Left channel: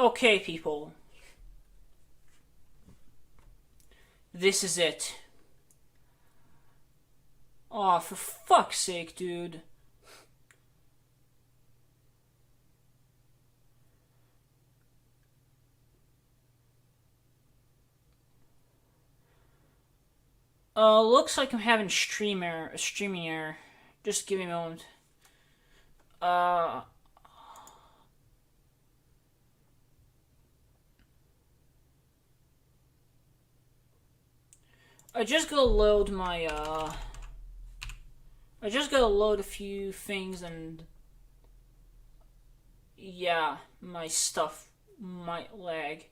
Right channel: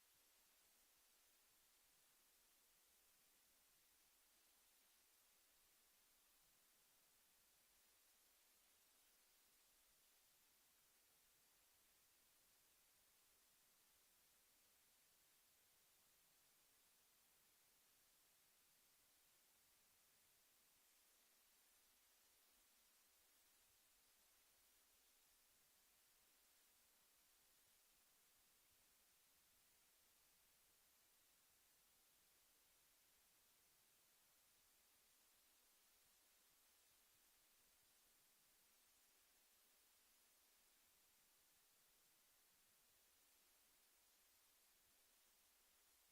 Okay, people. This is it. Aw, for fuck's sake, dude. Looks like I'm having a streaming error. Just give me a moment. Uh, I just gotta load my, I just gotta load a few things and, yeah, my stuff might lag.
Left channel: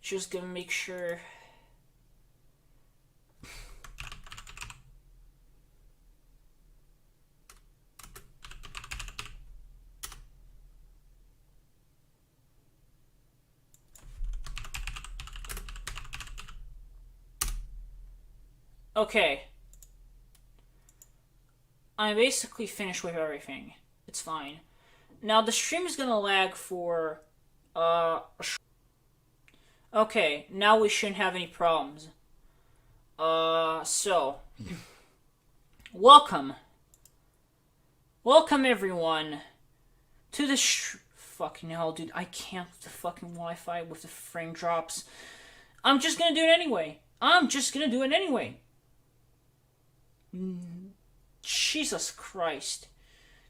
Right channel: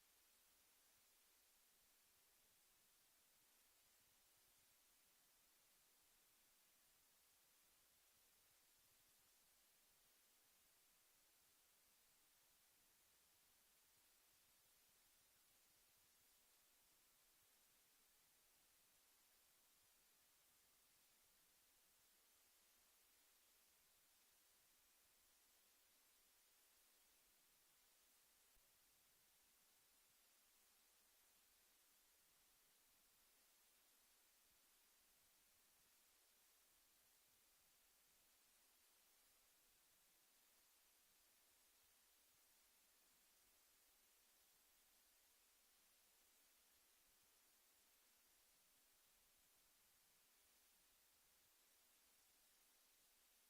Just gonna make sure. Okay. I'm basically finished with everything. It's fine. Now the stream is gonna lag for, okay, now we shouldn't have any problems. So. Welcome. Welcome everyone to the fucking hell, dude. I can't with the fucking Wi-Fi with the frame drops. I'm just gonna do it anyway. Jesus Christ.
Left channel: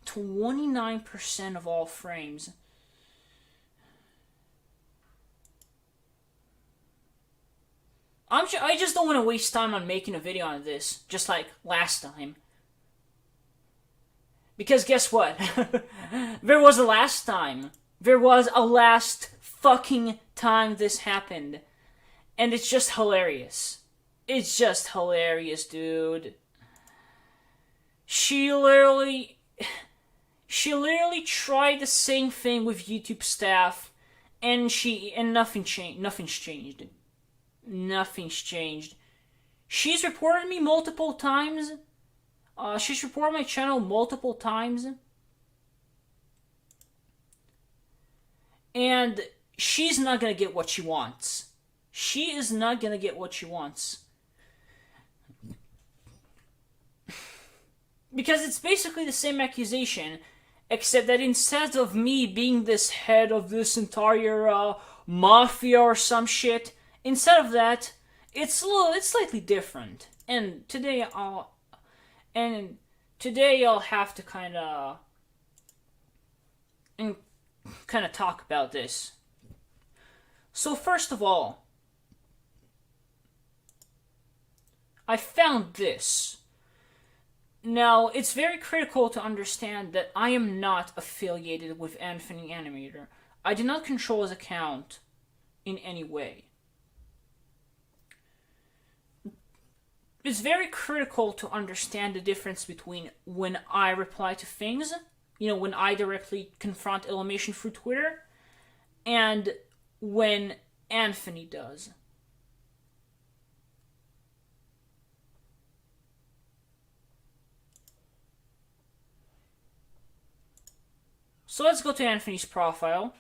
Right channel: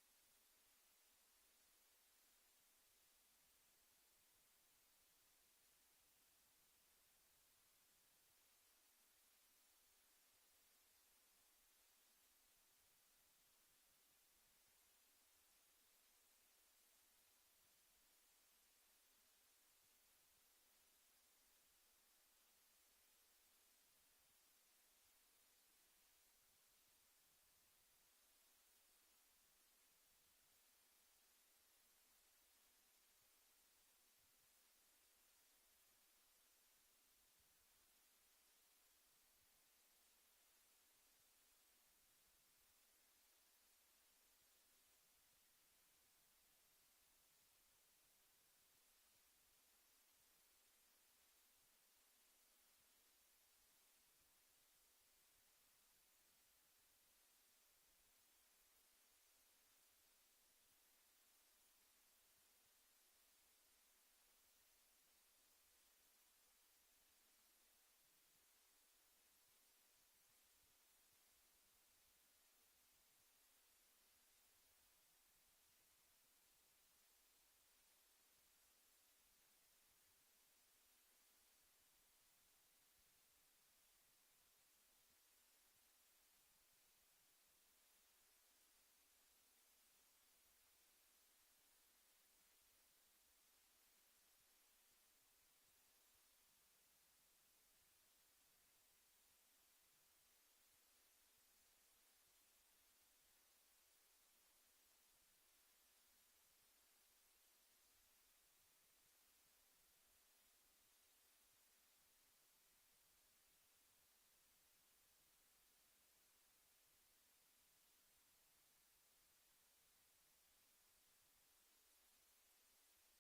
29% of all frames. I just don't want to waste time on making a video on this, just like last time. Because guess what? There was a last time. There was a last fucking time this happened. And it's just hilarious. It's just hilarious, dude. She literally tried the same thing with YouTube staff, and nothing changed. Nothing's changed. She's reported me multiple times. She's reported my channel multiple times. And she's not gonna get what she wants. She is not gonna get what she wants. Because it's basically the same accusation, except that instead of me being this head of this entire mafia or some shit, instead of that, it's slightly different. And today I'll have to kind of talk about this. So first of all, I found this. Now, it's very critical to understand that I am not affiliated with Anthony Animator. I do not control his account in any way. It's very critical to understand the difference between when I reply to things, when I directly confront Illymation through Twitter, and when Anthony does. So let's go to Anthony's profile.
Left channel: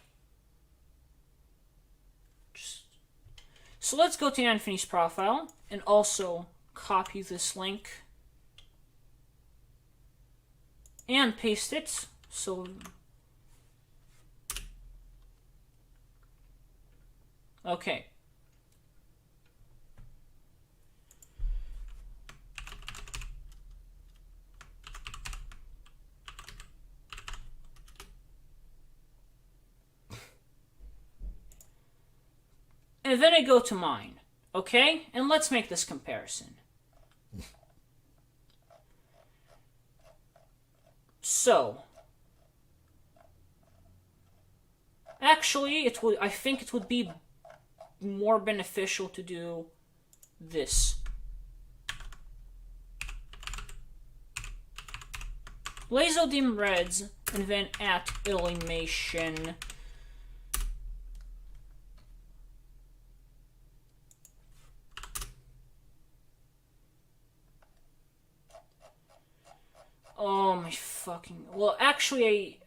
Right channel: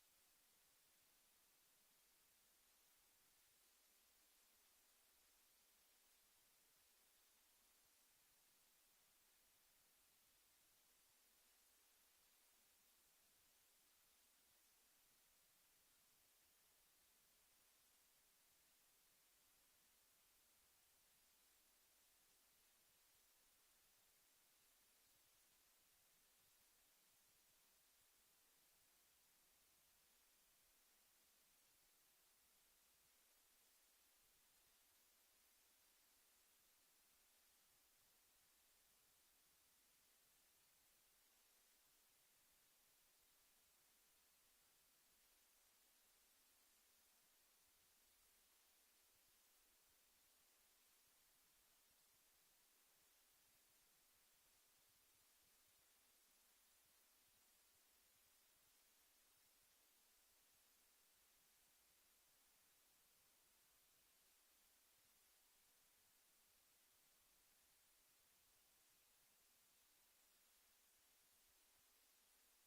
So let's go to Anthony's profile and also copy this link and paste it. So okay. And then I go to mine, okay? And let's make this comparison. So, actually, I think it would be more beneficial to do this. Lazodim Reds and then at Illymation. Oh my fucking... Well, actually,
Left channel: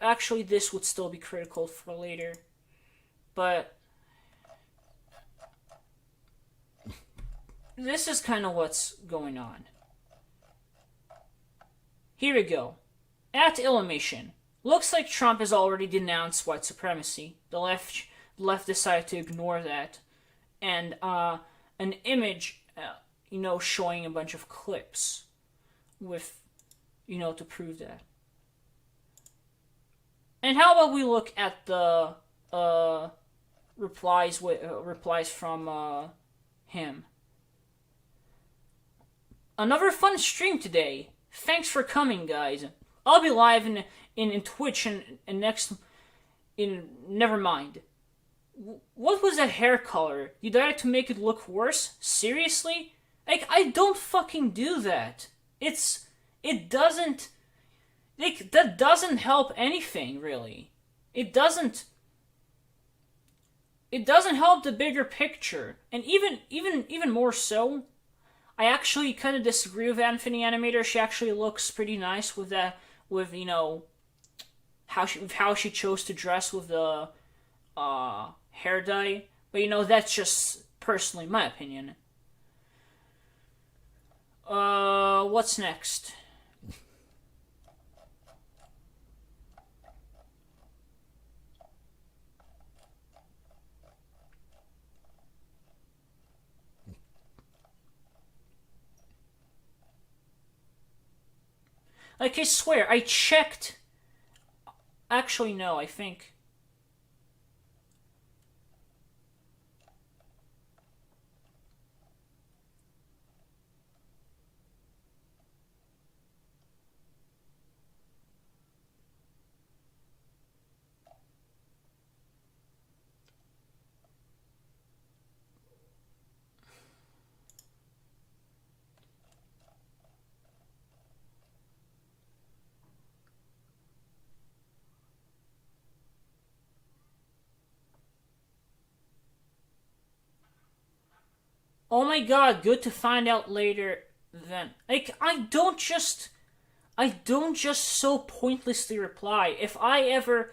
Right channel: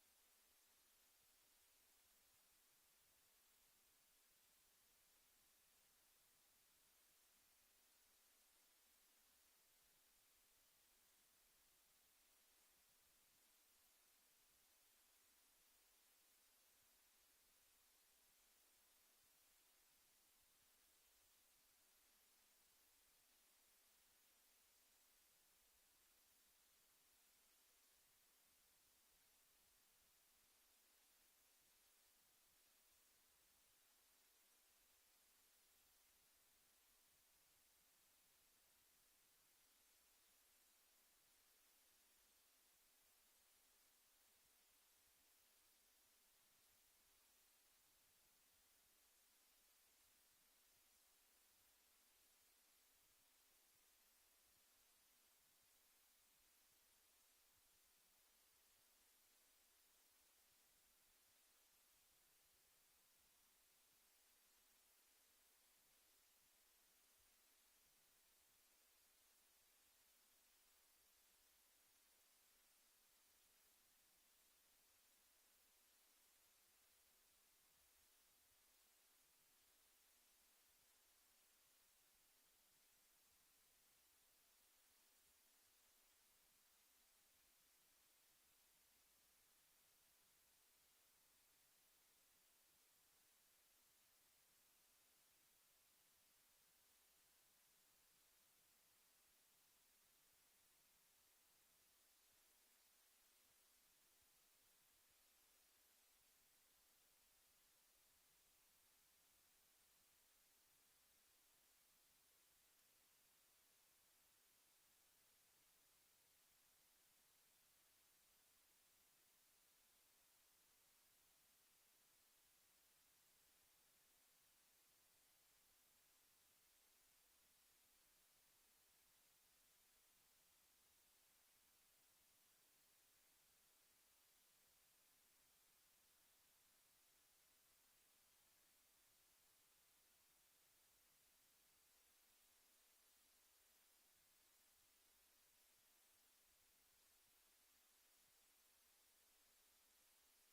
this would still be critical for later. But... this is kind of what's going on. Here we go. At Illymation. Looks like Trump has already denounced white supremacy. The left decided to ignore that. And an image, showing a bunch of clips with, to prove that. And how about we look at the replies from him. Another fun stream today. Thanks for coming, guys. I'll be live in Twitch and next... never mind. What was that hair color? You tried to make it look worse? Seriously? Like, I don't fucking do that. It doesn't... Like, that doesn't help anything, really. It doesn't help the bigger picture. And even more so, I actually kind of disagree with Anthony Animator. She actually looks pretty nice with that, how she chose to dress with the hair dye. But that's just personally my opinion. What's next? Like, I swear, I checked... Actually, no, I think... Oh my god, good to find out later then. Like, I don't just so pointlessly reply. If I ever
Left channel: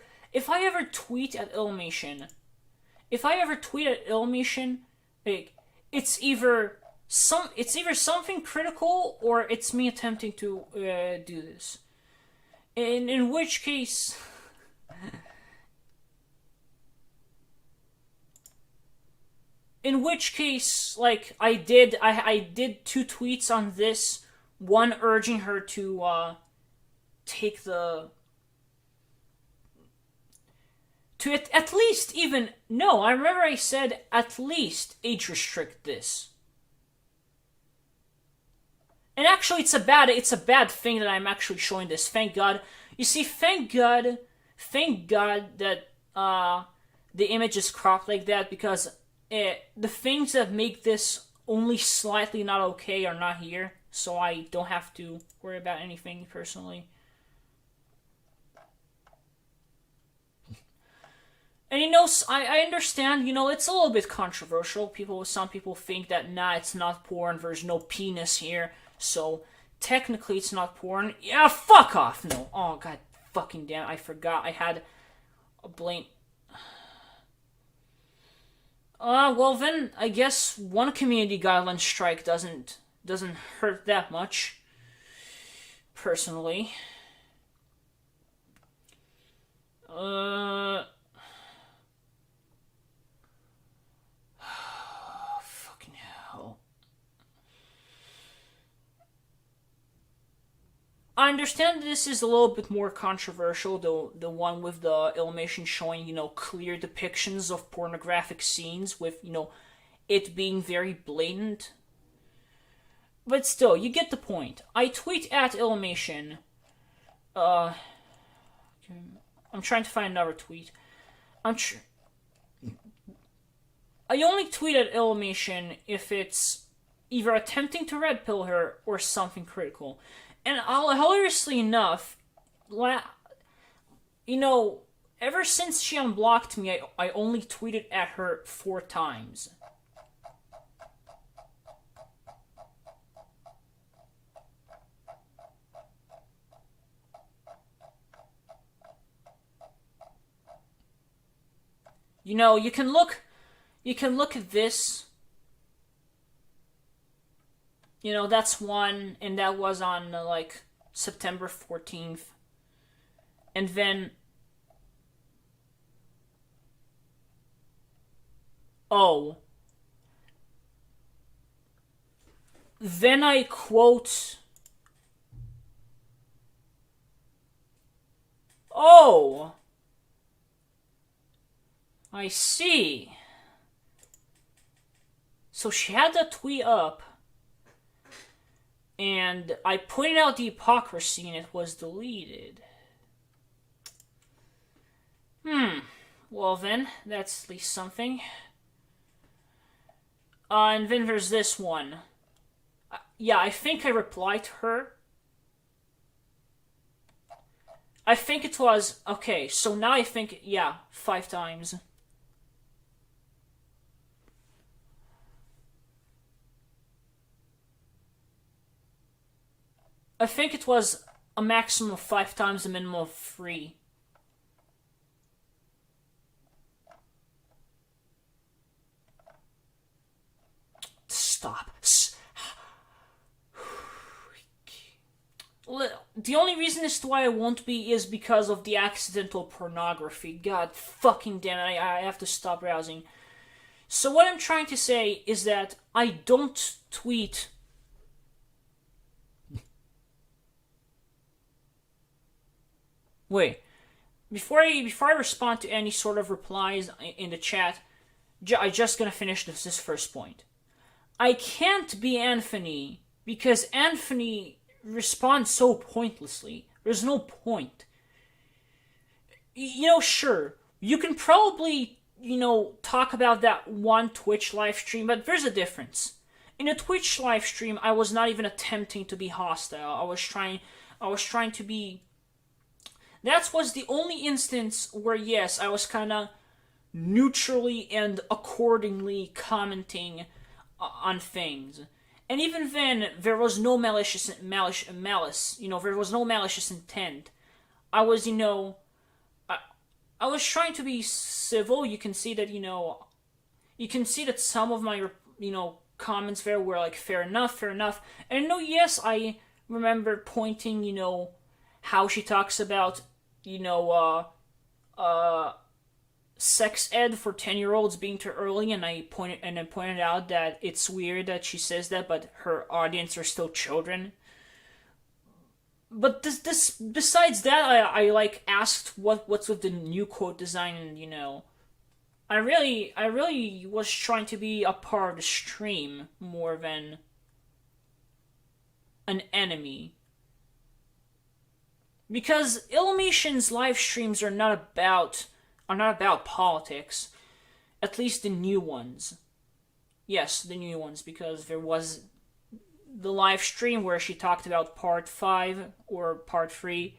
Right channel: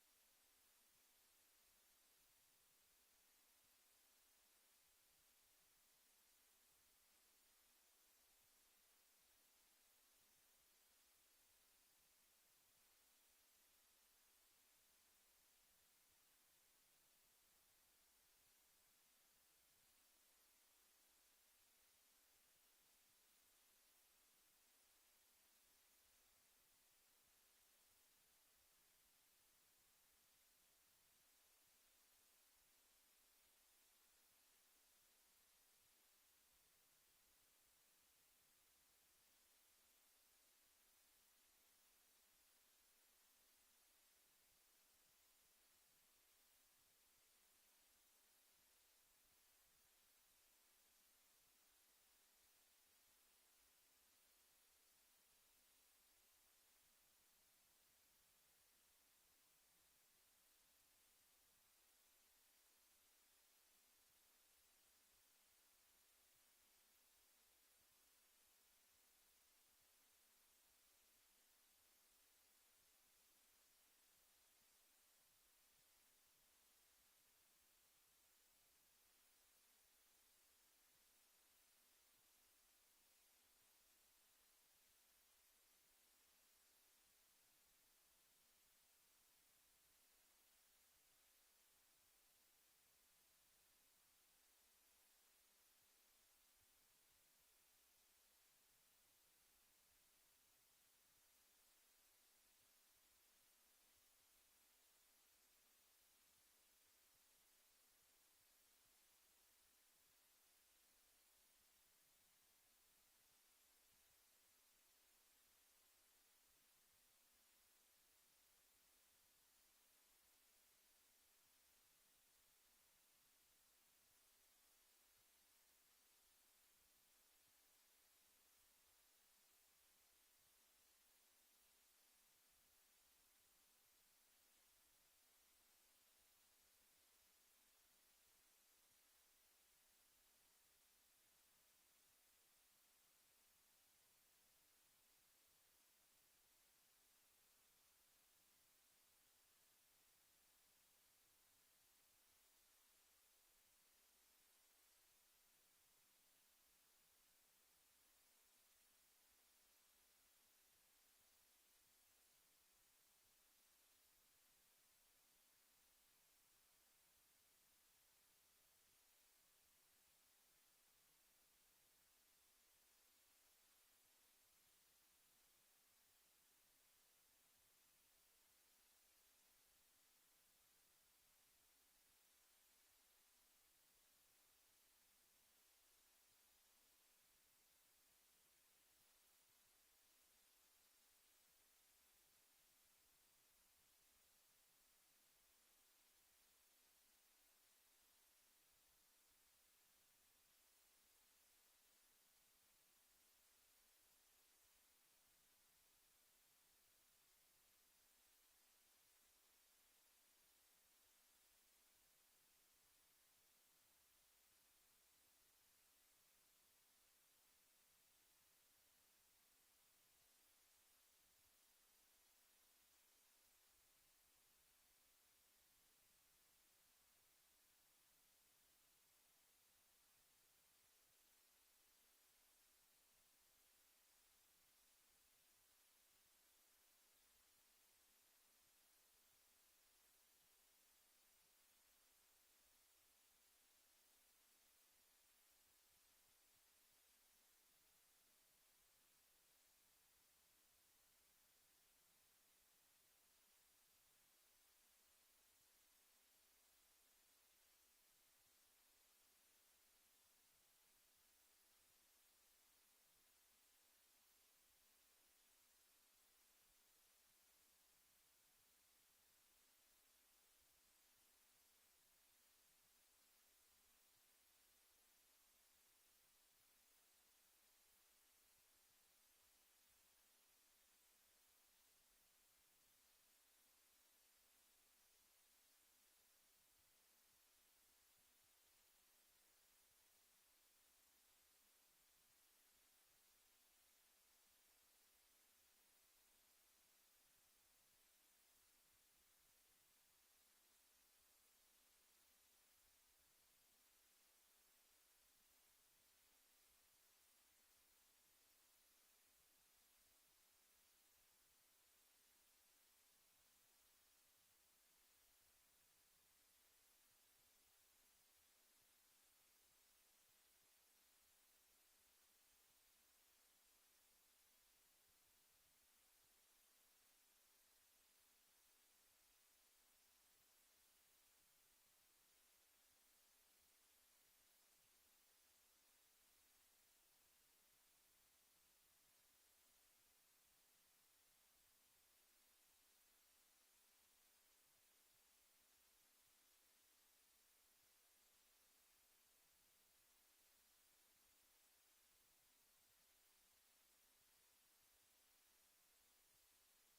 tweet at Illymation, like, it's either something critical or it's me attempting to do this. In which case... In which case, like, I did 2 tweets on this. One urging her to take the... to at least even... No, I remember I said at least age restrict this. And actually, it's a bad thing that I'm actually showing this. Thank God. You see, thank God that the image is cropped like that, because... the things that make this only slightly not okay are not here, so I don't have to worry about anything personally. And I understand, it's a little bit controversial. Some people think that, nah, it's not porn, there's no penis here, so technically it's not porn. Yeah, fuck off, no. Oh, god fucking damn, I forgot I had a blank... well then, I guess one community guideline strike doesn't hurt that much, personally. Fucking hell. I understand this is a little bit more controversial, the one with the Illymation showing, clear depictions of pornographic scenes with, it being very blatant. But still, you get the point. I tweet at Illymation. I'm trying to find another tweet. I only tweet at Illymation if it's either attempting to red pill her or something critical. And hilariously enough, you know, ever since she unblocked me, I only tweeted at her 4 times. You know, you can look at this. You know, that's one, and that was on like September 14th. And then, oh, then I quote, oh, I see. So she had that tweet up, and I pointed out the hypocrisy, and it was deleted. Well then, that's at least something. And then there's this one. Yeah, I think I replied to her. I think it was, okay, so now I think, yeah, 5 times. I think it was a maximum of 5 times, a minimum of 3. Stop. The only reason as to why I won't be is because of the accidental pornography. God fucking damn it, I have to stop browsing. So what I'm trying to say is that I don't tweet. Wait. Before I respond to any sort of replies in the chat, I just gonna finish this first point. I can't be Anthony because Anthony responds so pointlessly. There's no point. You know, sure, you can probably, you know, talk about that one Twitch live stream, but there's a difference. In a Twitch live stream, I was not even attempting to be hostile. I was trying to be. That was the only instance where, yes, I was kind of neutrally and accordingly commenting on things. And even then, there was no malice. You know, there was no malicious intent. I was, you know, I was trying to be civil. You can see that, you know, some of my, you know, comments there were like fair enough. And no, yes, I remember pointing, you know, how she talks about, you know, sex ed for 10-year-olds being too early, and I pointed out that it's weird that she says that, but her audience are still children. But this besides that, I like asked what's with the new quote design, and, you know, I really was trying to be a part of the stream more than an enemy. Because Illumination's live streams are not about politics. At least the new ones. Yes, the new ones, because there was the live stream where she talked about part 5 or part 3.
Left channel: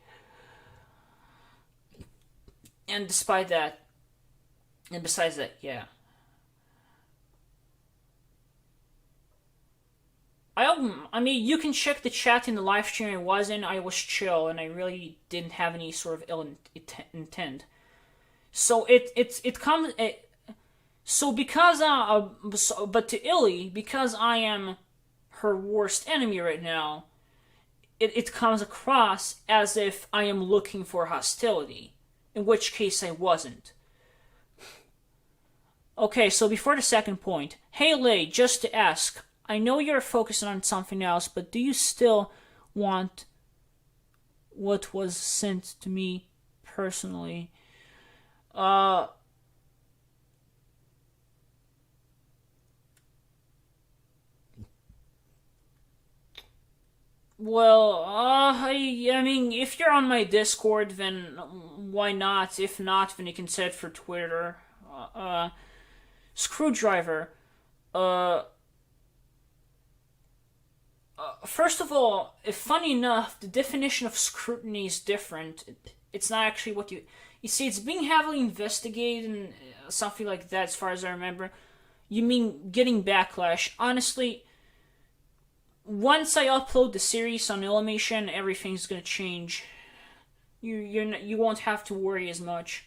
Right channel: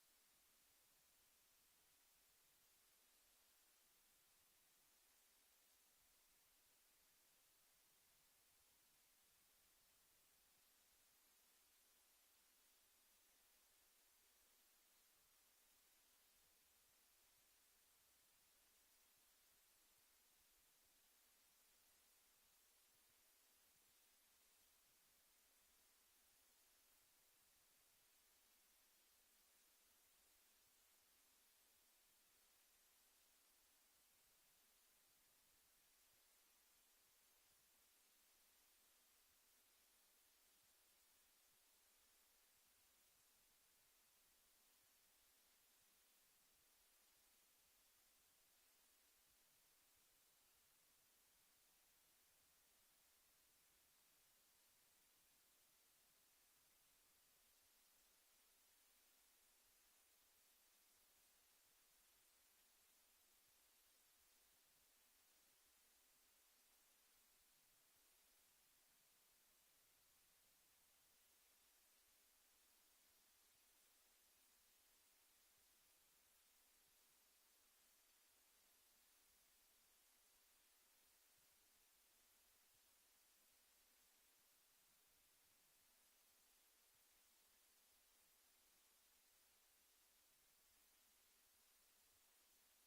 And besides that, yeah. I mean, you can check the chat in the live stream I was in. I was chill, and I really didn't have any sort of ill intent. So it comes. So because but to Illy, because I am her worst enemy right now, it comes across as if I am looking for hostility, in which case I wasn't. Okay, so before the second point, hey Lay, just to ask, I know you're focusing on something else, but do you still want what was sent to me personally? Well, I mean, if you're on my Discord, then why not? If not, then you can set it for Twitter. Screwdriver. First of all, funny enough, the definition of scrutiny is different. It's not actually what you... You see, it's being heavily investigated and something like that, as far as I remember. You mean getting backlash. Honestly, once I upload the series on Illymation, everything's gonna change. You won't have to worry as much.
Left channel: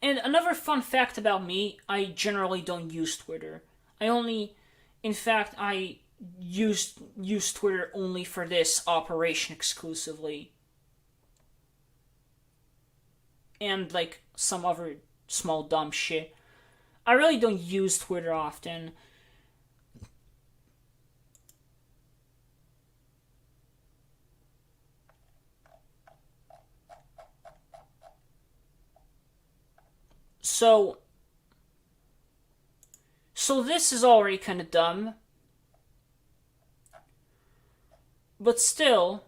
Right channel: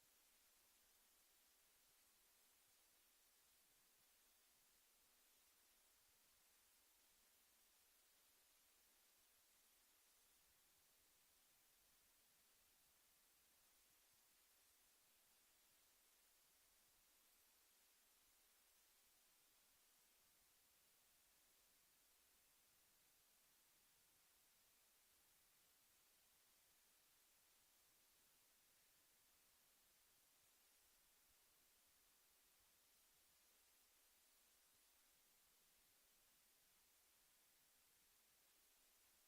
And another fun fact about me, I generally don't use Twitter. In fact, I use Twitter only for this operation exclusively. And like some other small dumb shit. I really don't use Twitter often. So this is already kind of dumb. But still,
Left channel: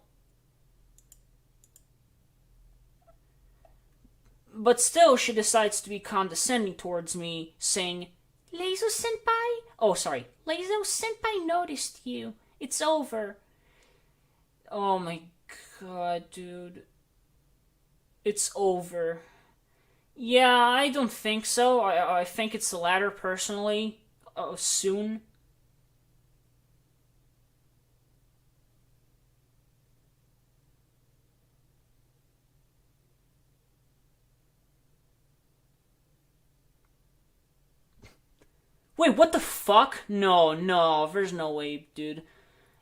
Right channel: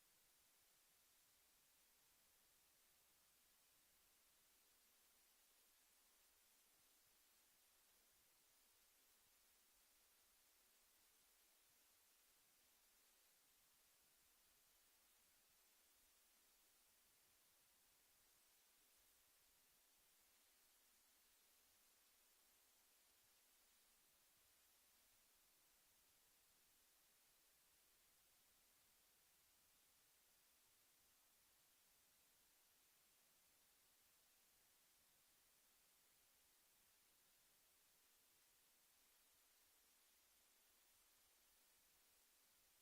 she decides to be condescending towards me, saying, Lazo Senpai? Oh, sorry. Lazo Senpai noticed you. It's over. Oh my god, dude. It's over. Yeah, I don't think so. I think it's the latter, personally. Soon. Wait, what the fuck? No, there's no way, dude.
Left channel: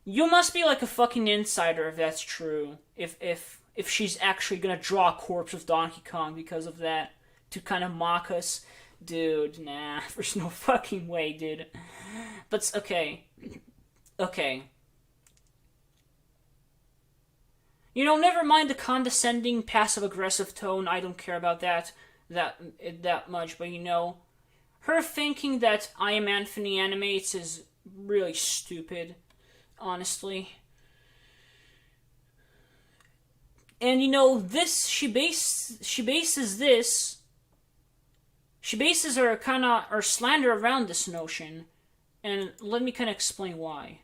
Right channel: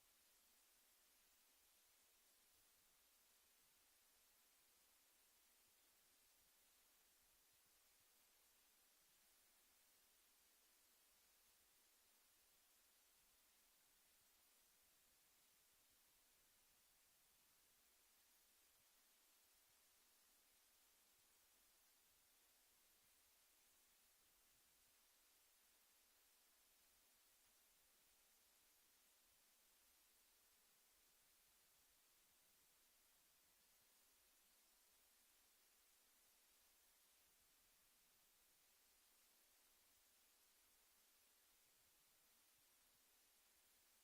You must be like a fucking insider if that's true. If she's actually gonna draw a corpse of Donkey Kong because of that to kind of mock us, dude. Nah, there's no fucking way, dude. But okay. You know, never mind the condescending, passive-aggressive tone. I don't care about that much. But you know, her thinking that I Am Anthony Animates is really stupid, honestly. And you know, this she bases her slander around this notion, and let me kind of explain why.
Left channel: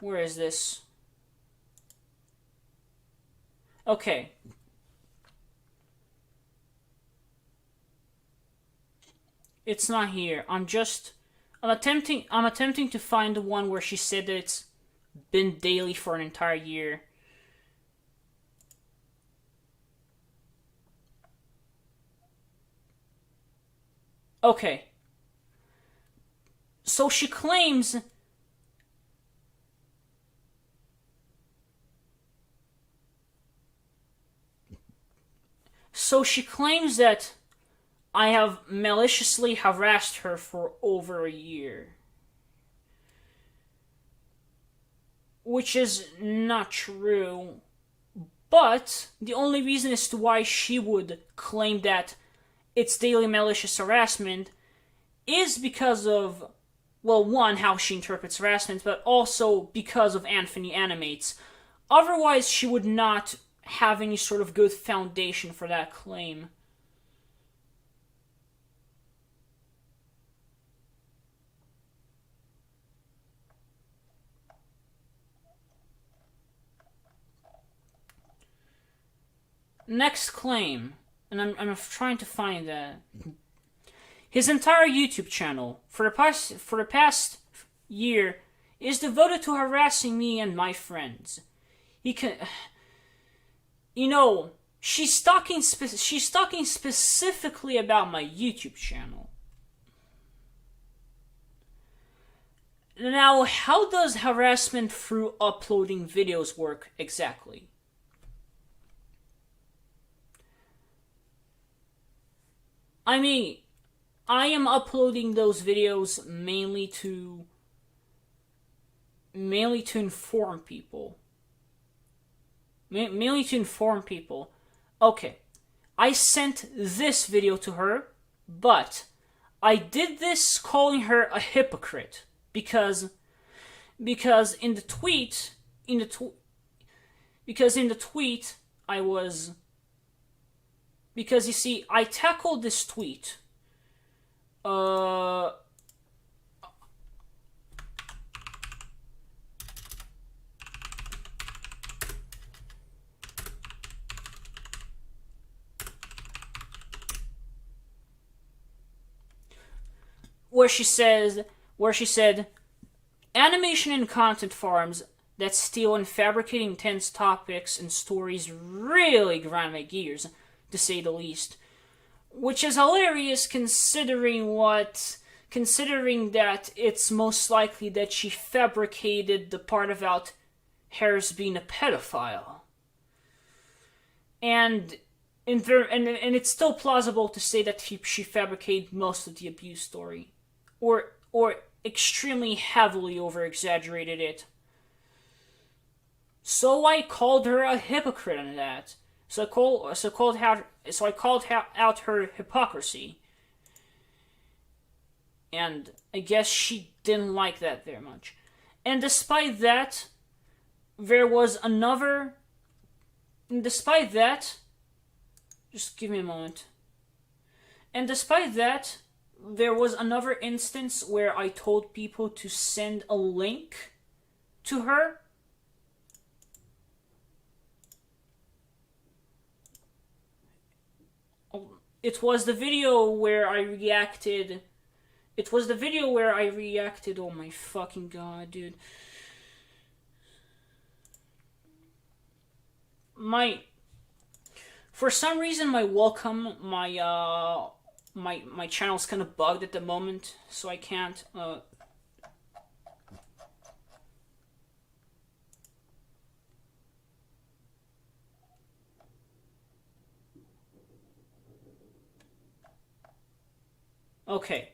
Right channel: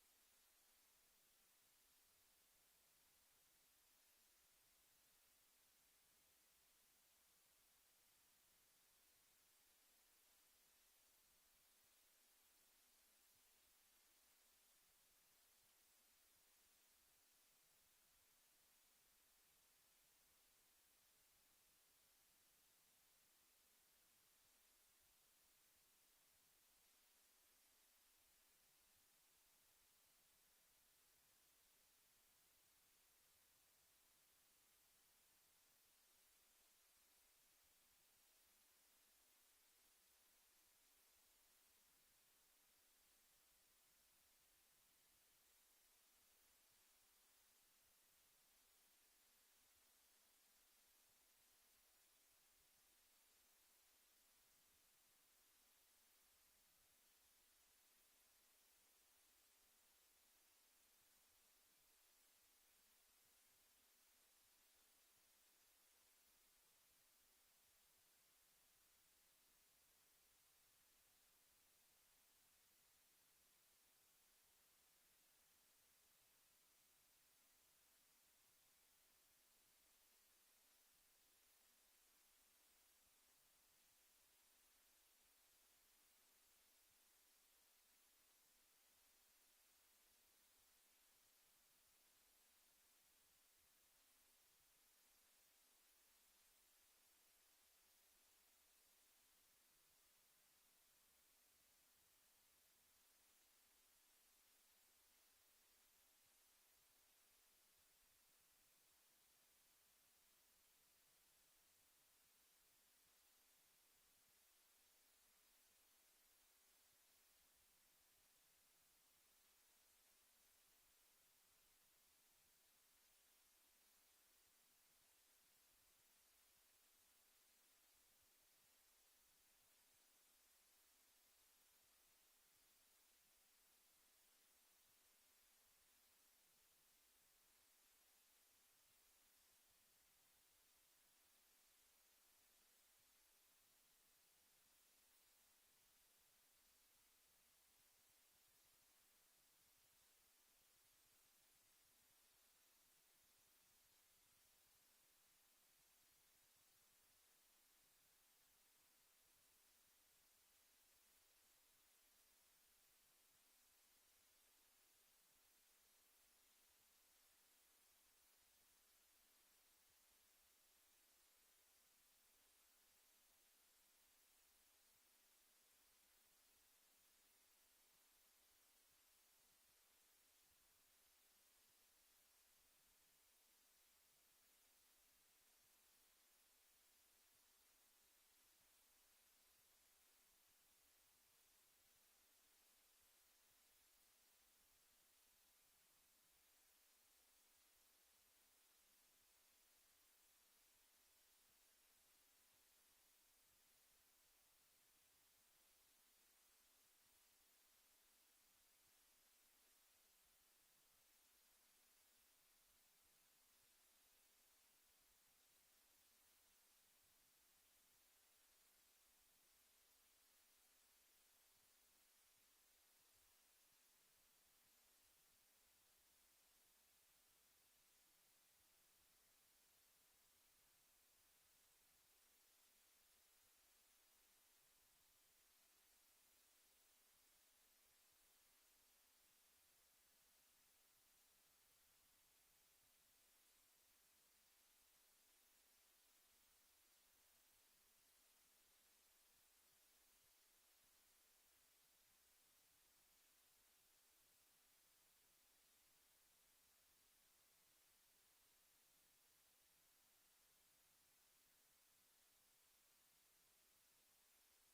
Where is this? Okay. It's not here. I'm attempting to find the one where she said that it's been daily for an entire year. Okay. So she claims that I have maliciously harassed her for over a year. Which is not true. But the only reason as to why she would claim that it's daily malicious harassment is because of, well, one, how she interprets harassment, but also because of Anthony Animates. Otherwise, she would not have any sort of good foundation for that claim. Next claim, and I'm trying to find that. His entire YouTube channel for the past year is devoted to harassing me and my friends. He can, you know, she's talking specifically about my YouTube channel. Now, how does harassment through uploading videos work exactly? I mean, I am uploading those videos mainly to inform people. Mainly to inform people. Okay, I sent this video to her, but I did this calling her a hypocrite because in the tweet because in the tweet I was, because you see, I tackled this tweet. Where she said, animation and content farms that steal and fabricate intense topics and stories really grind my gears, to say the least. Which is hilarious considering that it's most likely that she fabricated the part about Harris being a pedophile. And it's still plausible to say that she fabricated most of the abuse story, or extremely heavily over-exaggerated it. So I called her a hypocrite on that. So I called out her hypocrisy. And I guess she didn't like that very much. And despite that, just give me a moment. And despite that, there was another instance where I told people to send a link to her. It was the video where I reacted. Oh my fucking god, dude. For some reason, my channel's kind of bugged at the moment, so I can't. Okay.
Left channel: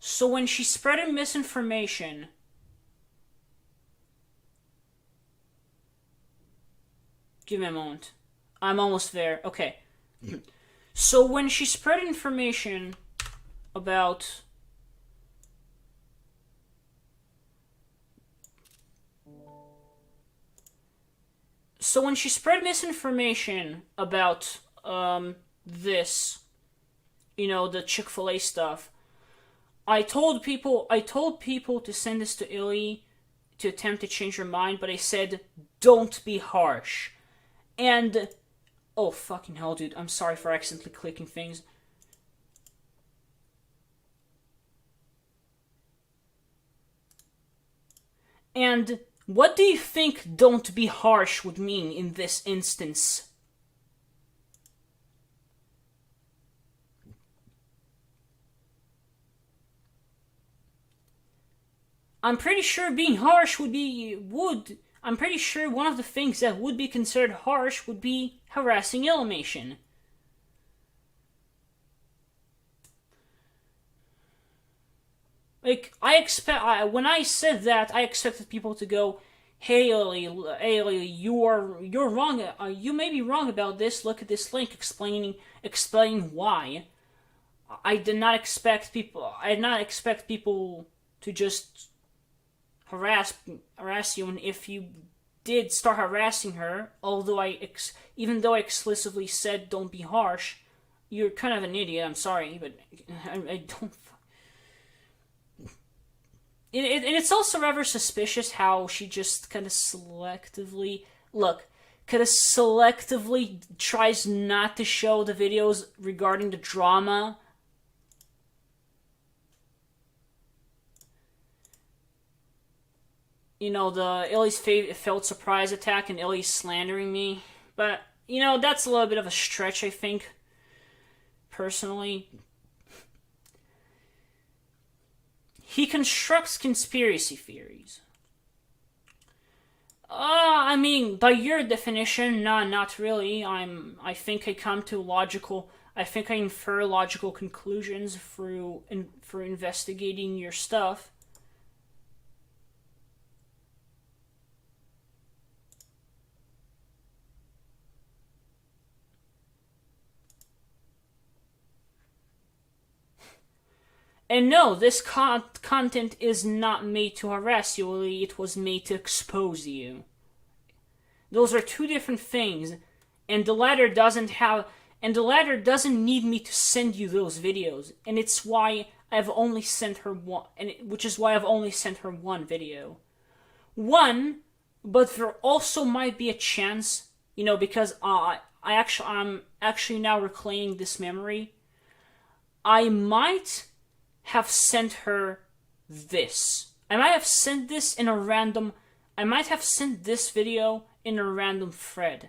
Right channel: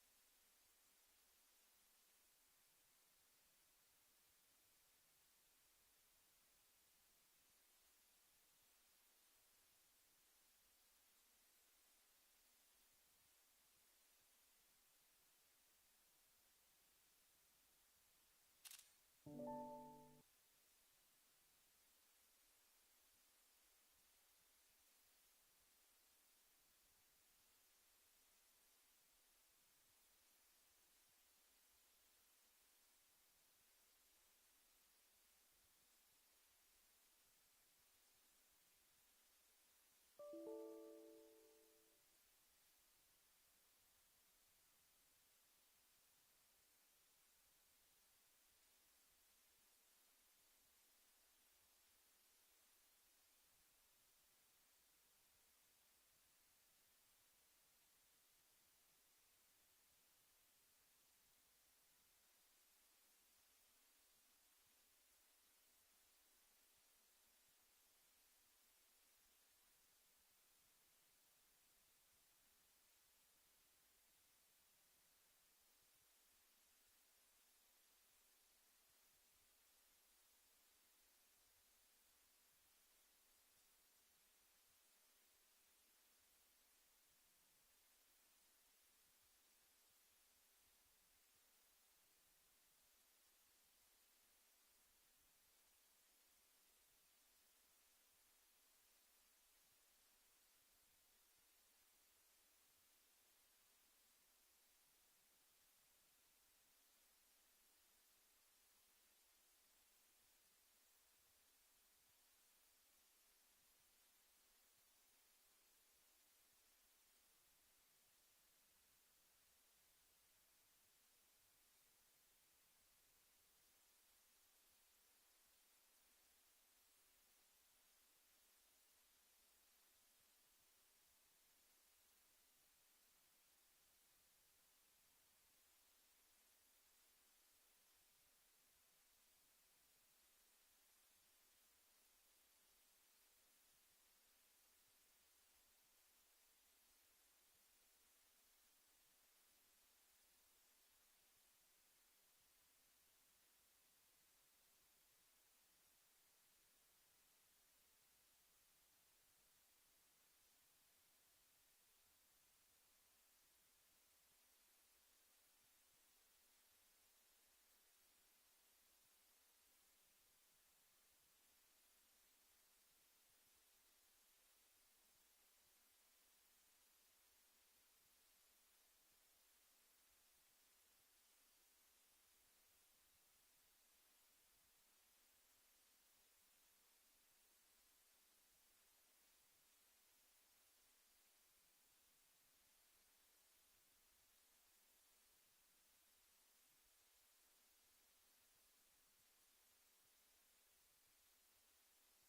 So when she spreaded misinformation, give me a moment. I'm almost there. Okay. So when she spread information about misinformation about this, the Chick-fil-A stuff, I told people to send this to Illy to attempt to change her mind, but I said, don't be harsh. And, oh fucking hell, dude, I'm sorry for accidentally clicking things. And what do you think don't be harsh would mean in this instance? I'm pretty sure being harsh I'm pretty sure one of the things that would be considered harsh would be harassing Illymation. Like, when I said that, I expected people to go, hey Illy, you're wrong, you may be wrong about this, look at this link explaining why. I did not expect people to just harass you, and if you did start harassing her, even though I explicitly said don't be harsh, you're kind of an idiot, I'm sorry, but I don't. And it's also rather suspicious how she just kind of selectively tries not to show the videos regarding the drama. The Illy's felt surprise attack and Illy's slandering me. But, that's a little bit of a stretch, I think. Personally. He constructs conspiracy theories. I mean, by your definition, not really. I infer logical conclusions through investigating your stuff. And no, this content is not made to harass you, Illy. It was made to expose you. Those are two different things, and the latter doesn't need me to send you those videos, and it's why I've only sent her one, which is why I've only sent her one video. One, but there also might be a chance, because I'm actually now reclaiming this memory. I might have sent her this. I might have sent this video in a random thread.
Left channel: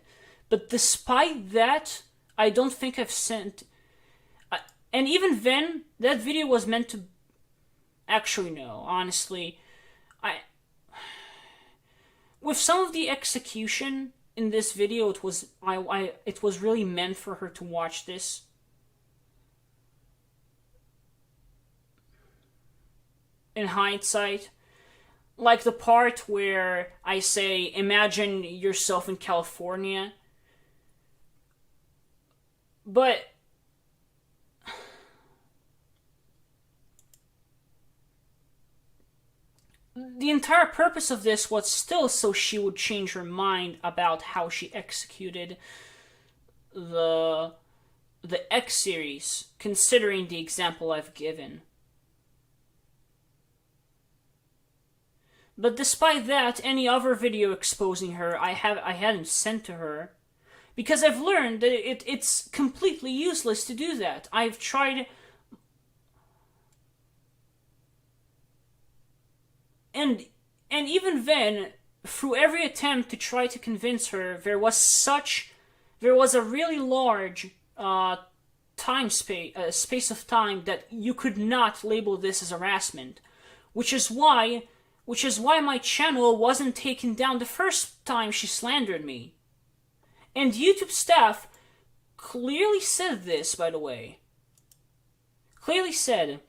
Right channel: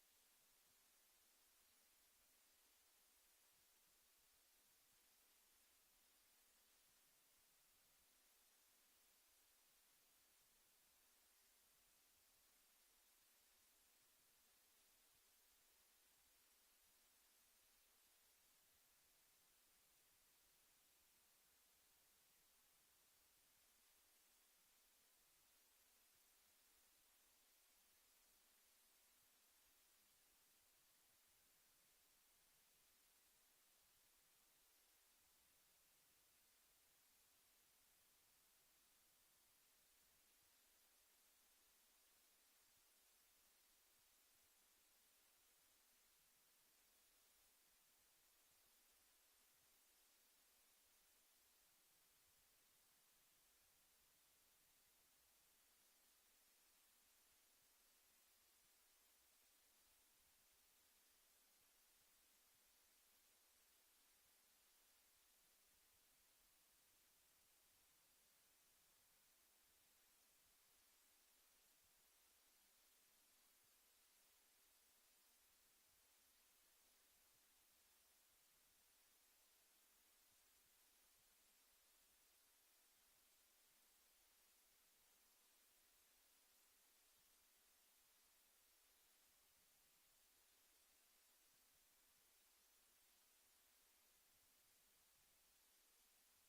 But despite that, I don't think I've sent... and even then, that video was meant to... Actually, no. Honestly, with some of the execution in this video, it was really meant for her to watch this. In hindsight, like the part where I say, imagine yourself in California. But the entire purpose of this was still so she would change her mind about how she executed the X series, considering the example I've given. But despite that, any other video exposing her, I hadn't sent to her, because I've learned that it's completely useless to do that. I've tried, and even then, through every attempt to try to convince her, there was a really large space of time that you could not label this as harassment, which is why my channel wasn't taken down the first time she slandered me. And YouTube staff clearly said this, by the way. Clearly said.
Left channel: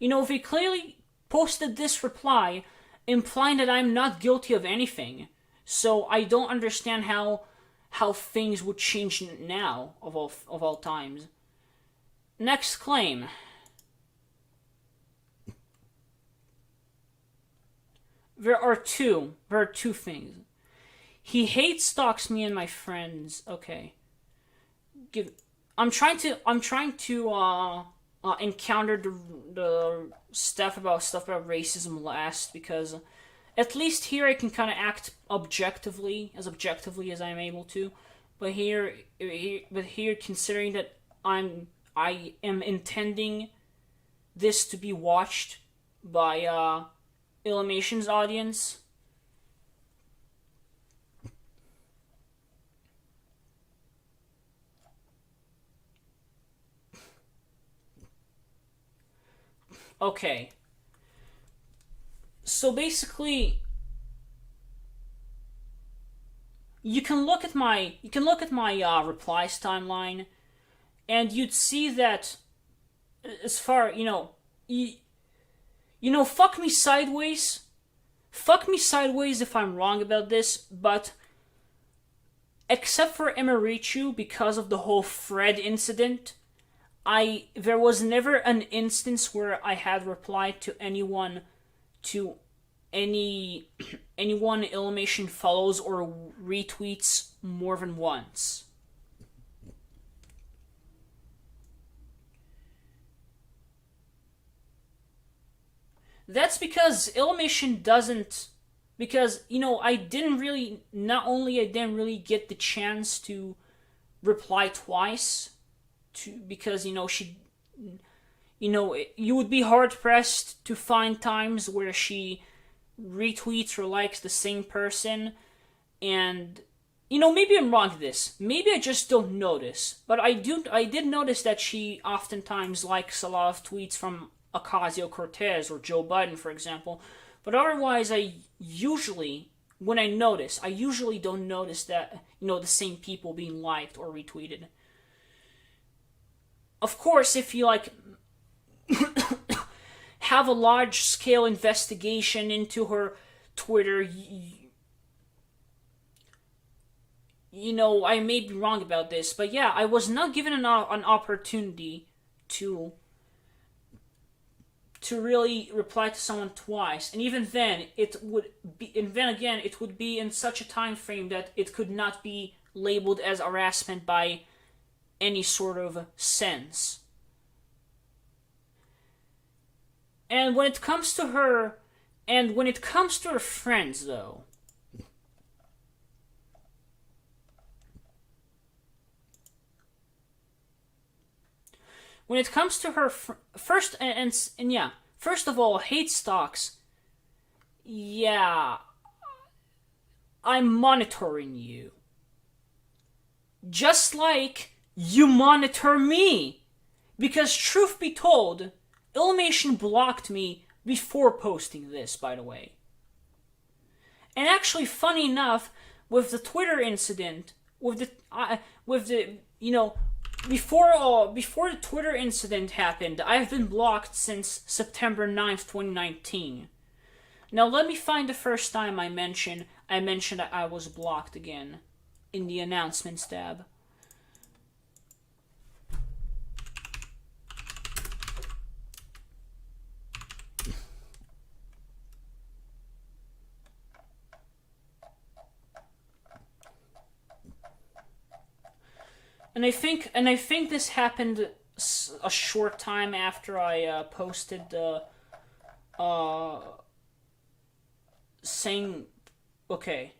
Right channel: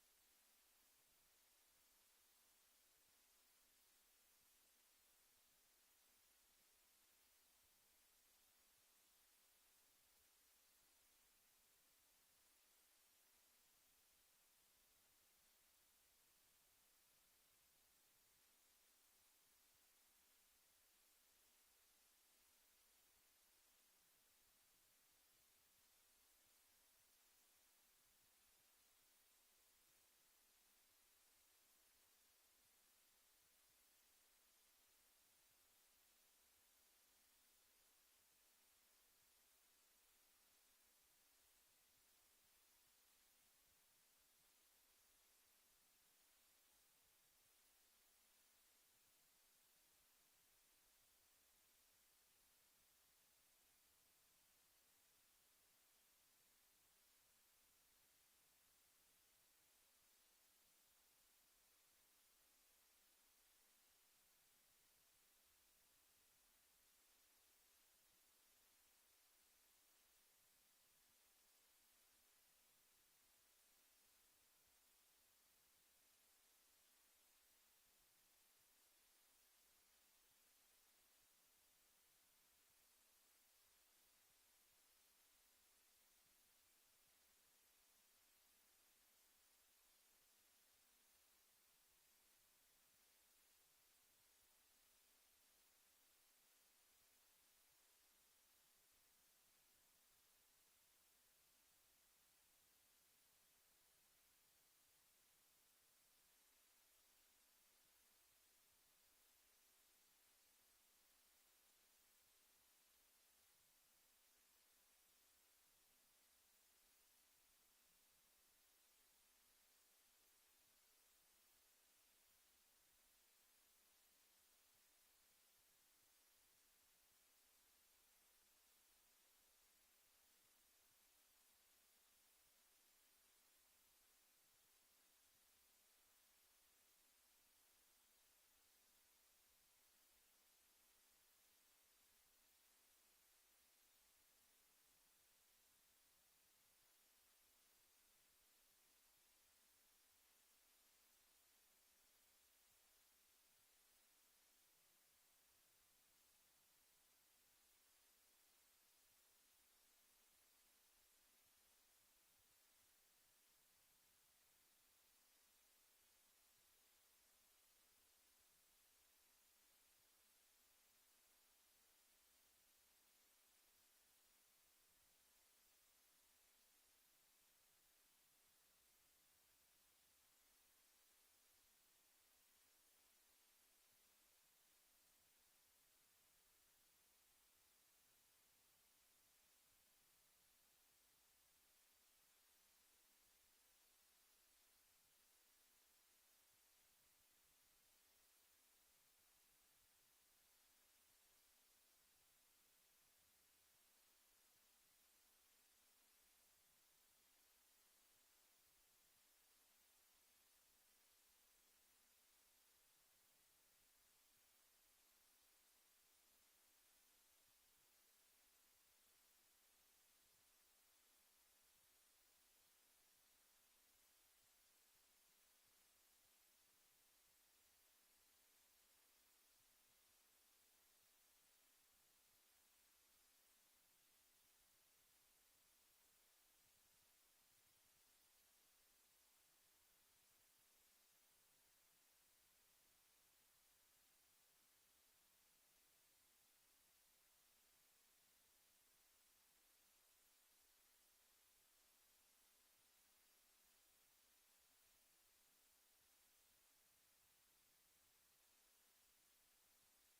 They clearly posted this reply, implying that I'm not guilty of anything. So I don't understand how things would change now, of all times. Next claim. There are two things. He hate stalks me and my friends. Okay. I'm trying to encounter the stuff about racism last, because at least here I can kind of act objectively as I'm able to. But here, considering that I am intending this to be watched by Illumination's audience. Okay. So basically, you can look at my replies timeline, and you'd see that as far fuck me sideways. Fuck me sideways if I'm wrong about this, but except for Emerichu, because of the whole Fred incident, there was never an instance where I had replied to anyone Illumination follows or retweets more than once. That's because Illumination doesn't... Because, I didn't really get the chance to reply twice, because, she... you would be hard-pressed to find times where she retweets or likes the same person, and... maybe I'm wrong to this. Maybe I just don't notice. But I did notice that she oftentimes likes a lot of tweets from Ocasio-Cortez or Joe Biden, for example. But otherwise, I usually don't notice that, the same people being liked or retweeted. Of course, if you, have a large-scale investigation into her Twitter, I may be wrong about this, but yeah, I was not given an opportunity to really reply to someone twice, and even then it would be in such a time frame that it could not be labeled as harassment by any sort of sense. And when it comes to her friends, though, when it comes to her first and yeah, first of all, hate stocks. Yeah, I'm monitoring you, just like you monitor me. Because truth be told, Illymation blocked me before posting this, by the way. And actually, funny enough, with the Twitter incident, with the before the Twitter incident happened, I've been blocked since September 9th, 2019. Now let me find the first time I mentioned that I was blocked again in the announcements tab. And I think this happened a short time after I posted the saying, okay.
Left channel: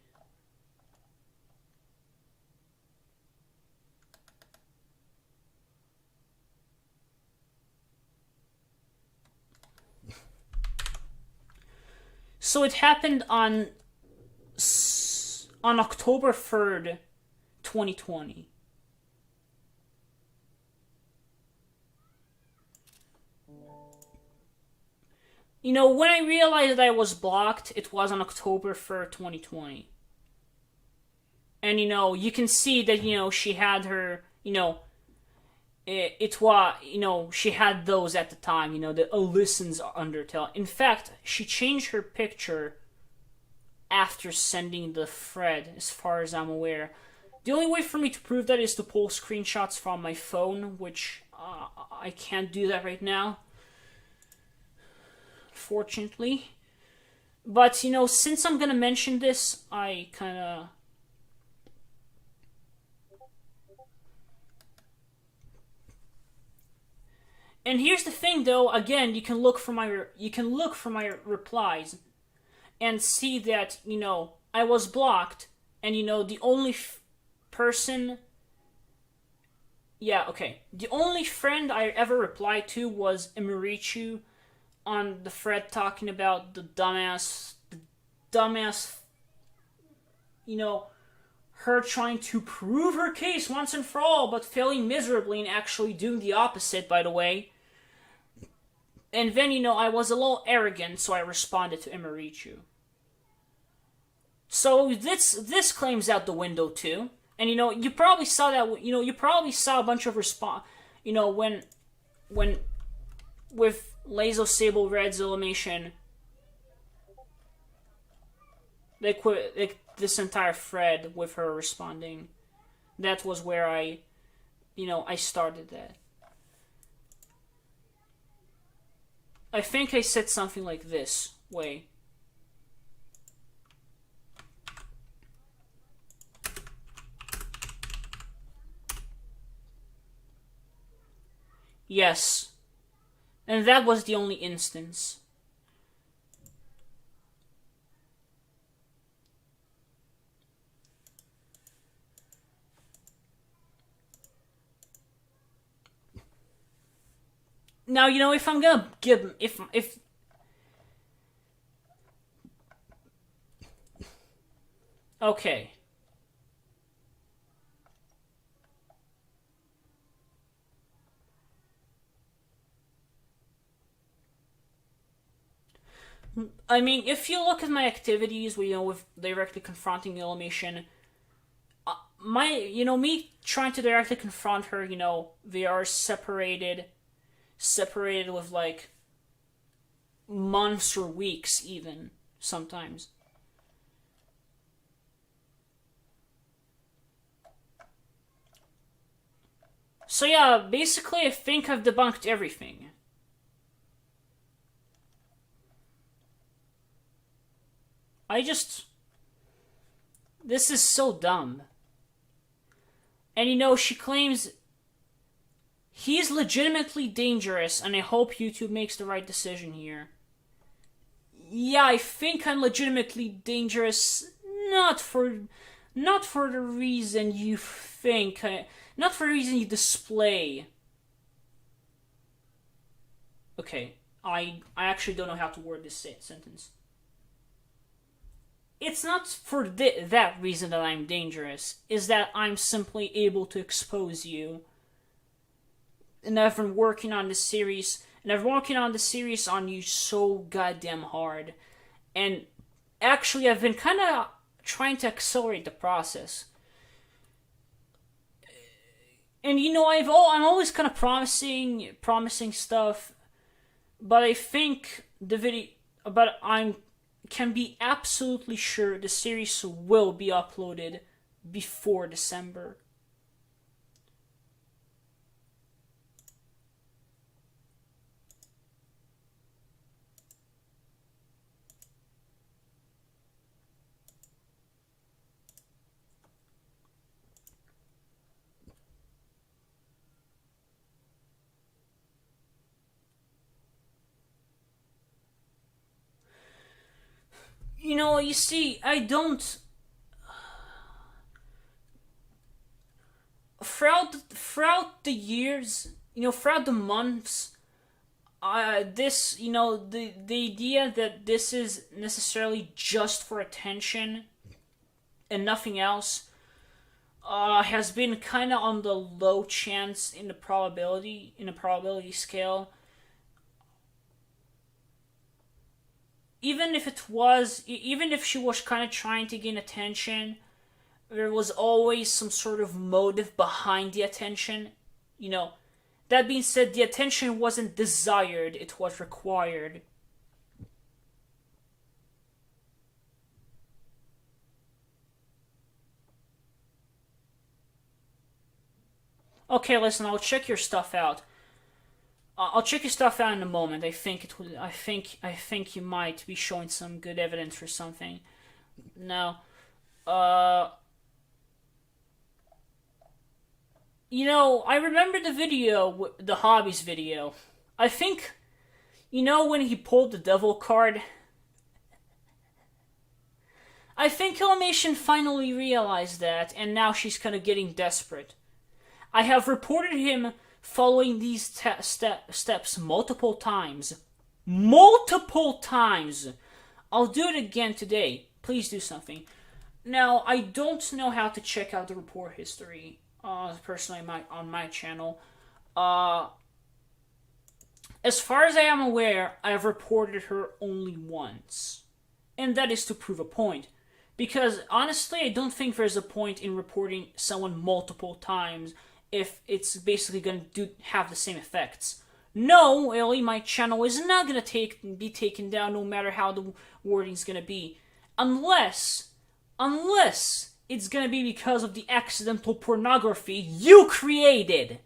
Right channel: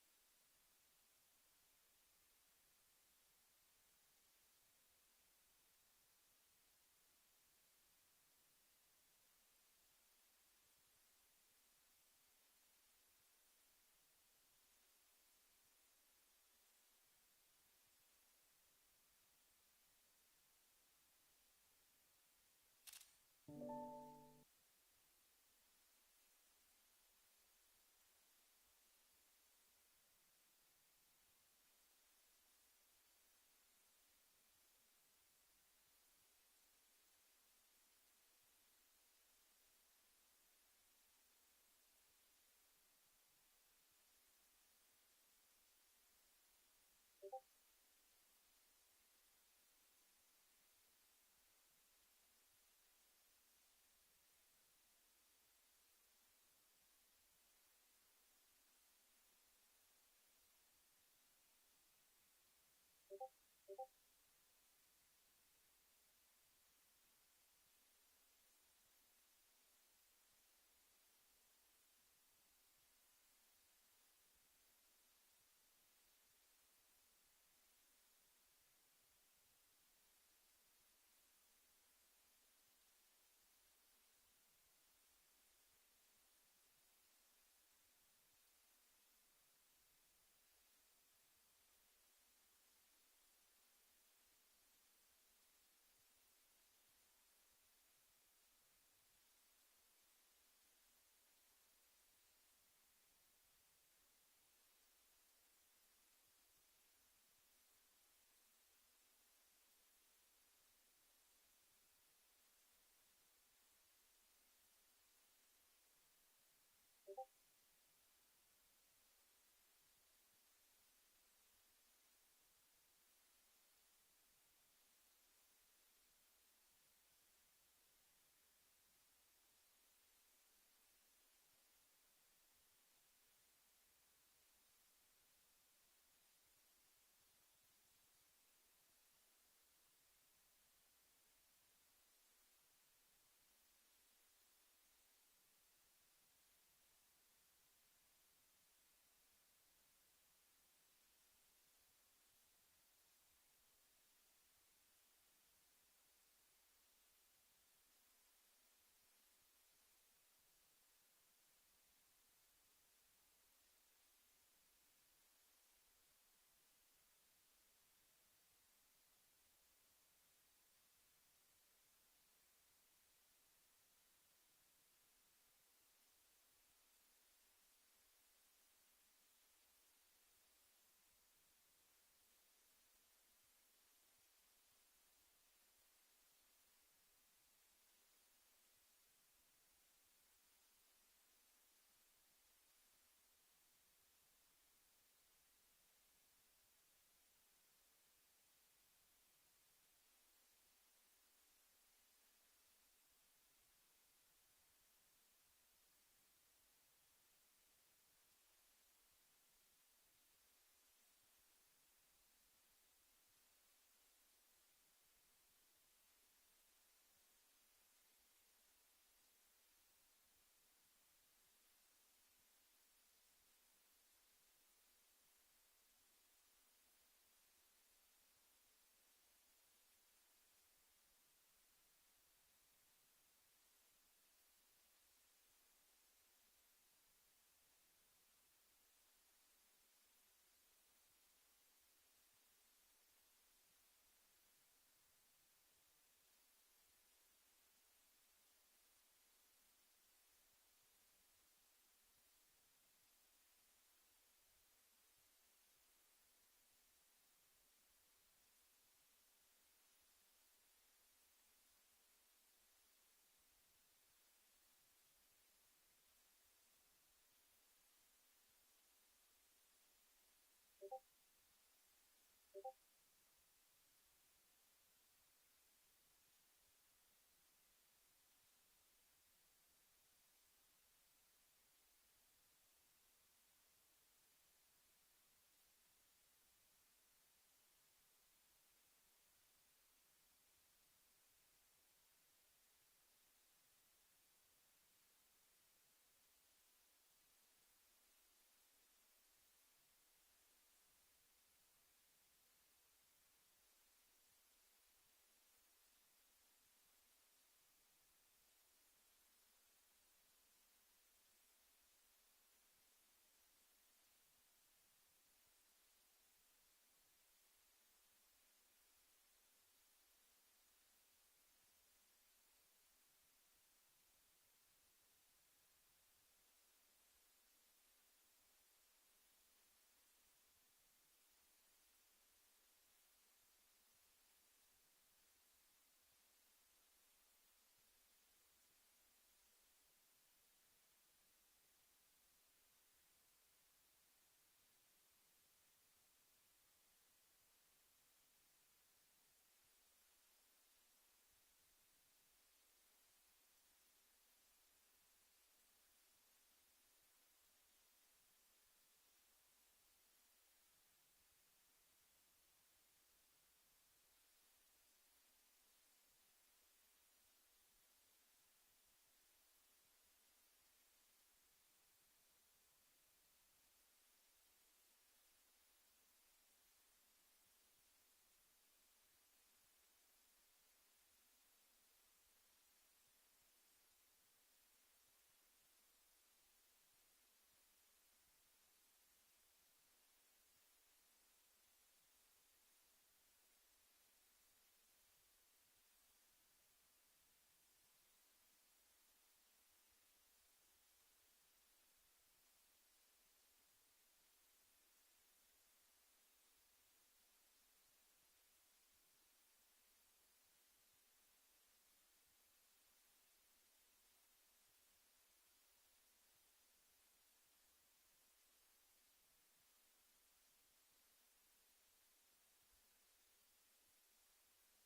So it happened on October 3rd, 2020. You know, when I realized that I was blocked, it was on October 3rd, 2020. And, you know, you can see that, you know, she had her, you know, it was, you know, she had those at the time, you know, the listens Undertale. In fact, she changed her picture after sending the thread, as far as I'm aware. The only way for me to prove that is to pull screenshots from my phone, which I can't do that right now, fortunately. But, you know, since I'm gonna mention this, I kinda... And here's the thing, though. Again, you can look for my replies and see that, you know, I was blocked, and, you know, the only person... Yeah, okay. The only friend I ever replied to was Emirichu on the thread talking about the dumbass, you know, her trying to prove her case once and for all, but failing miserably and actually doing the opposite, by the way. And then, you know, I was a little arrogant, so I responded to Emirichu. So this claims out the window too. And, you know, you probably saw that, you know, you probably saw a bunch of you know, when with Lazo Sable Red's Illymation, they quit this entire thread with her responding. That was where I started that. I think I said something like this way. Yes. And that was the only instance. Now, you know, if I'm gonna give... If okay. I mean, if you look at my activities, you know, with directly confronting Illymation, me trying to directly confront her, you know, they are separated with, like, months or weeks, even, sometimes. So yeah, basically I think I've debunked everything. This is so dumb. And she claims he's legitimately dangerous, and I hope YouTube makes the right decision here. Yeah, I think I'm legitimately dangerous, not for the reason you think, not for the reason you display. Okay, I actually don't know how to word this sentence. It's not for that reason that I'm dangerous. Is that I'm simply able to expose you. And I've been working on this series, on you so goddamn hard. And actually, I've been kind of trying to accelerate the process. And I'm always kind of promising stuff, but I think I can be absolutely sure the series will be uploaded before December. You see, I don't. Throughout the years, throughout the months, this, the idea that this is necessarily just for attention and nothing else, has been kind of on the low chance in the probability scale. Even if she was kind of trying to gain attention, there was always some sort of motive behind the attention. That being said, the attention wasn't desired, it was required. Okay, listen, I'll check your stuff out. I'll check your stuff out in a moment. I think you might be showing some good evidence for something. Now, I remember the video, the hobbies video. I think, when he pulled the devil card, I think Illumination finally realized that, and now she's kind of getting desperate. I have reported him following these steps multiple times. Multiple times! I'll do it again today. Please do something. Now, I don't know how to check out the report history, personally, on my channel. As far as I am aware, I have reported her only once. And that is to prove a point. Because, honestly, I don't think there's a point in reporting someone multiple times if it's basically going to have the same effects. No, Illy, my channel is not going to be taken down no matter how the wording's going to be. Unless it's going to be because of the accidental pornography you created.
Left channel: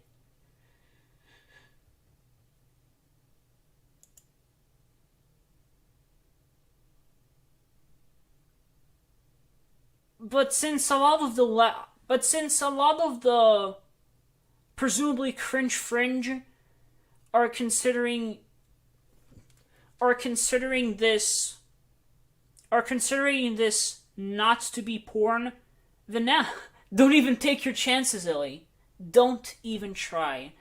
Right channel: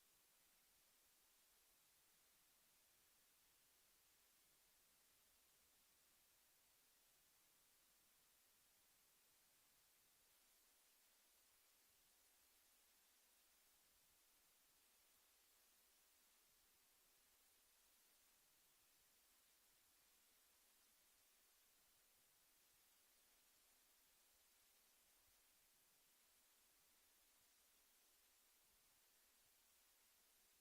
But since a lot of the presumably cringe fringe are considering this not to be porn, then now don't even take your chances, Illy. Don't even try.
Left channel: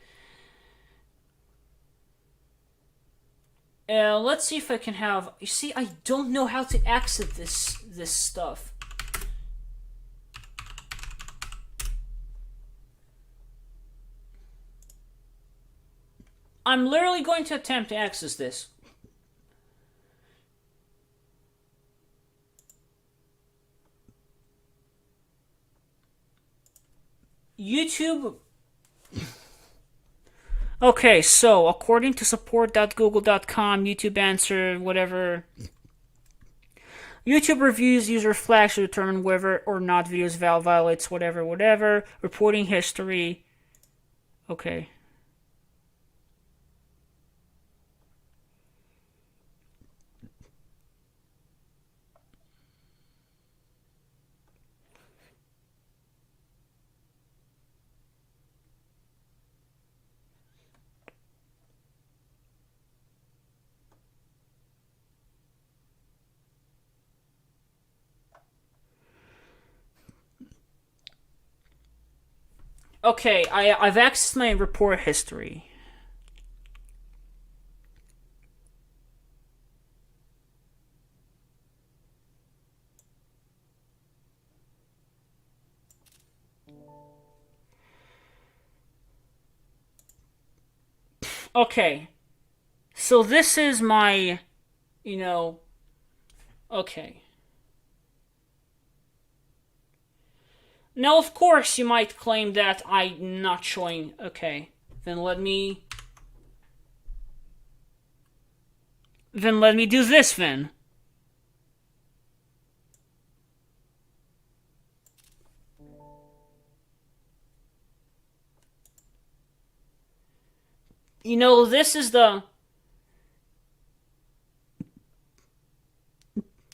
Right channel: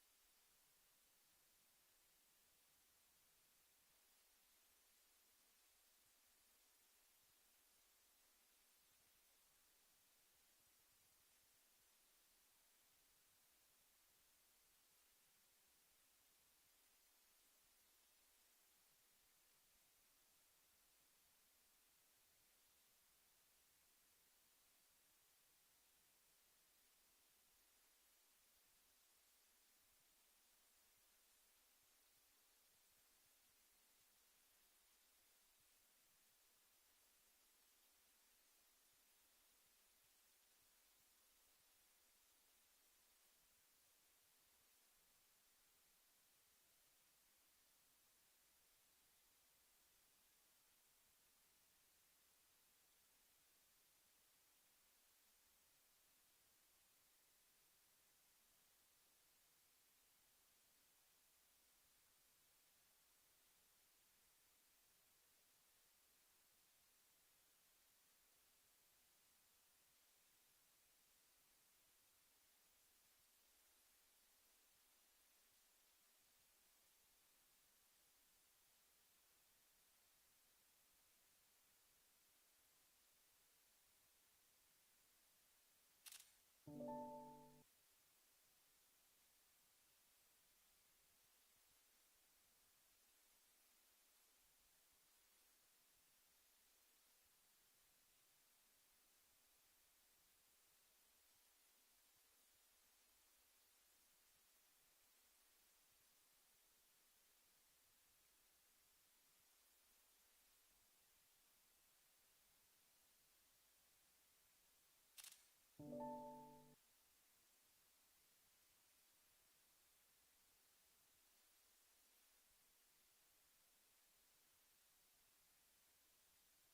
Let's see if I can have. You see, I don't know how to access this stuff. I'm literally going to attempt to access this. YouTube. Okay, so according to support.google.com, YouTube answer, whatever. YouTube reviews user flags to determine whether or not videos violates whatever. Reporting history. Okay. Okay, I've accessed my report history. Okay, so this is my, you know, okay. Now, of course, you might claim that I'm not showing. Okay, then let me. Then let me do this then. You know, this is the.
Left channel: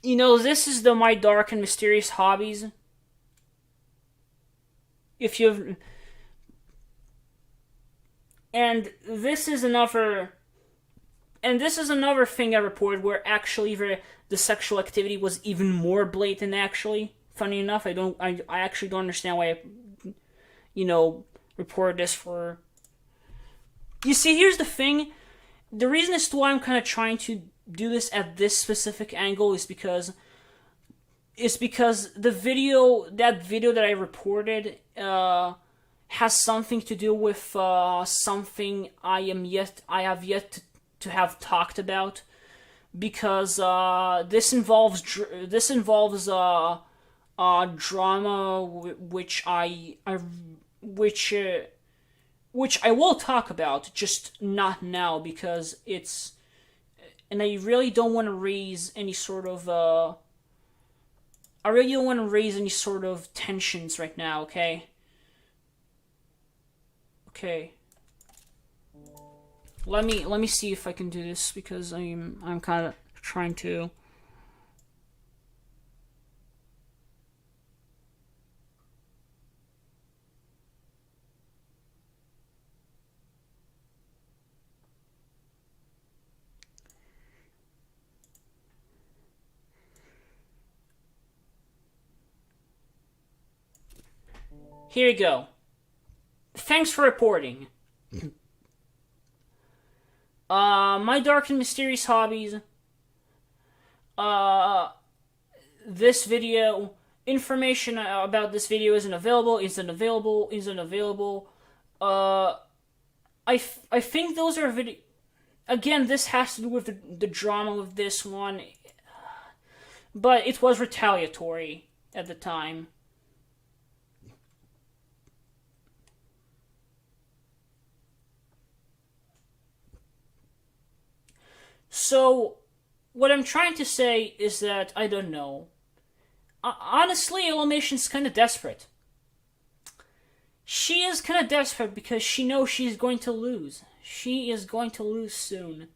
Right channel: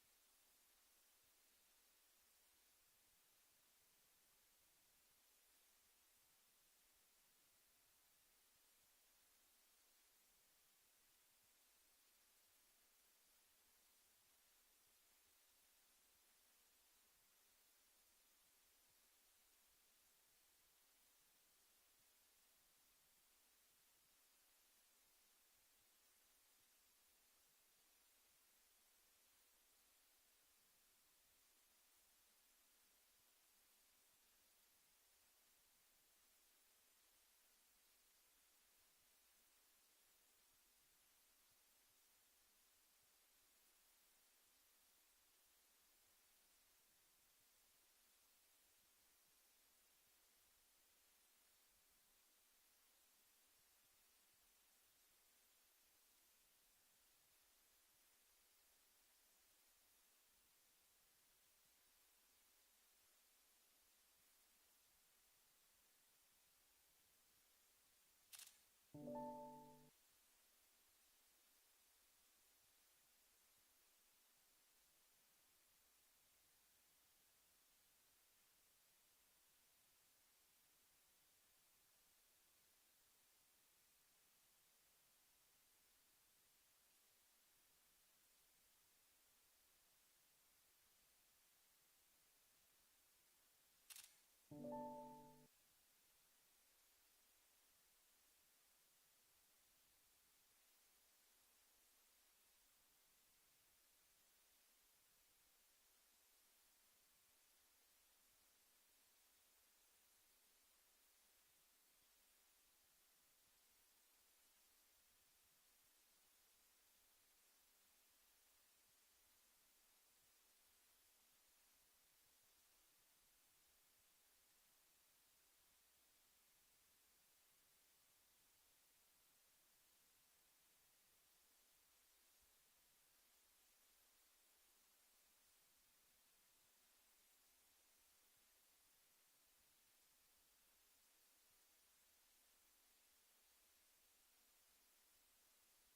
You know, this is the my dark and mysterious hobbies. If you've. And this is another. And this is another thing I reported where actually the sexual activity was even more blatant. Actually, funny enough, I actually don't understand why I reported this for. You see, here's the thing. The reason as to why I'm kind of trying to do this at this specific angle is because that video that I reported has something to do with something I have yet to have talked about, because this involves drama which I will talk about, just not now, because it's, and I really don't want to raise any sort of tensions right now. Okay. Let me see if I can do this, because I'm kind of trying to. Here you go. Thanks for reporting. My dark and mysterious hobbies. This video, information about this video isn't available. I think those are video. Again, this has to do with the drama of this one, but it was retaliatory at the time. So, what I'm trying to say is that, I don't know. Honestly, Illumination's kind of desperate. She is kind of desperate because she knows she's going to lose. She is going to lose soon.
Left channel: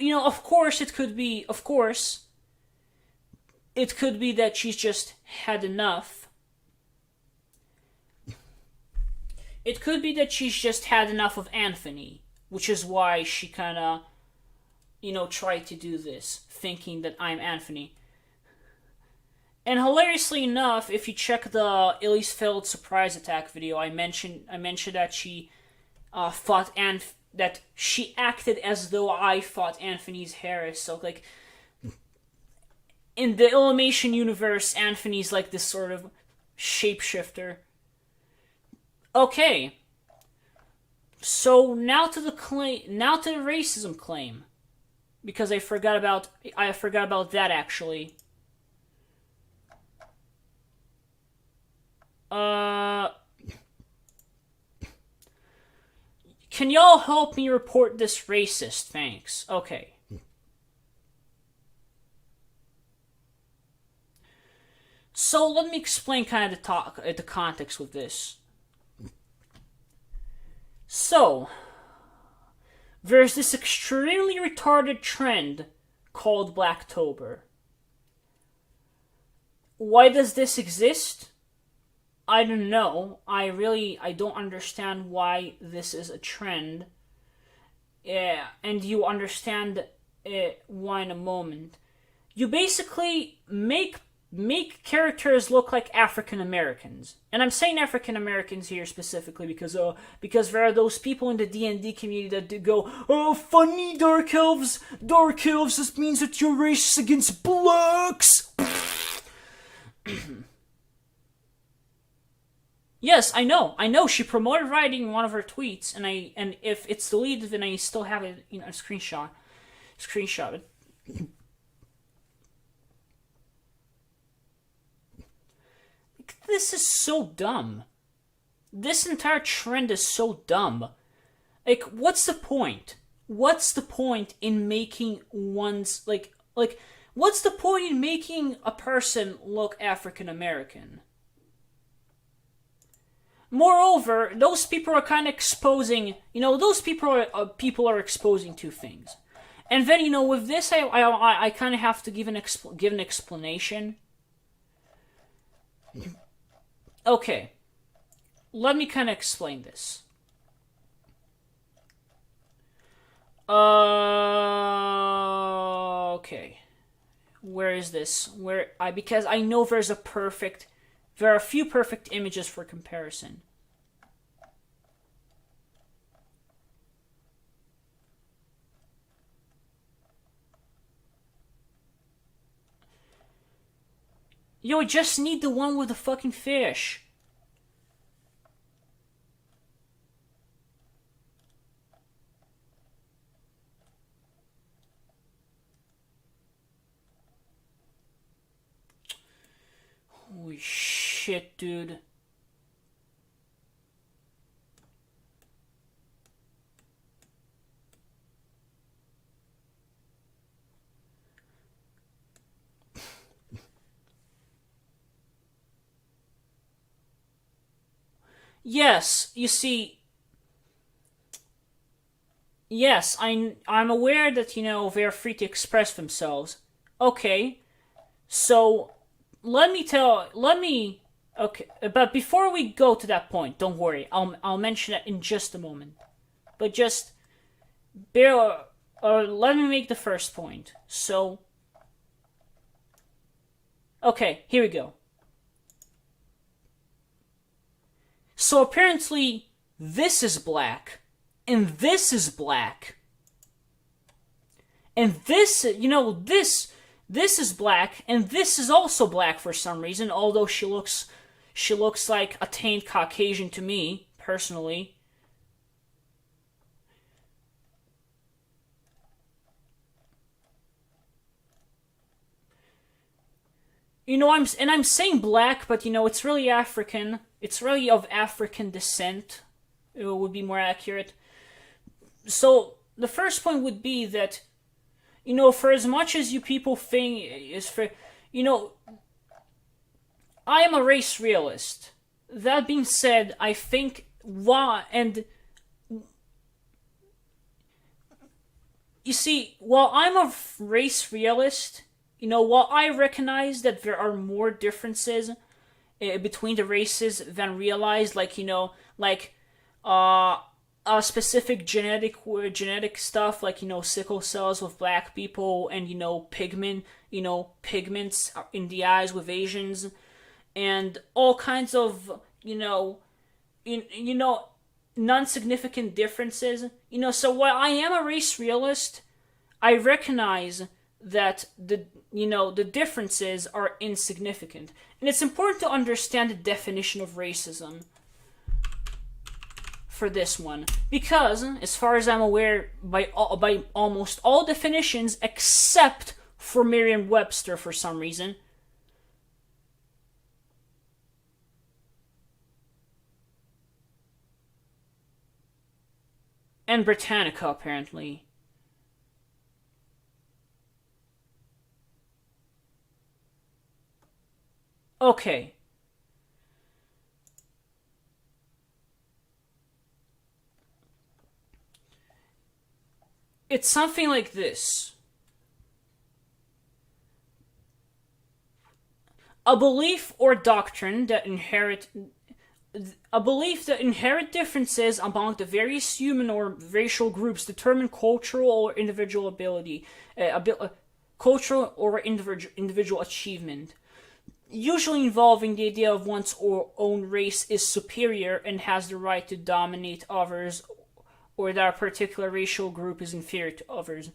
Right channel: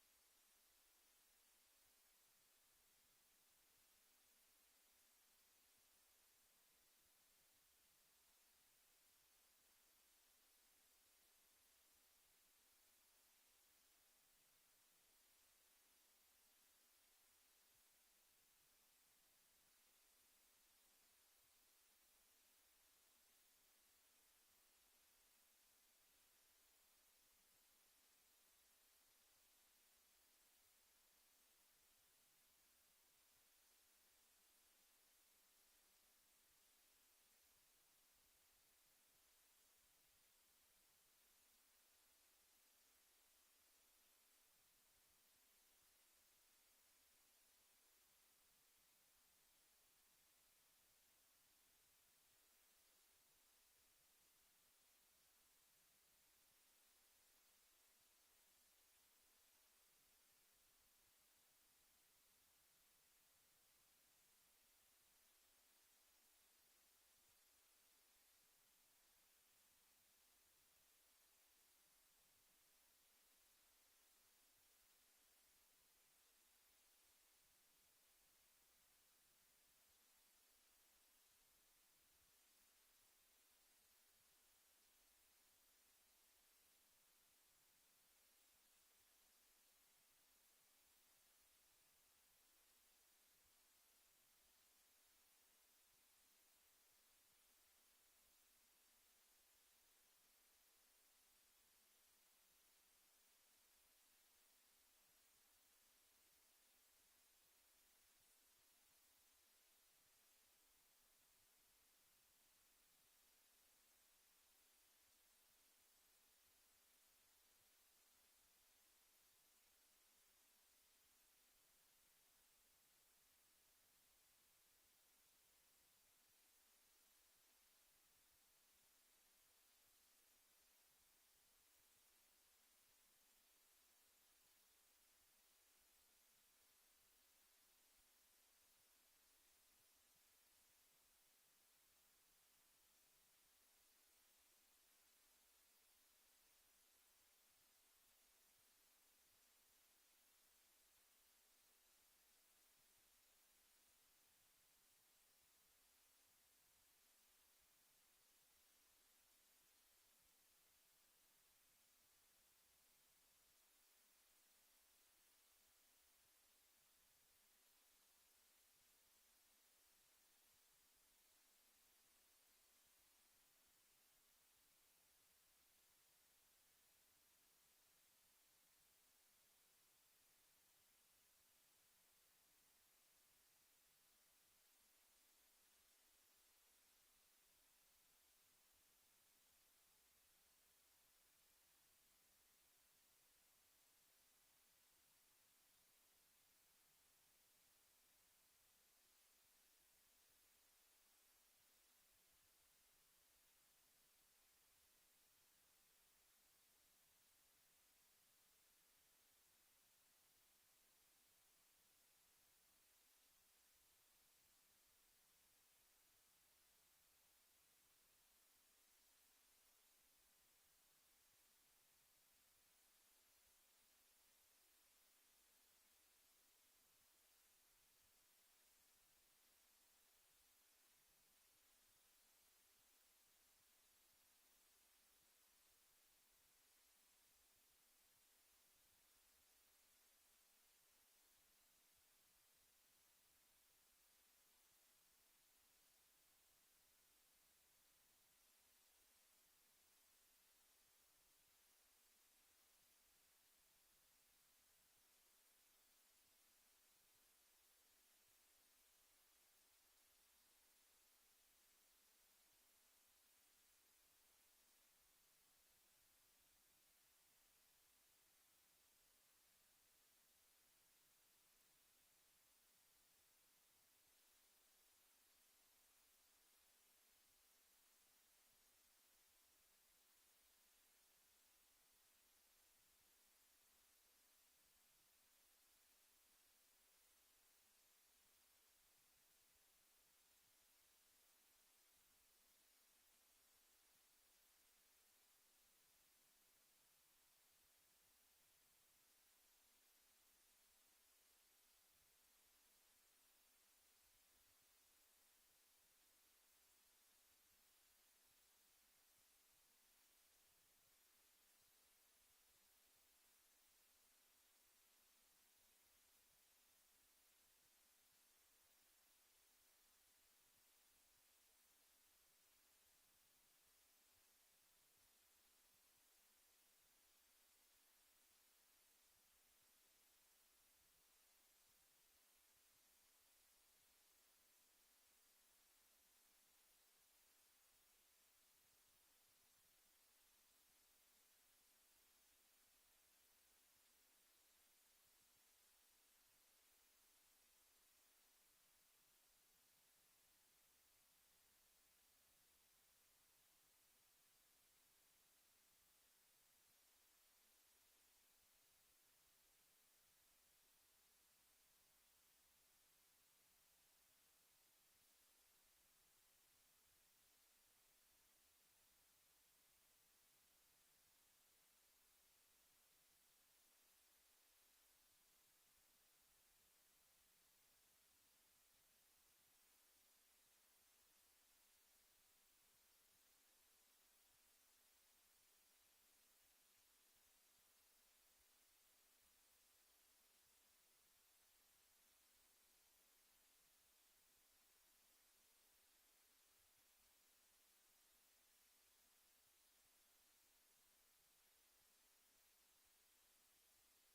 Of course, it could be that she's just had enough. It could be that she's just had enough of Anthony, which is why she kind of, tried to do this, thinking that I'm Anthony. And hilariously enough, if you check the Illy's failed surprise attack video, I mentioned that she that she acted as though I fought Anthony's Harris. So, like, in the Illumination universe, Anthony's like this sort of shapeshifter. Okay. So now to the racism claim, because I forgot about that actually. Can y'all help me report this racist? Thanks. Okay. So let me explain kind of the context with this. So there's this extremely retarded trend called Blacktober. Why does this exist? I don't know. I don't understand why this is a trend. Yeah, and you understand why in a moment. You basically make characters look like African Americans, and I'm saying African Americans here specifically because there are those people in the D&D community that go, oh, funny dark elves. This means that you're racist against blacks. Yes, I know. She promoted writing in one of her tweets, and if it's deleted, then I still have it, a screenshot it. This is so dumb. This entire trend is so dumb. Like, what's the point? What's the point in making one's what's the point in making a person look African American? Moreover, those people are kind of exposing, those people are exposing two things. And then, with this, I kind of have to give an explanation. Okay, let me kind of explain this. Okay, where is this? Because I know there are a few perfect images for comparison. Yo, I just need the one with the fucking fish. Holy shit, dude. Yes, you see. Yes, I'm aware that they're free to express themselves. Okay, so let me. Okay, but before we go to that point, don't worry. I'll mention that in just a moment. But just let me make the first point. So, okay, here we go. So apparently, this is black, and this is black, and this is black, and this is also black for some reason. Although she looks like a taint Caucasian to me personally. I'm saying black, but it's really African. It's really of African descent. It would be more accurate. So the first point would be that, for as much as you people think is for, I am a race realist. That being said, I think you see, while I'm a race realist, while I recognize that there are more differences between the races than realized, specific genetic stuff, like sickle cells with black people, and pigments in the eyes with Asians, and all kinds of non-significant differences. So while I am a race realist, I recognize that the differences are insignificant. And it's important to understand the definition of racism for this one, because as far as I'm aware, by almost all definitions except for Merriam-Webster for some reason, and Britannica apparently. Okay. It's something like this. A belief or doctrine that inherit a belief that inherent differences among the various human or racial groups determine cultural or individual ability, cultural or individual achievement, usually involving the idea of one's own race is superior and has the right to dominate others, or that a particular racial group is inferior to others.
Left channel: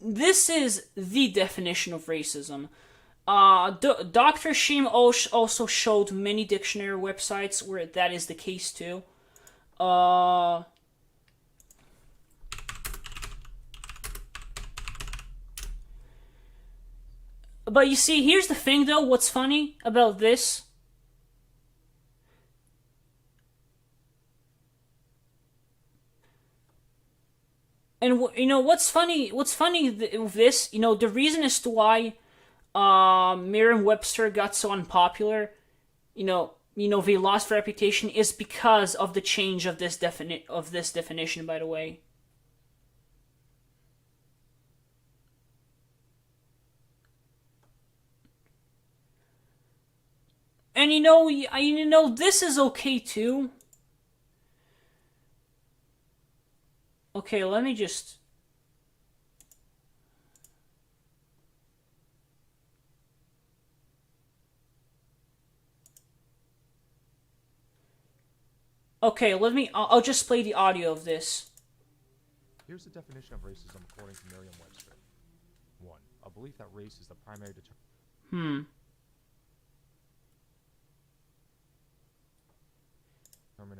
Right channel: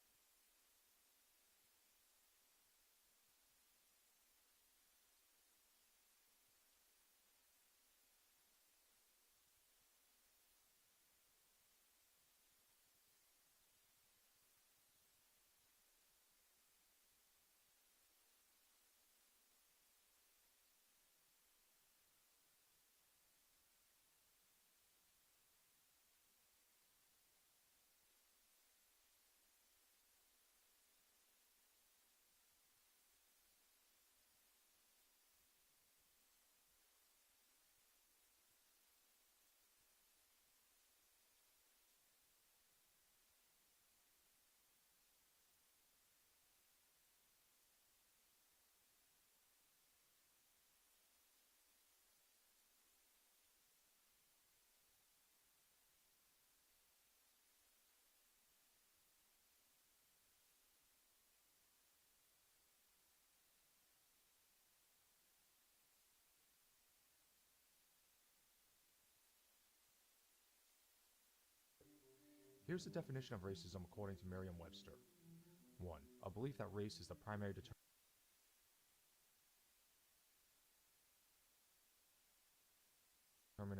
This is the definition of racism. Dr. Sheem also showed many dictionary websites where that is the case too. Uh, but you see, here's the thing though, what's funny about this? And what's funny? What's funny with this? The reason as to why Merriam-Webster got so unpopular, they lost reputation, is because of the change of this definition. By the way, and this is okay too. Okay, let me just. Okay, I'll just play the audio of this. Here's the definition of racism according to Merriam-Webster. 1. A belief that race is the primary determinant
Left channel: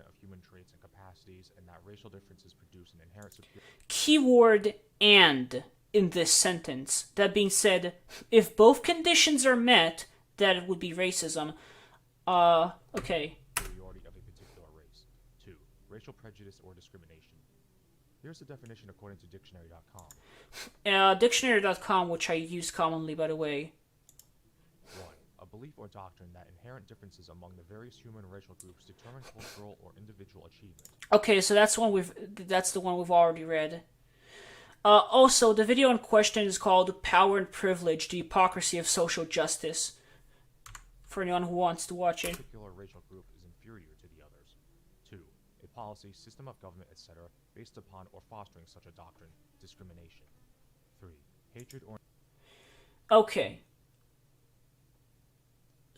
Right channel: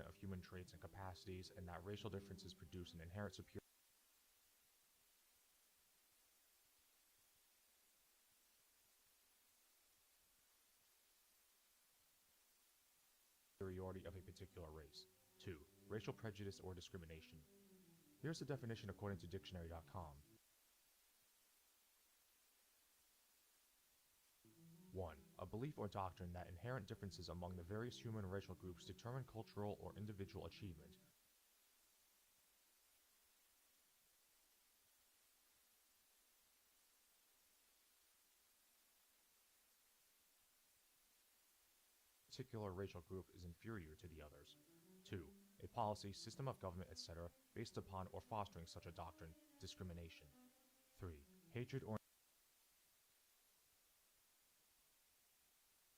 of human traits and capacities, and that racial differences produce an inherent superiority. Keyword "and" in this sentence. That being said, if both conditions are met, that it would be racism. Okay. Superiority of a particular race. 2. Racial prejudice or discrimination. Here's the definition according to dictionary.com. Dictionary.com, which I use commonly, by the way. 1. A belief or doctrine that inherent differences among the various human and racial groups determine cultural or individual achievement. Okay, so that's the one we've already read. Also, the video in question is called "Power and Privilege: The Hypocrisy of Social Justice." For anyone who wants to watch it. A particular racial group is inferior to the others. 2. A policy, system of government, etc., based upon or fostering such a doctrine, discrimination. 3. Hatred or... Okay.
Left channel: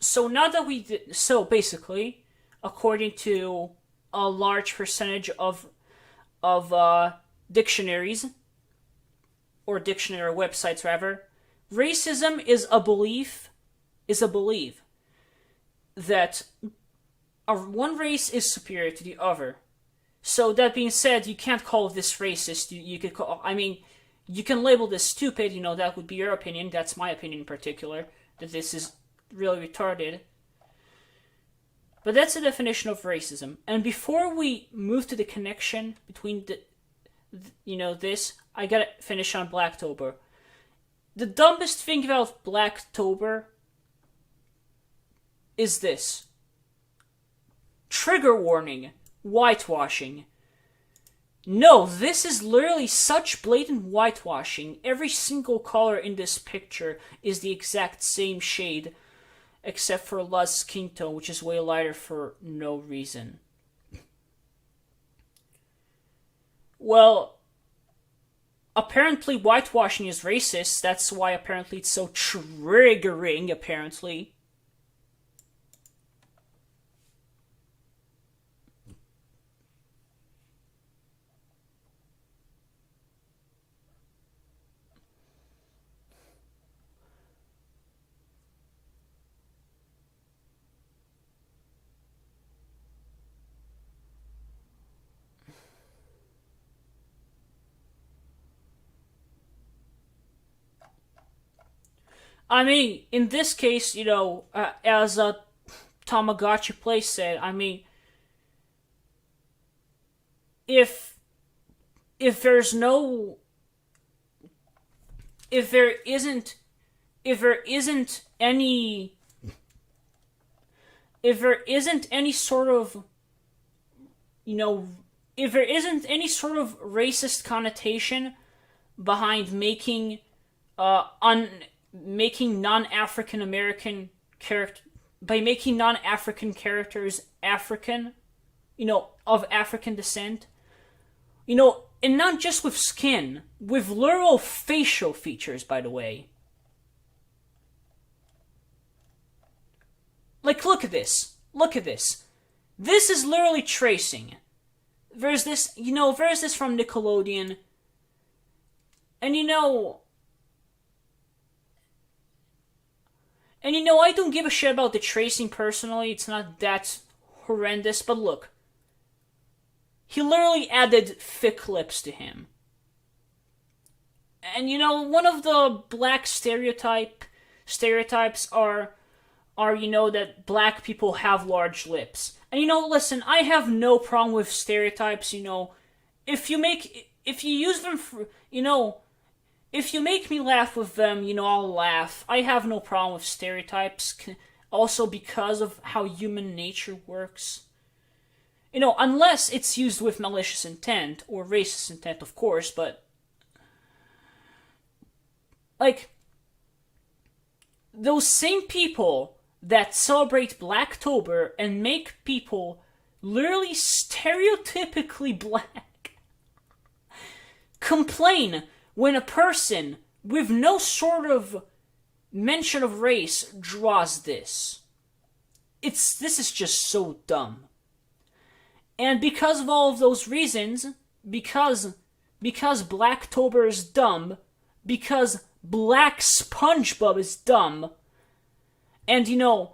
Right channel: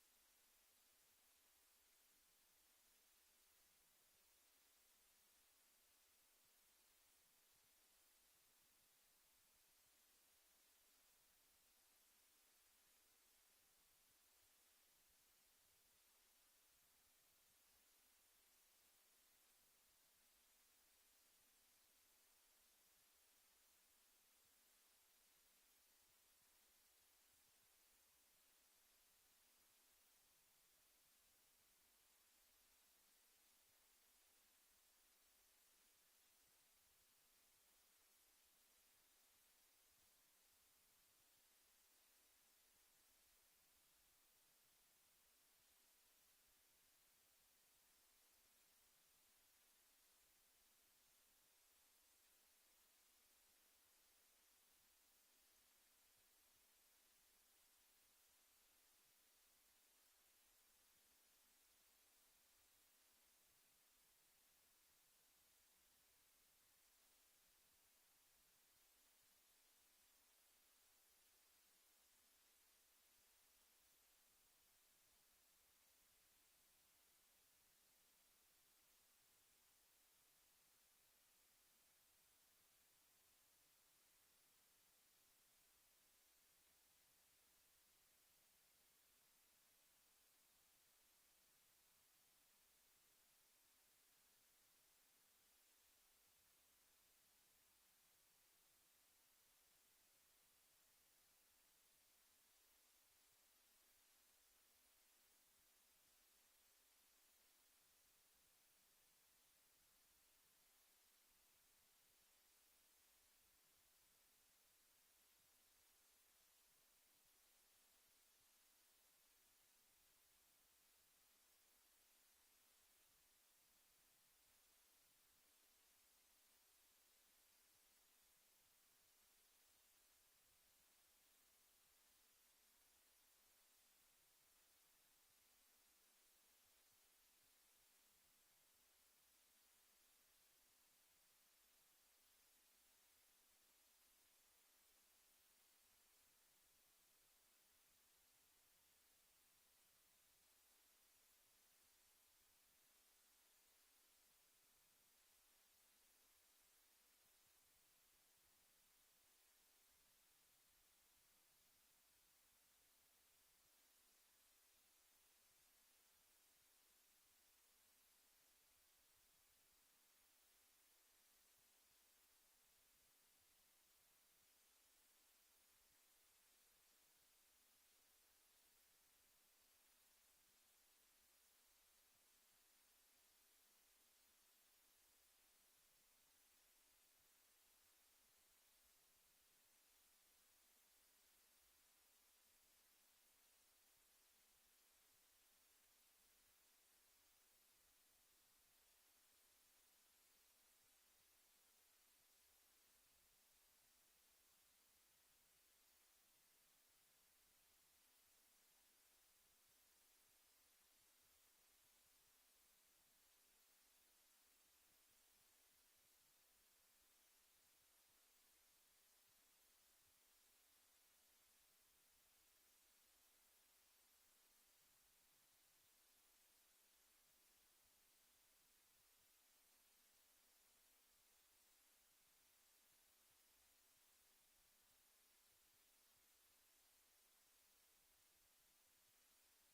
So now that so basically, according to a large percentage of dictionaries, or dictionary websites rather, racism is a belief that one race is superior to the other. So that being said, you can't call this racist. You could call, you can label this stupid. That would be your opinion. That's my opinion in particular, that this is really retarded. But that's the definition of racism. And before we move to the connection between this, I gotta finish on Blacktober. The dumbest thing about Blacktober is this. Trigger warning. Whitewashing. No, this is literally such blatant whitewashing. Every single color in this picture is the exact same shade, except for La's skin tone, which is way lighter for no reason. Well, apparently whitewashing is racist. That's why apparently it's so triggering, apparently. I mean, in this case, as Tamagotchi Play said, I mean, if there isn't any if there isn't any sort of, if there isn't any sort of racist connotation behind making making non-African American character by making non-African characters African, of African descent, and not just with skin, with literal facial features, by the way. Like, look at this. Look at this. This is literally tracing. There's this from Nickelodeon. And I don't give a shit about the tracing personally. It's not that horrendous, but look. He literally added thick lips to him. And one of the black stereotypes are that black people have large lips. And listen, I have no problem with stereotypes, if you use them for, if you make me laugh with them, I'll laugh. I have no problem with stereotypes, also because of how human nature works. Unless it's used with malicious intent, or racist intent, of course, but like, those same people that celebrate Blacktober and make people literally stereotypically black complain when a person with no sort of mention of race draws this. This is just so dumb. And because of all of those reasons, because Blacktober is dumb, because Black SpongeBob is dumb, and you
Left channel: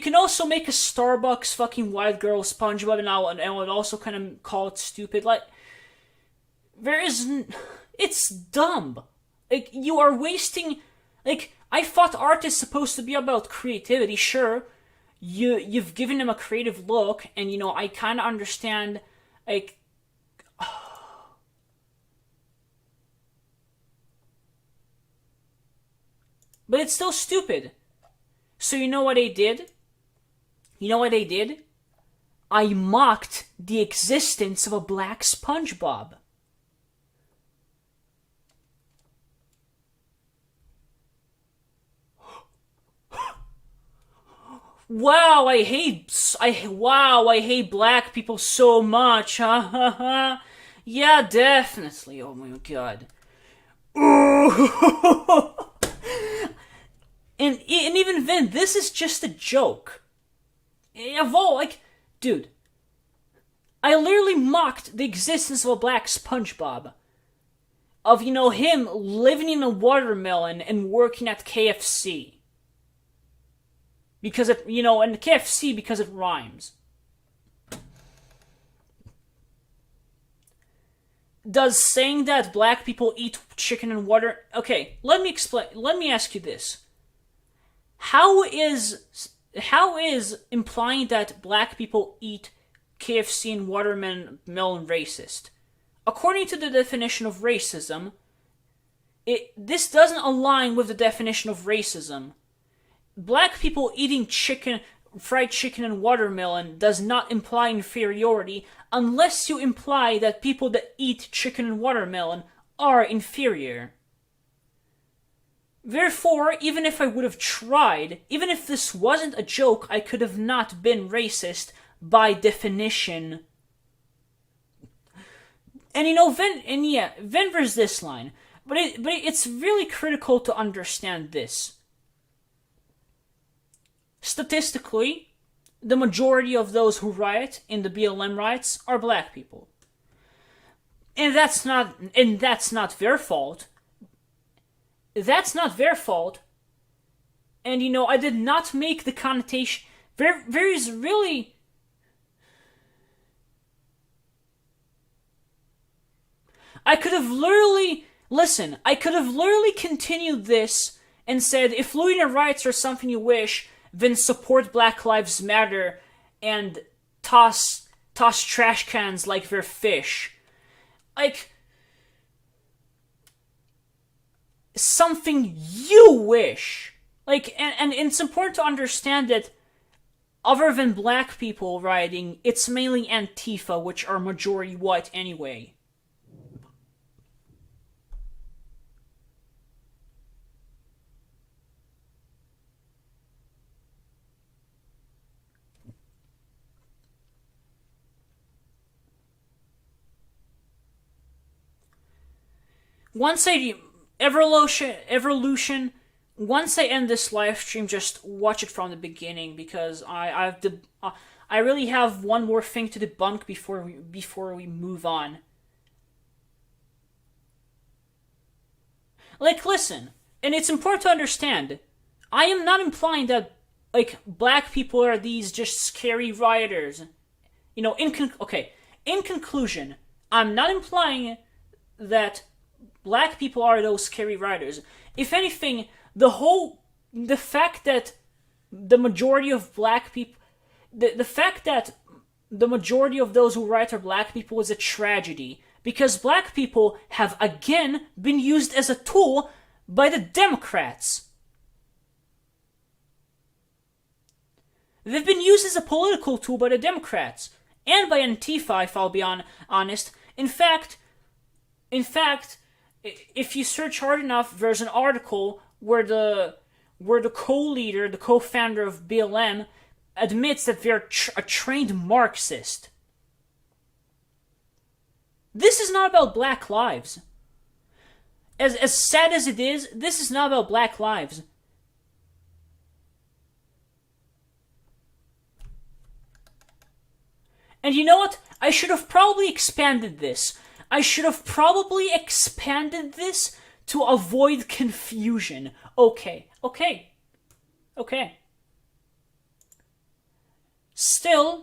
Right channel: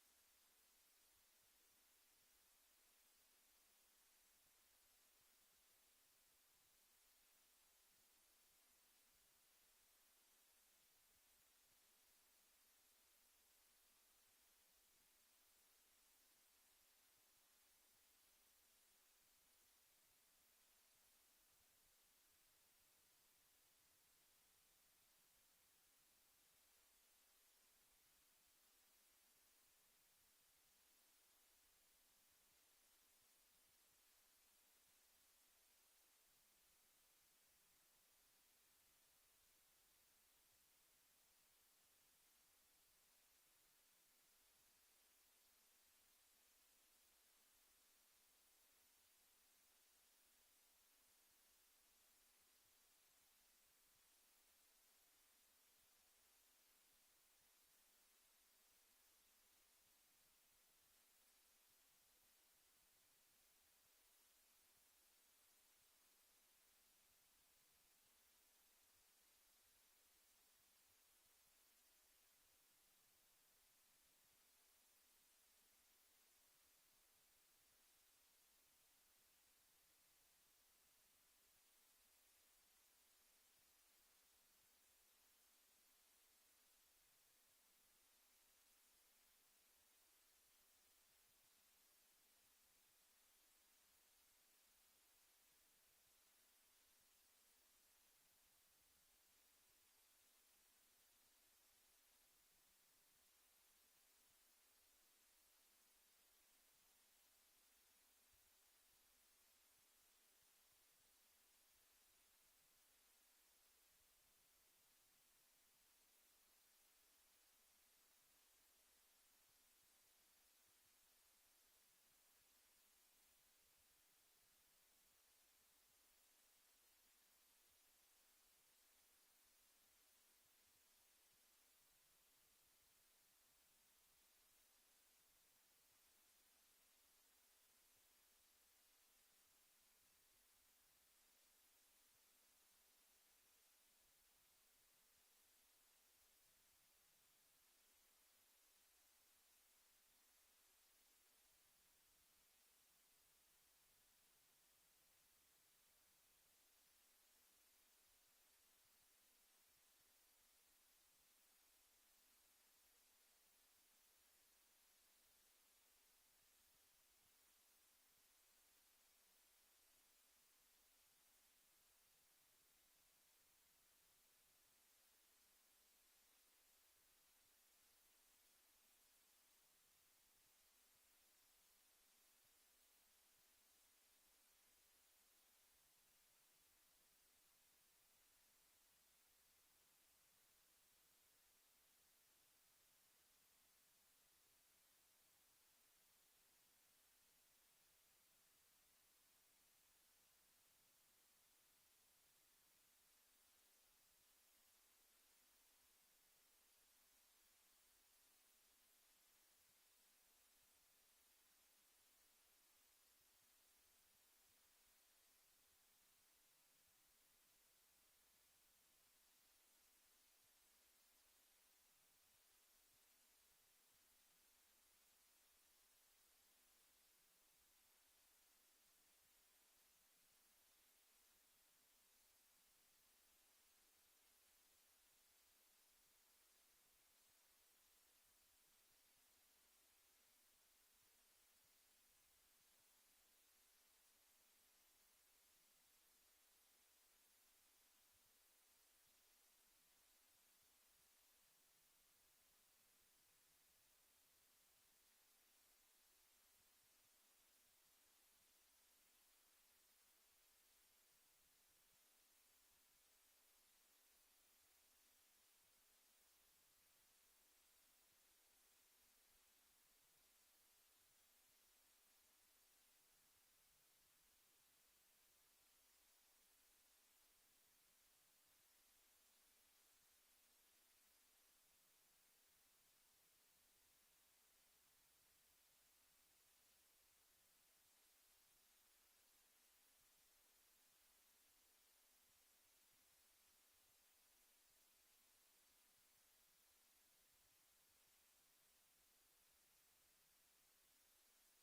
can also make a Starbucks fucking white girl SpongeBob, and I would also kind of call it stupid. Like, it's dumb. Like, you are wasting. Like, I thought art is supposed to be about creativity. Sure, you've given him a creative look, and I kind of understand. Like, but it's still stupid. So you know what they did? I mocked the existence of a black SpongeBob. Wow, I hate black people so much. Yeah, definitely. Oh my god. And even then, this is just a joke. Dude, I literally mocked the existence of a black SpongeBob. Of, him living in a watermelon and working at KFC. Because and KFC because it rhymes. Does saying that black people eat chicken and water... Okay, let me ask you this. How is implying that black people eat KFC and watermelon racist? According to the definition of racism, this doesn't align with the definition of racism. Black people eating fried chicken and watermelon does not imply inferiority unless you imply that people that eat chicken and watermelon are inferior. Therefore, even if I would have tried, even if this wasn't a joke, I could have not been racist by definition. And then there's this line. But it's really critical to understand this. Statistically, the majority of those who riot in the BLM riots are black people. And that's not their fault. That's not their fault. And I did not make the connotation. There is really. I could have literally continued this and said, if Louisiana riots are something you wish, then support Black Lives Matter and toss trash cans like they're fish. Like, something you wish. Like, and it's important to understand that other than black people rioting, it's mainly Antifa, which are majority white anyway. Once I evolution. Once I end this live stream, just watch it from the beginning because I really have one more thing to debunk before we move on. Like, listen, and it's important to understand. I am not implying that like black people are these just scary rioters. In conclusion, I'm not implying that black people are those scary rioters. If anything, the fact that the majority of black people, the fact that the majority of those who riot are black people is a tragedy, because black people have again been used as a tool by the Democrats. They've been used as a political tool by the Democrats and by Antifa, if I'll be honest. In fact, if you search hard enough, there's an article where the co-leader, the co-founder of BLM, admits that they're a trained Marxist. This is not about black lives. As sad as it is, this is not about black lives. And you know what? I should have probably expanded this. To avoid confusion. Okay. Still,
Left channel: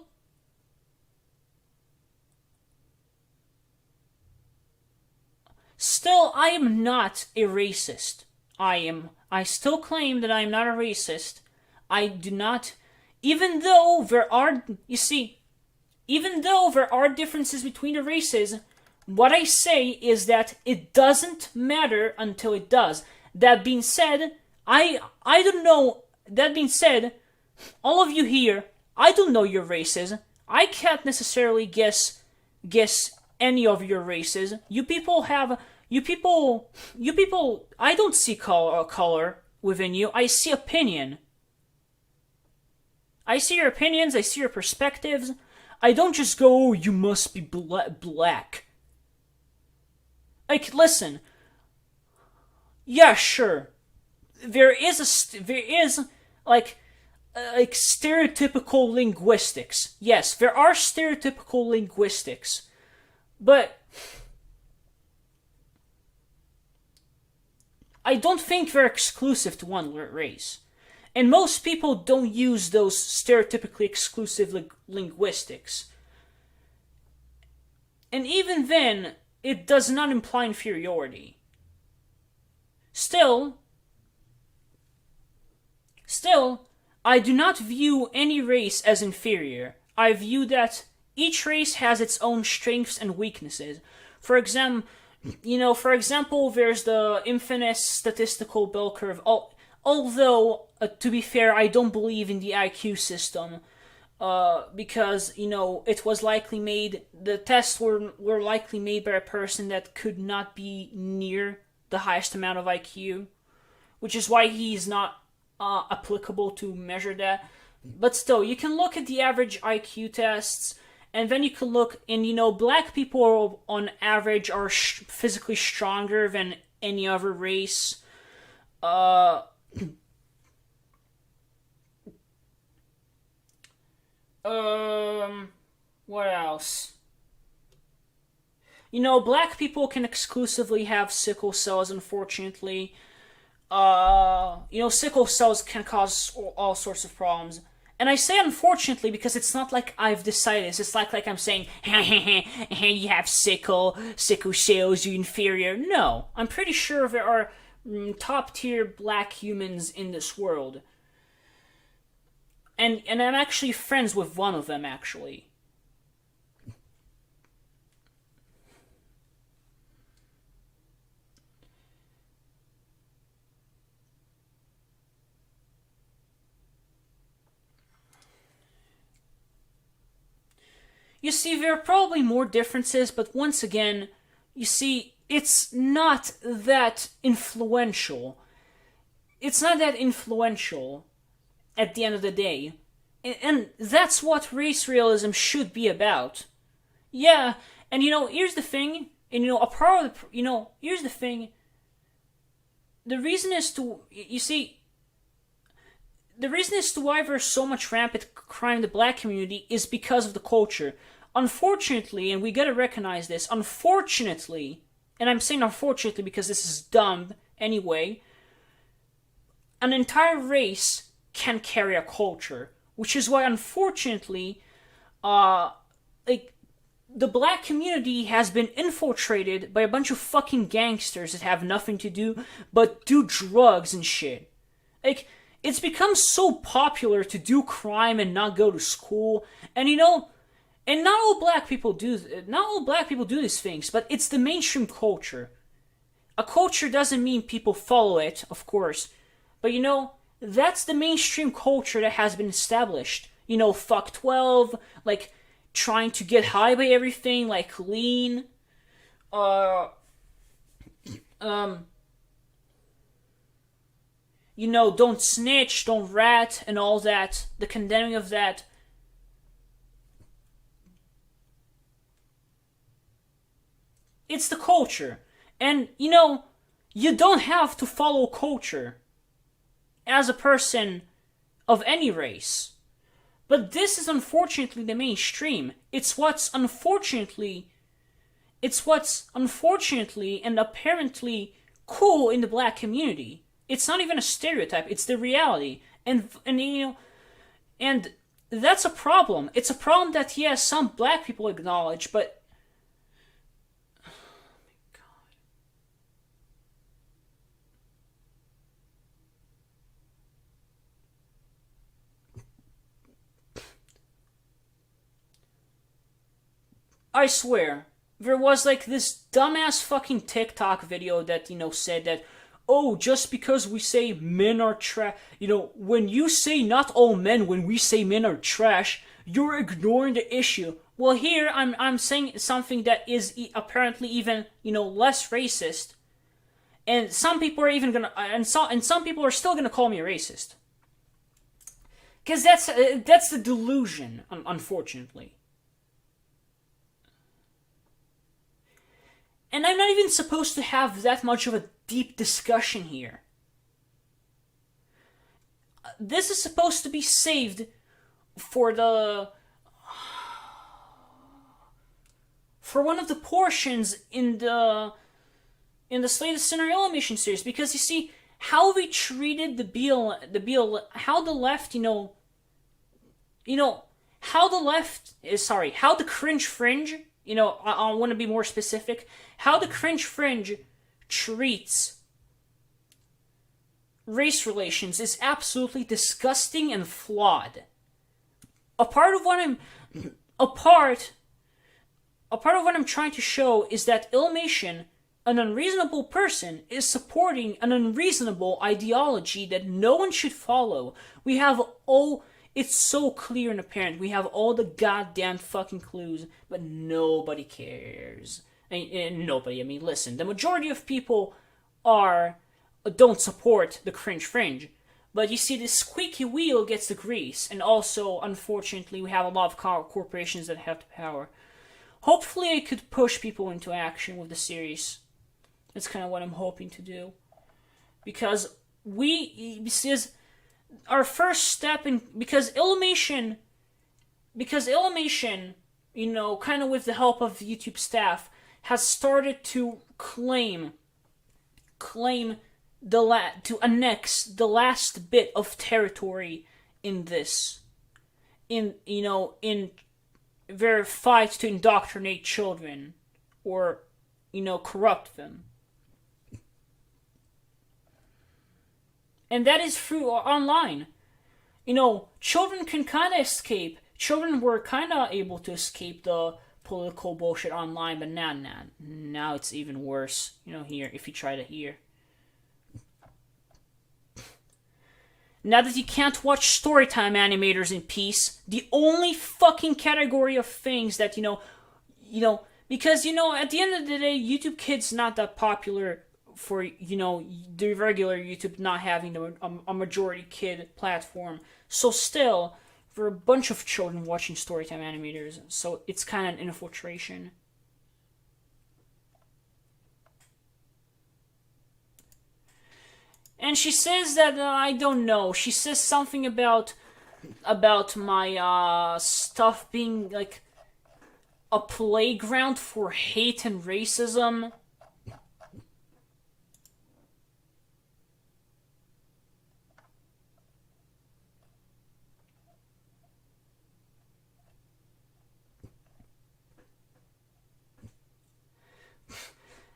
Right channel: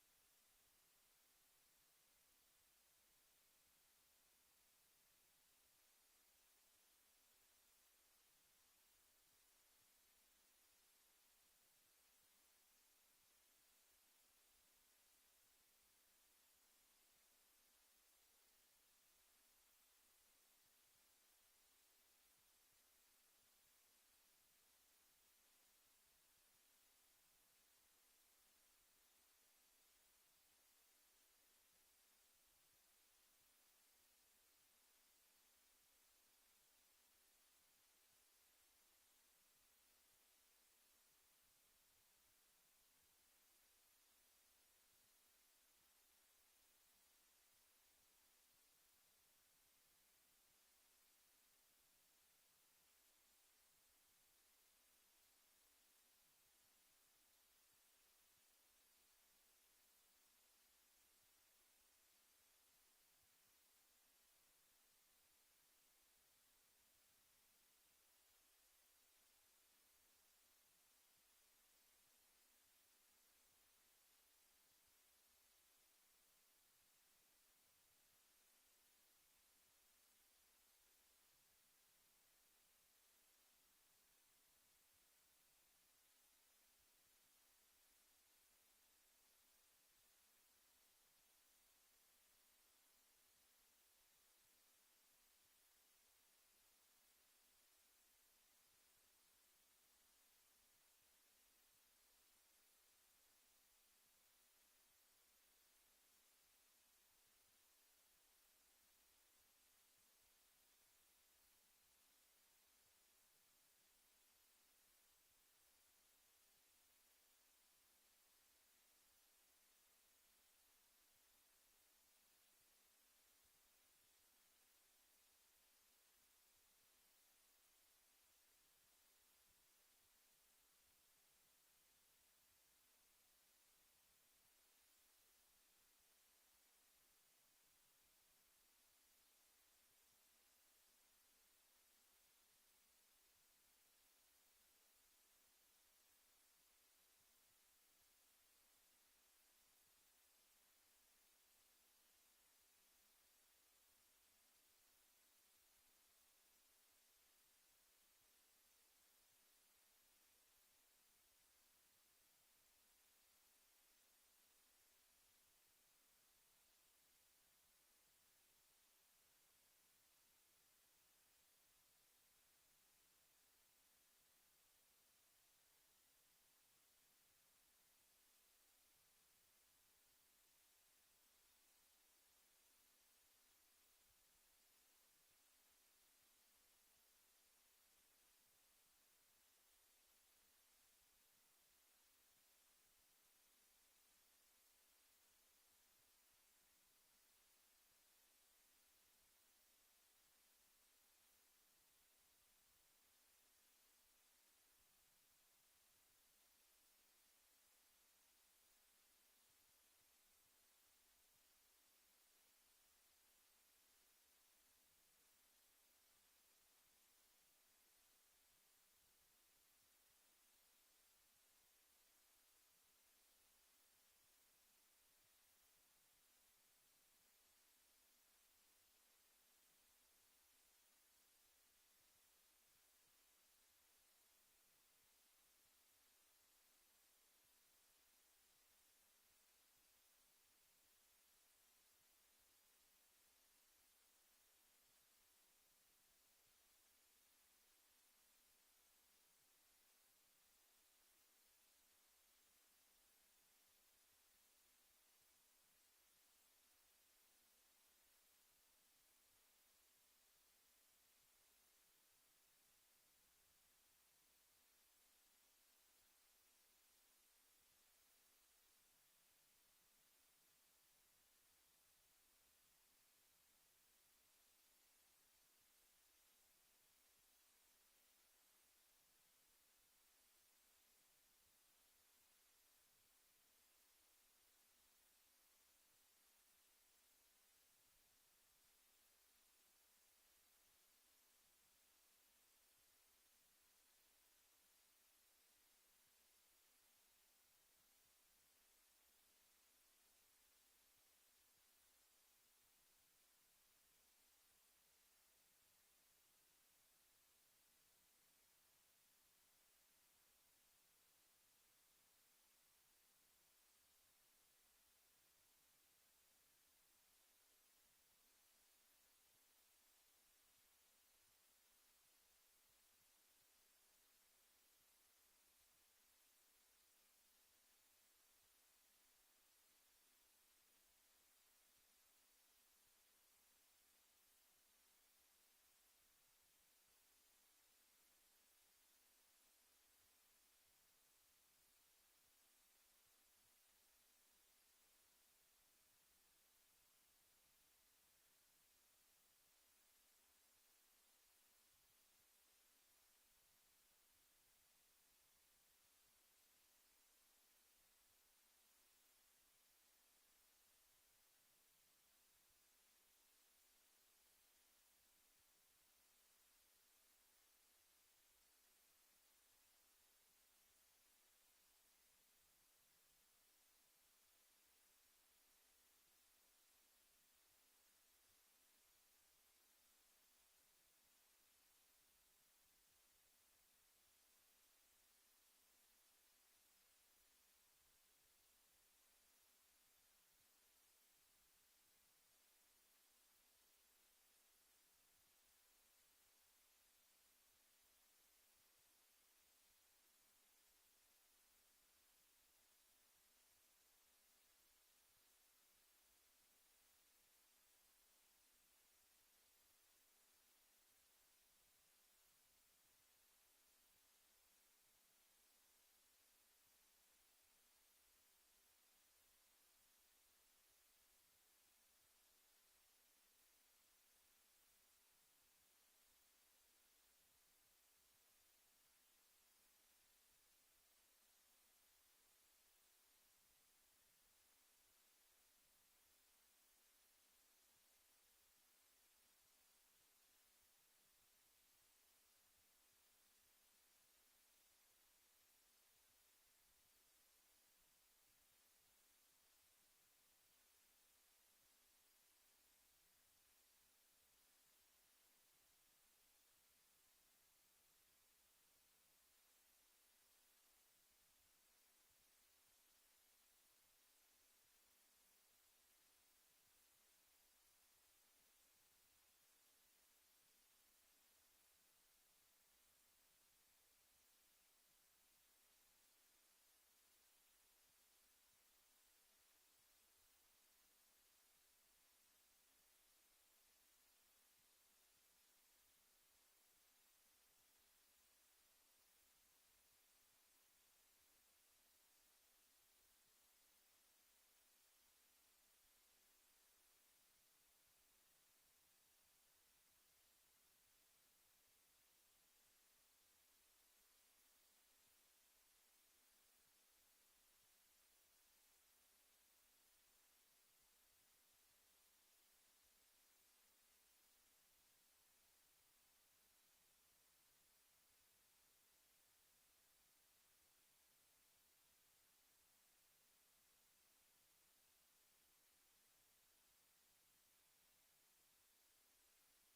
I am not a racist. I still claim that I am not a racist. I do not, even though there are differences between the races, what I say is that it doesn't matter until it does. That being said, I don't know. That being said, all of you here, I don't know your races. I can't necessarily guess any of your races. You people, I don't see color within you. I see opinion. I see your opinions. I see your perspectives. I don't just go, oh, you must be black. Like, listen. Yeah, sure. There is like stereotypical linguistics. Yes, there are stereotypical linguistics. But I don't think they're exclusive to one race. And most people don't use those stereotypically exclusive linguistics. And even then, it does not imply inferiority. Still, I do not view any race as inferior. I view that each race has its own strengths and weaknesses. For example, there's the infamous statistical bell curve. Although, to be fair, I don't believe in the IQ system. Because, it was likely made, the tests were likely made by a person that could not be near the highest amount of IQ, which is why he's not applicable to measure that. But still, you can look at the average IQ tests, and then you can look, and black people on average are physically stronger than any other race. What else? Black people can exclusively have sickle cells, unfortunately. Sickle cells can cause all sorts of problems. And I say unfortunately because it's not like I've decided this. It's like I'm saying, hey, you have sickle cells, you're inferior. No, I'm pretty sure there are top tier black humans in this world. And I'm actually friends with one of them, actually. You see, there are probably more differences, but once again, you see, it's not that influential. It's not that influential at the end of the day. And that's what race realism should be about. Yeah, and here's the thing, and a part of here's the thing. The reason is to, you see, the reason as to why there's so much rampant crime in the black community is because of the culture. Unfortunately, and we gotta recognize this, unfortunately, and I'm saying unfortunately because this is dumb anyway, an entire race can carry a culture. Which is why, unfortunately, the black community has been infiltrated by a bunch of fucking gangsters that have nothing to do but do drugs and shit. Like, it's become so popular to do crime and not go to school, and and not all black people do these things, but it's the mainstream culture. A culture doesn't mean people follow it, of course, but that's the mainstream culture that has been established. Fuck 12, like, trying to get high by everything, like lean, don't snitch, don't rat, and all that, the condemning of that. It's the culture. And, you don't have to follow culture as a person of any race. But this is unfortunately the mainstream. It's what's unfortunately and apparently cool in the black community. It's not even a stereotype, it's the reality. And that's a problem. It's a problem that, yes, some black people acknowledge, but I swear, there was like this dumbass fucking TikTok video that, said that, oh, just because we say men are trash, when you say not all men, when we say men are trash, you're ignoring the issue. Well, here I'm saying something that is apparently even, less racist. And some people are even gonna, and some people are still gonna call me a racist. Because that's the delusion, unfortunately. And I'm not even supposed to have that much of a deep discussion here. This is supposed to be saved for one of the portions in the Slay the Sinner Illumination series, because you see how we treated the BL, how the left, how the cringe fringe, I want to be more specific. How the cringe fringe treats race relations is absolutely disgusting and flawed. A part of what I'm trying to show is that Illmation, an unreasonable person, is supporting an unreasonable ideology that no one should follow. It's so clear and apparent. We have all the goddamn fucking clues, but nobody cares. Listen, the majority of people don't support the cringe fringe. But you see, the squeaky wheel gets the grease, and also, unfortunately, we have a lot of corporations that have the power. Hopefully I could push people into action with the series. That's kind of what I'm hoping to do. Because our first step in, because Illmation, kind of with the help of the YouTube staff, has started to to annex the last bit of territory in their fight to indoctrinate children or, corrupt them. And that is through online. Children can kind of escape. Children were kind of able to escape the political bullshit online, but now it's even worse. Here, if you try to hear. Now that you can't watch storytime animators in peace, the only fucking category of things that because at the end of the day, YouTube Kids not that popular for the regular YouTube not having a majority kid platform. So still, for a bunch of children watching storytime animators, so it's kind of an infiltration. And she says that I don't know. She says something about my stuff being like a playground for hate and racism.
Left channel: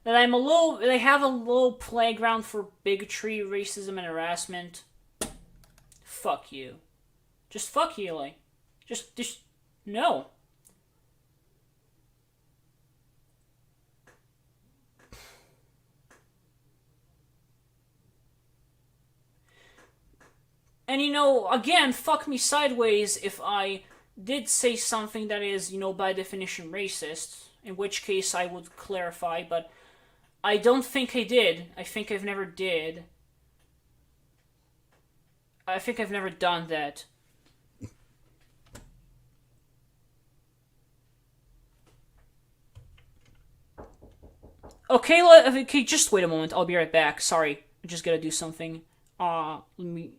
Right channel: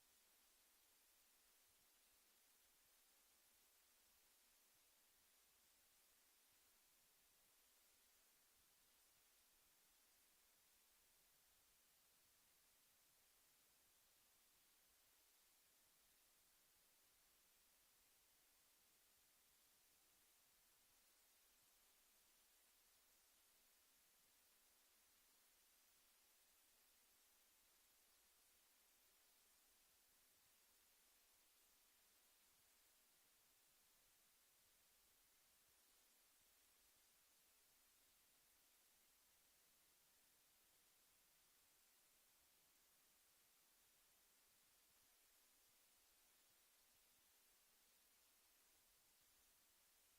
That they have a little playground for bigotry, racism, and harassment. Fuck you. Just fuck you, Illy. Just no. And again, fuck me sideways if I did say something that is, by definition racist, in which case I would clarify, but I don't think I did. I think I've never did. I think I've never done that. Okay, just wait a moment. I'll be right back. Sorry, I just gotta do something. Let me.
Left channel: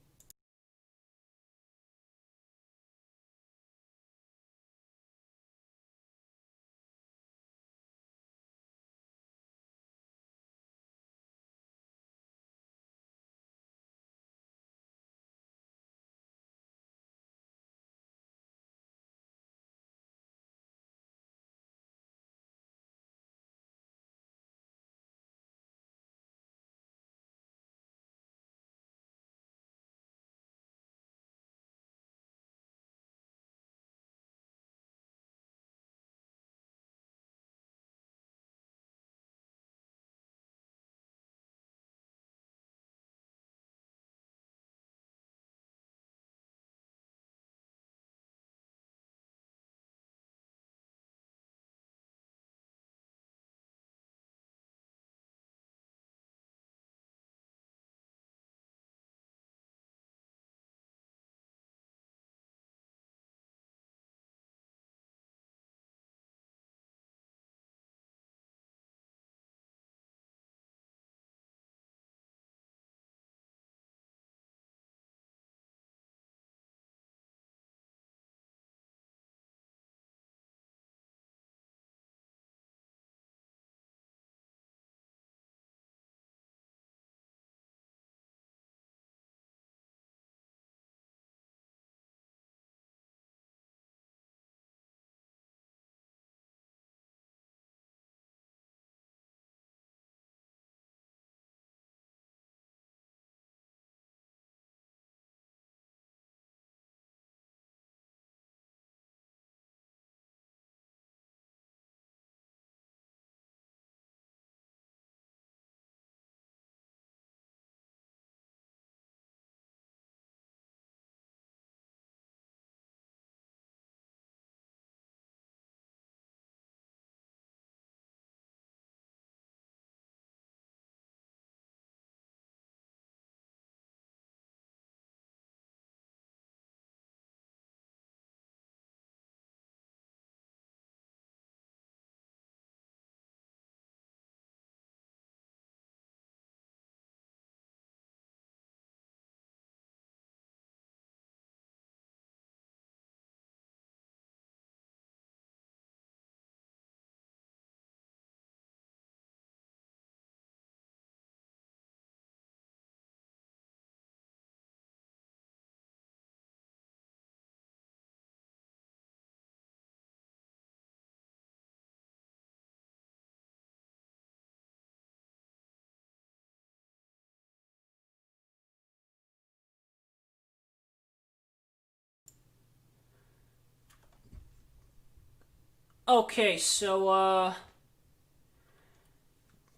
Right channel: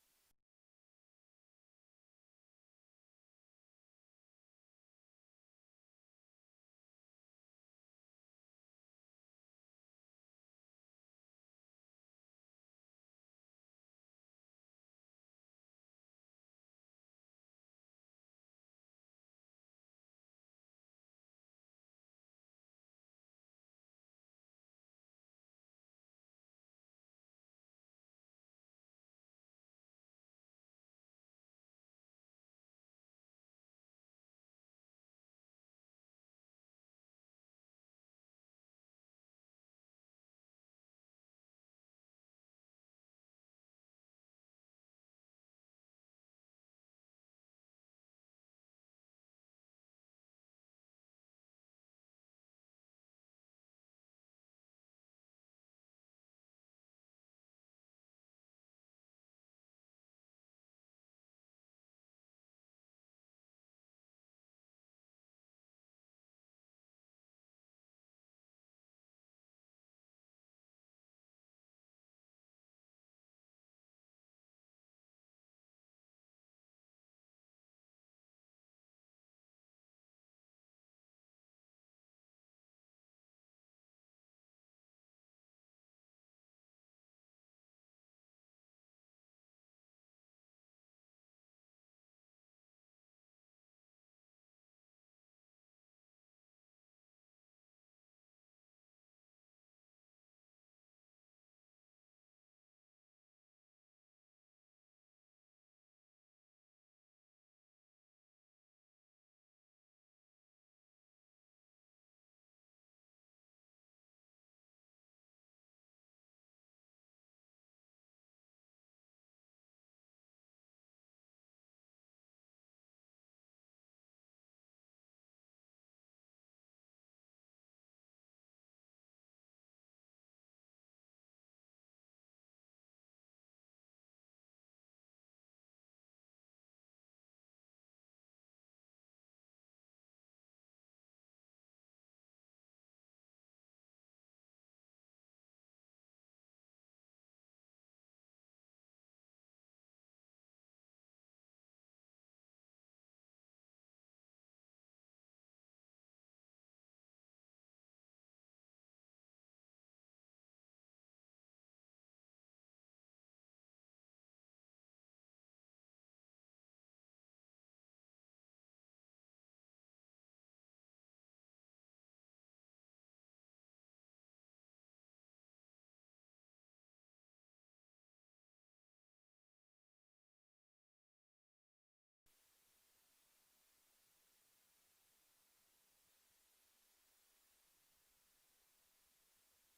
Okay, so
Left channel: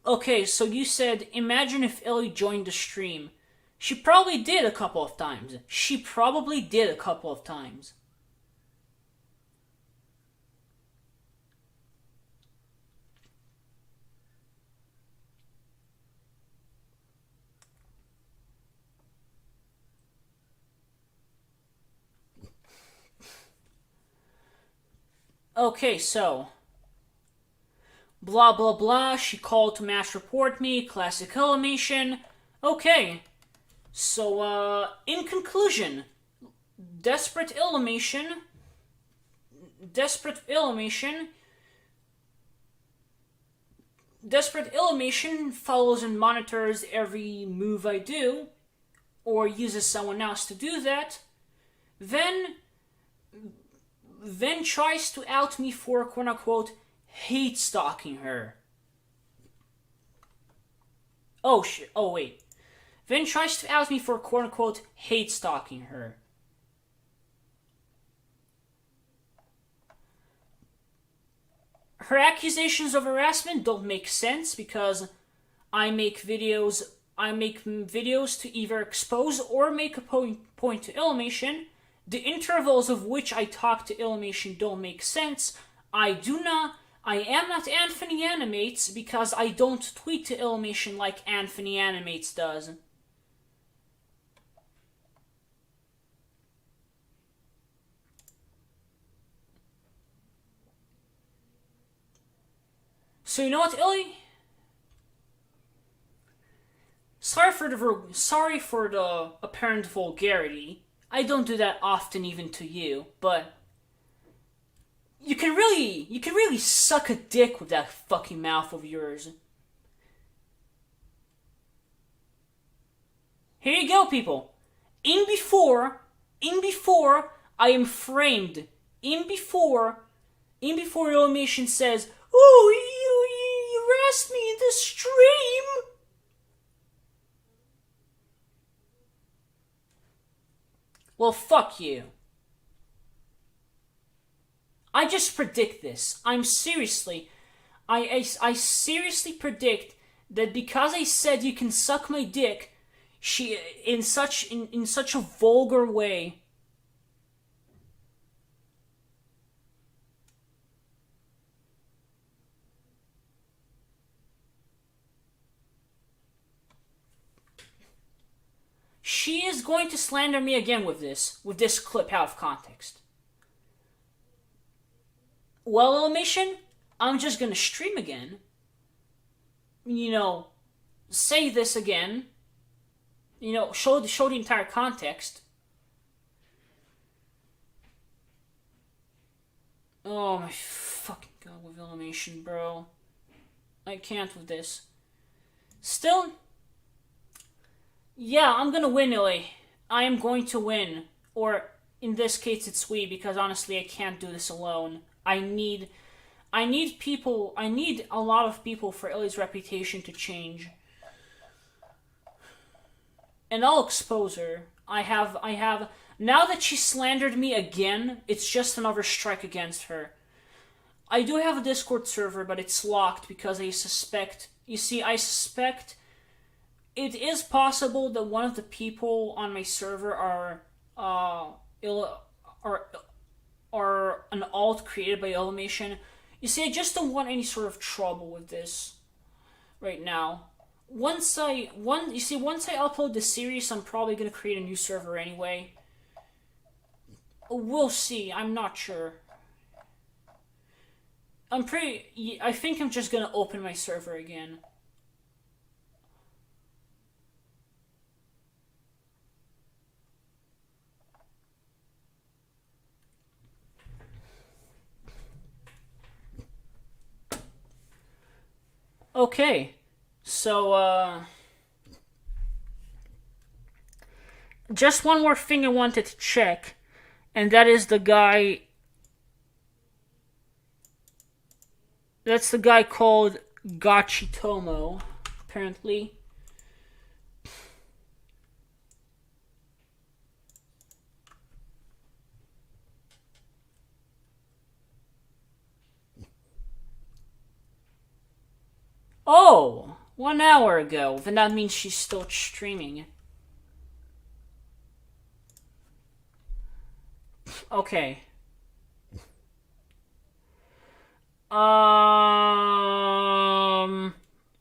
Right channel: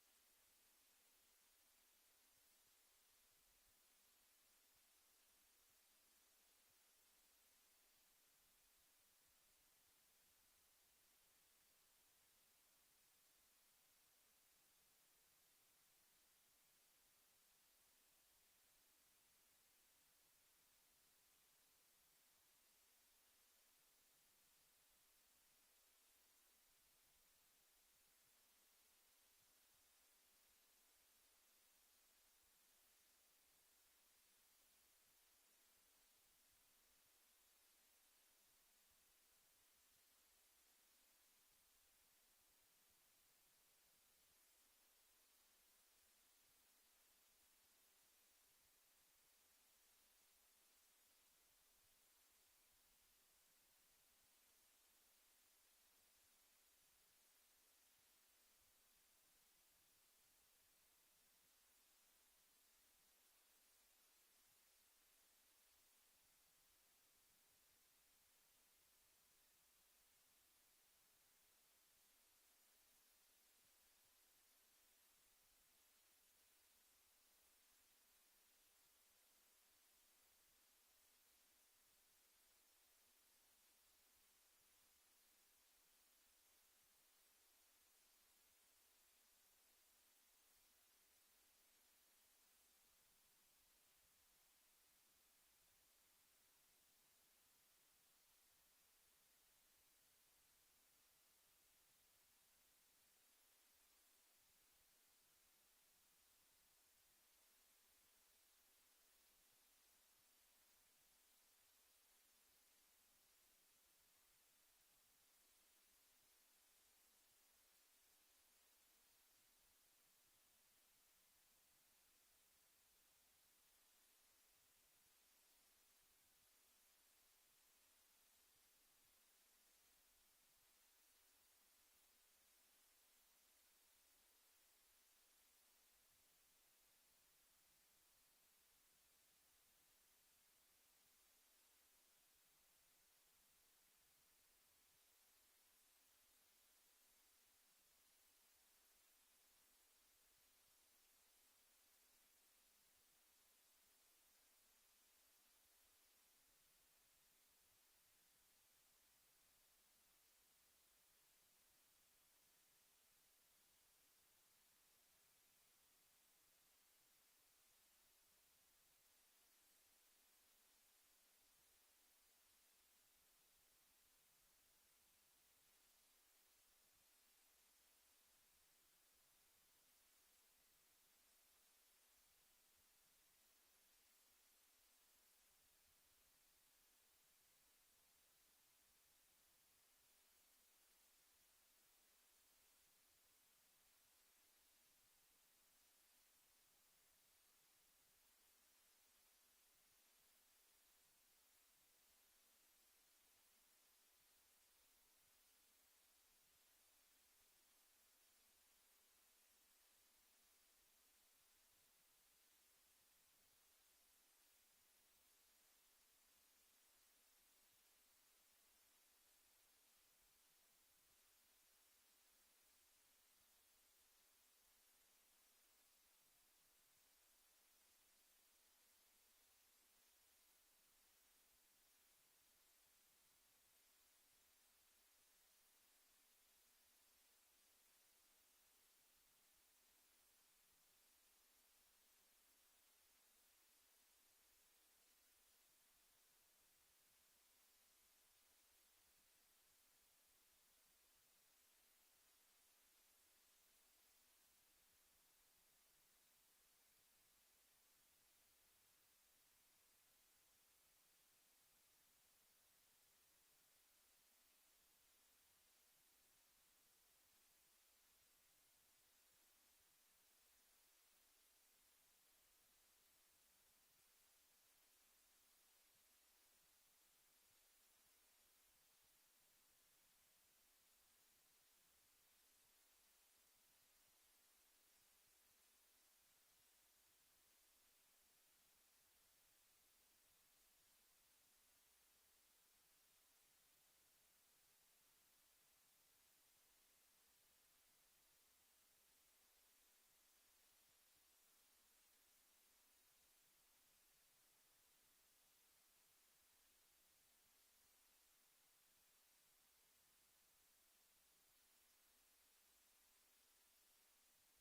Okay, so you said imagine if Illy joined the stream. She probably did a couple of times. She probably did a couple of times. Okay, so blah blah blah, she called to mass report me, classic Illimation. Okay, so in conclusion, Desperate Illimation Desperate Illimation follows and monitors every move I do, or uses someone else to do that, then tries to out me for quote-unquote hate stalking her. Oh shit, oh wait. Then tries to out me for quote-unquote hate stalking her. Her accusations of harassment don't make sense because I make videos to either expose or make a point to Illimation. The intervals of which I talk to Illimation don't make sense. I am not Anthony Animates because I don't tweet to Illimation like Anthony Animates does. So you know what, Illy? Sorry for the apparent vulgarity. I don't do that often even to you, but you can really suck a dick with that fucking mouth of yours. Here you go, people. In before I am framed. In before Illimation says, "Oh, you harassed me in the stream." Well, fuck you. I just predict this. I seriously predict that because I said you can suck my dick, she in such a vulgar way. She is going to slander me again with this clip out of context. Well, Illimation, I'm just gonna stream again. You know, say this again. You know, show the entire context. Oh my fucking god, with Illimation, bro. I can't with this. Still, yeah, I'm gonna win, Illy. I am going to win. Or, in this case, it's we, because honestly, I can't do this alone. I need people, I need a lot of people for Illy's reputation to change. And I'll expose her. I have, now that she slandered me again, it's just another strike against her. I do have a Discord server, but it's locked because I suspect it is possible that one of the people on my server are an alt created by Illimation. You see, I just don't want any sort of trouble with this right now. Once I upload the series, I'm probably gonna create a new server anyway. We'll see. I'm not sure. I think I'm just gonna open my server again. Okay, so, just one more thing I wanted to check, and that is the guy. That's the guy called Gachitomo, apparently. Oh, 1 hour ago. Then that means she's still streaming. Okay.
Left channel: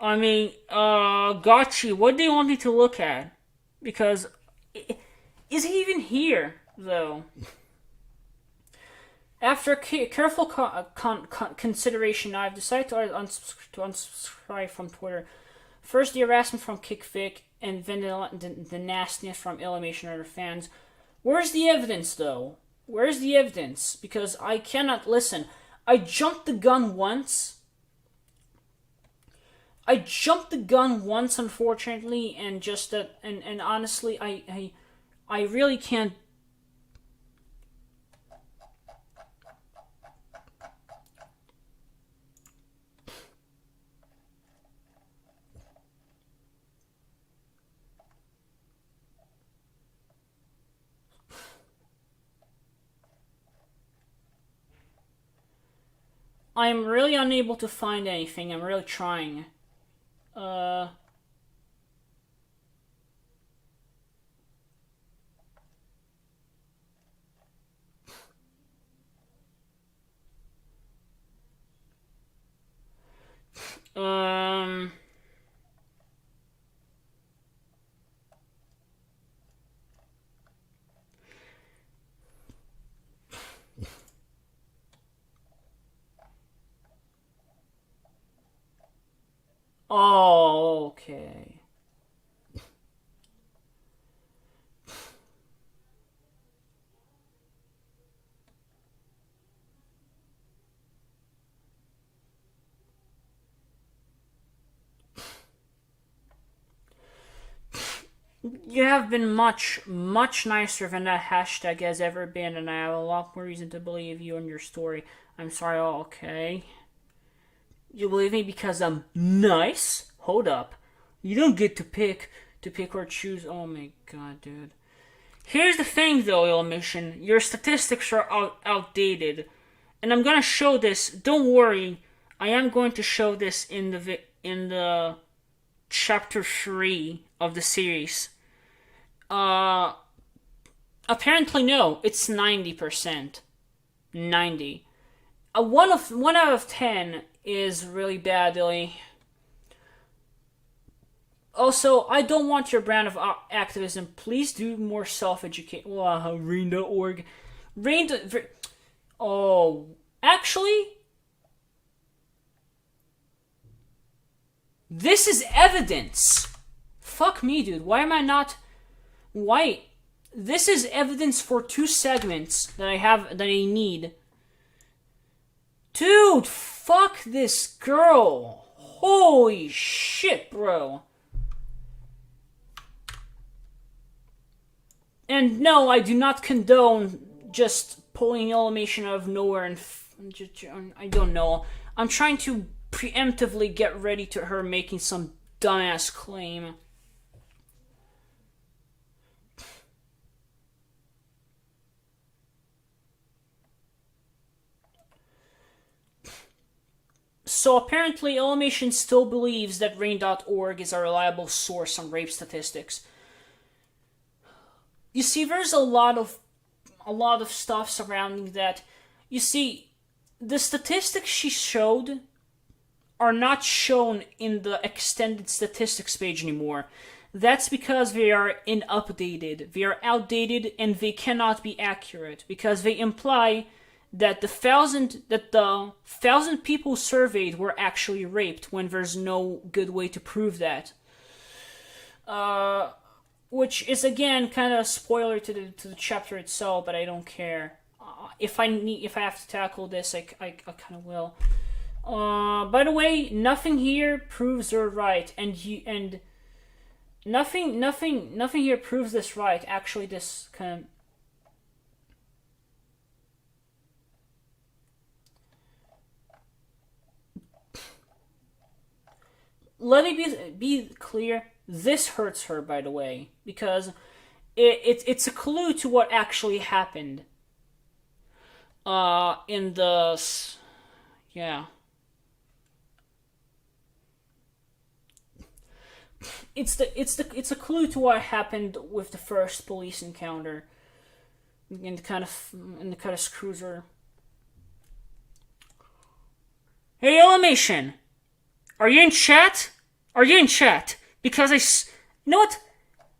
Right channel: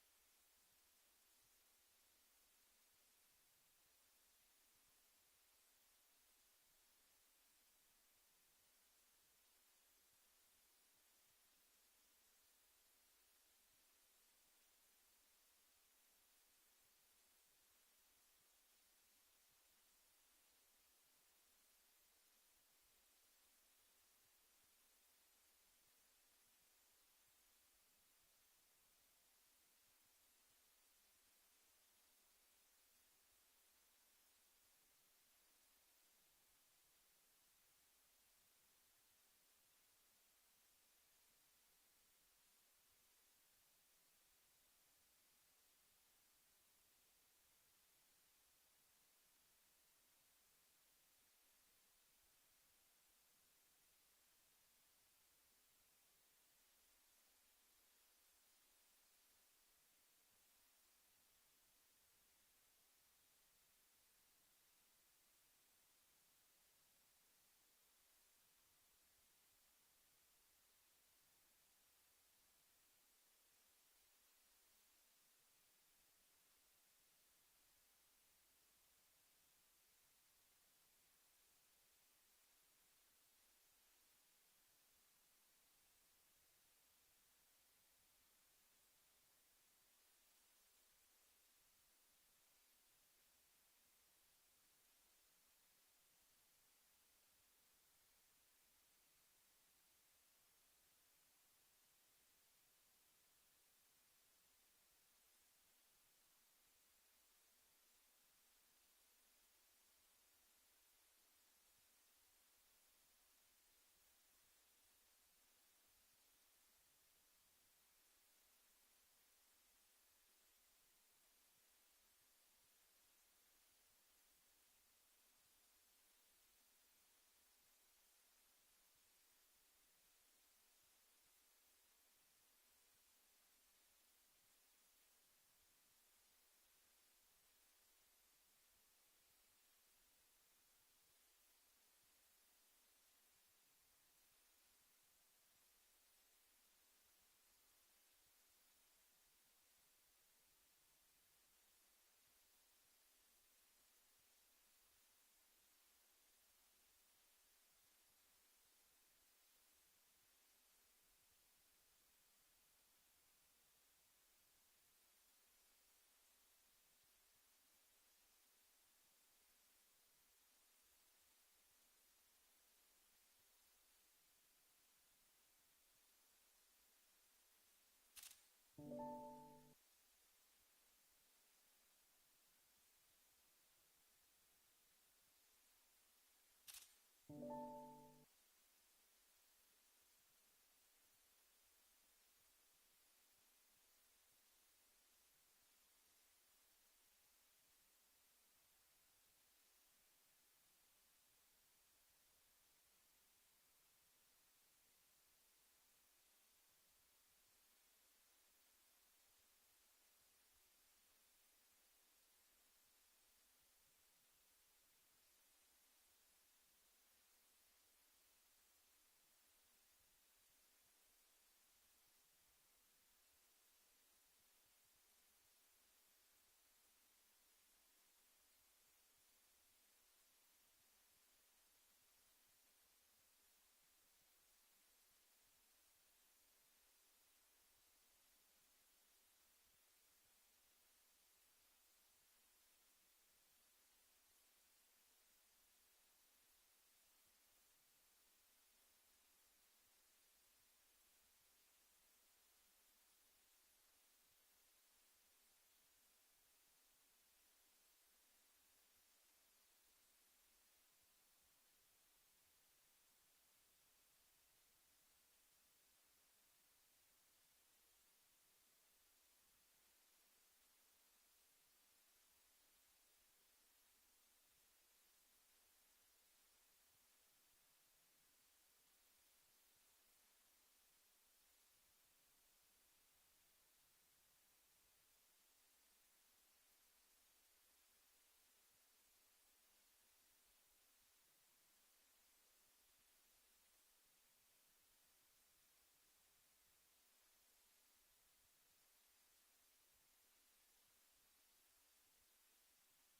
I mean, Gotchi, what do you want me to look at? Because, is he even here, though? After careful consideration, I've decided to unsubscribe from Twitter. First, the harassment from KickVic, and then the nastiness from Illymation and other fans. Where's the evidence, though? Where's the evidence? Because I cannot listen. I jumped the gun once. Unfortunately, and just that, and honestly, I really can't. I'm really unable to find anything. I'm really trying. Uh. Um. Oh, okay. You have been much, much nicer than that hashtag has ever been, and I have a lot more reason to believe you and your story. I'm sorry, okay? You believe me because I'm nice? Hold up. You don't get to pick or choose. Oh my god, dude. Here's the thing, though, Illymation. Your statistics are outdated, and I'm gonna show this. Don't worry, I am going to show this in the chapter 3 of the series. Apparently no, it's 90%. 90. One out of 10 is really bad, Illy. Also, I don't want your brand of activism. Please do more self-education. Wow, Rain.org. Rain. Oh, actually, this is evidence. Fuck me, dude. Why am I not? Why? This is evidence for 2 segments that I need. Dude, fuck this girl. Holy shit, bro. And no, I do not condone just pulling Illymation out of nowhere and I don't know. I'm trying to preemptively get ready to her making some dumbass claim. So apparently Illymation still believes that Rain.org is a reliable source on rape statistics. You see, there's a lot of stuff surrounding that. You see, the statistics she showed are not shown in the extended statistics page anymore. That's because they are inupdated. They are outdated and they cannot be accurate because they imply that the thousand people surveyed were actually raped when there's no good way to prove that. Which is again kind of a spoiler to the chapter itself, but I don't care. If I have to tackle this, I kind of will. By the way, nothing here proves they're right, and nothing here proves this right. Actually, this kind of. Let me be clear. This hurts her, by the way, because it's a clue to what actually happened. In the yeah. It's a clue to what happened with the first police encounter. and kind of screws her. Hey, Illimation, are you in chat? Are you in chat? Because you know what?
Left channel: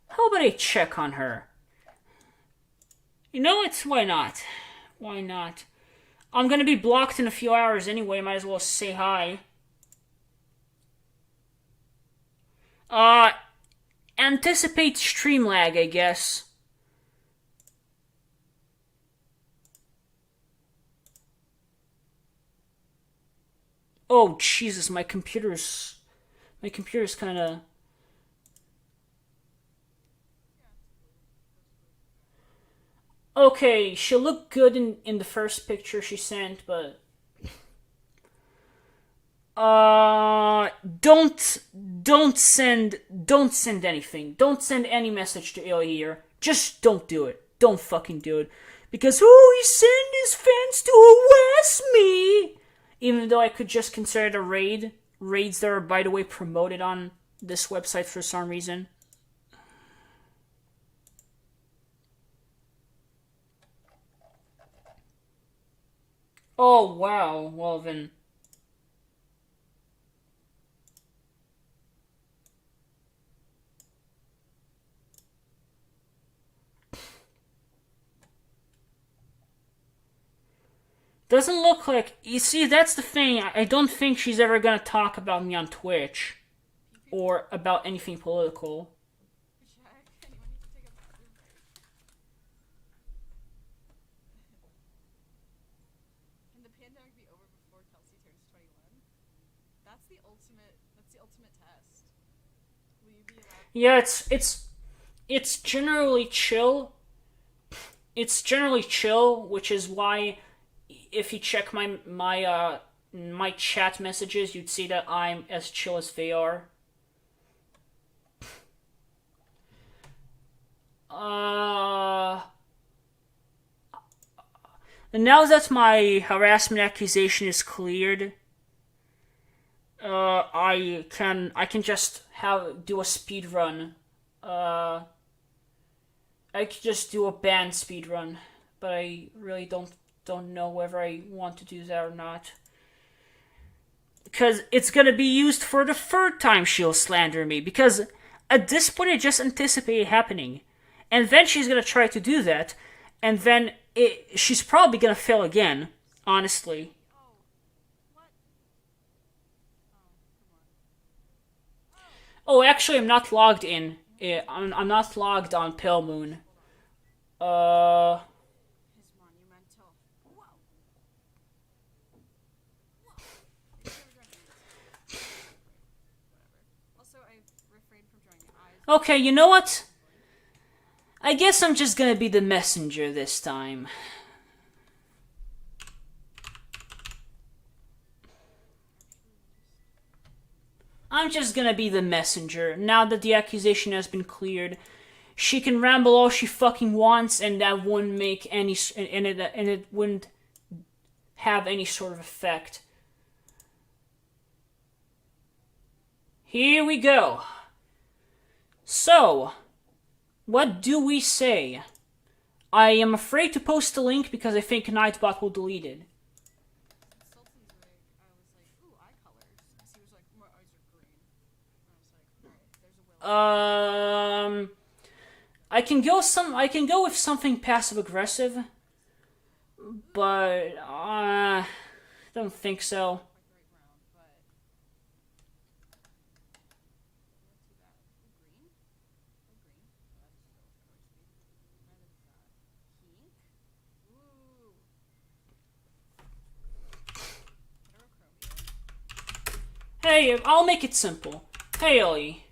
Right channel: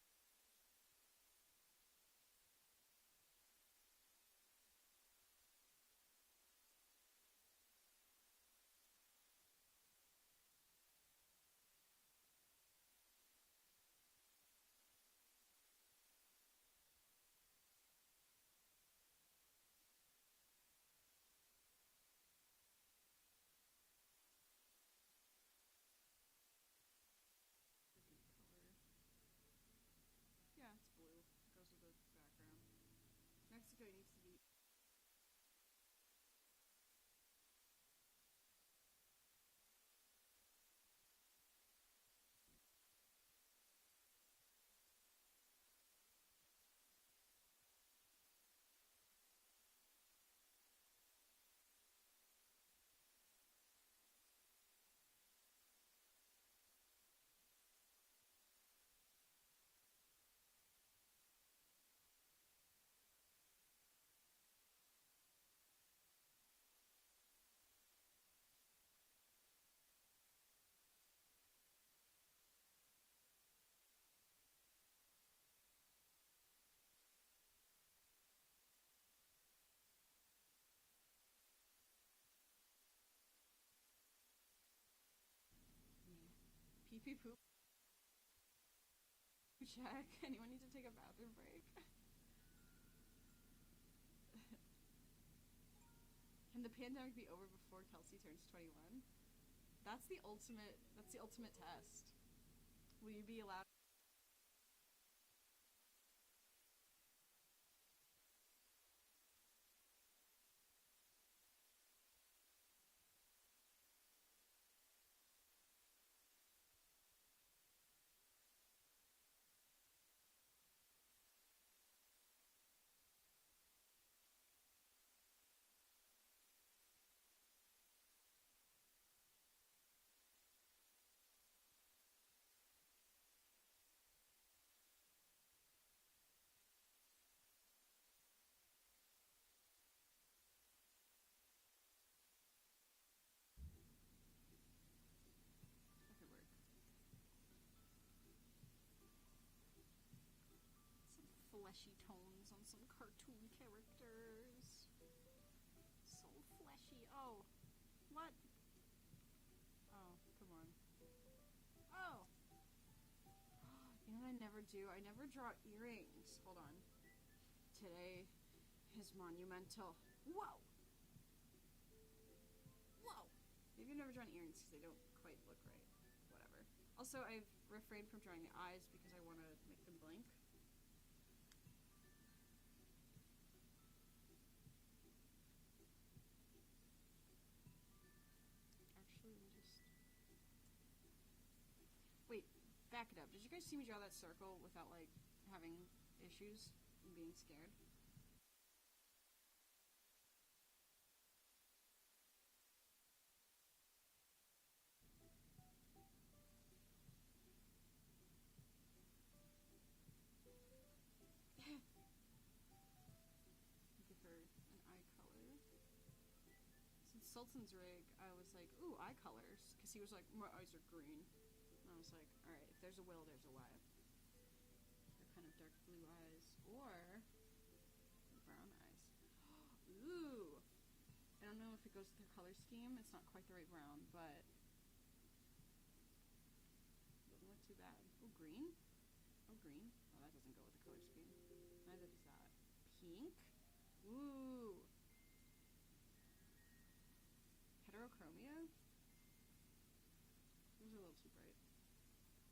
How about I check on her? You know what? Why not? Why not? I'm gonna be blocked in a few hours anyway. Might as well say hi. Anticipate stream lag, I guess. Oh Jesus, my computer's kind of. Okay, she'll look good in the first picture she sent, but don't send anything. Don't send any message to Illy here. Just don't do it. Don't fucking do it. Because he sent his fans to harass me. Even though I could just consider it a raid. Raids that are, by the way, promoted on this website for some reason. Oh, wow. Well, then. Doesn't look like... You see, that's the thing. I don't think she's ever gonna talk about me on Twitch. Or about anything political. Jack, anyone need to take a bathroom break? Can the pandemic be over before Kelsey turns 21? That's the ultimate test. Will you be allowed? Yeah, it's generally chill. It's generally chill, which is why if you check my chat messages, you'd see that I'm as chill as they are. And now that my harassment accusation is cleared, I can just do a speed run. I could just do a band speed run, but I really don't know whether I want to do that or not. Because it's gonna be used for the third time she'll slander me, because at this point I just anticipate it happening. And then she's gonna try to do that, and then she's probably gonna fail again, honestly. Oh, what? Oh, come on. Oh, actually, I'm not logged in. I'm not logged on Pale Moon. His monumental. Whoa. You've never drawn ants. Great. Whatever. Also, I've refrained from drawing eyes. Okay, you know what? I guess I'm just gonna be the messenger this time. I'm just gonna be the messenger. Now that the accusation has been cleared, she can ramble all she fucking wants, and that wouldn't make any, and it wouldn't have any sort of effect. Here we go. So, what do we say? I am afraid to post the link because I think Nightbot will delete it. Since Sultan's rig, I was like, ooh, eye colors. Because he was like, my eyes are green. And I was like, alright, there's a will. I can go with something passive aggressive, but don't think so. Quite the right brown, but doesn't look too bad. Ooh, green? Oh, green. Oh, that doesn't go with the color scheme. Neither does that. Pink? Ooh. Heterochromia? Hey, I'll make it simple. Hey, Illy.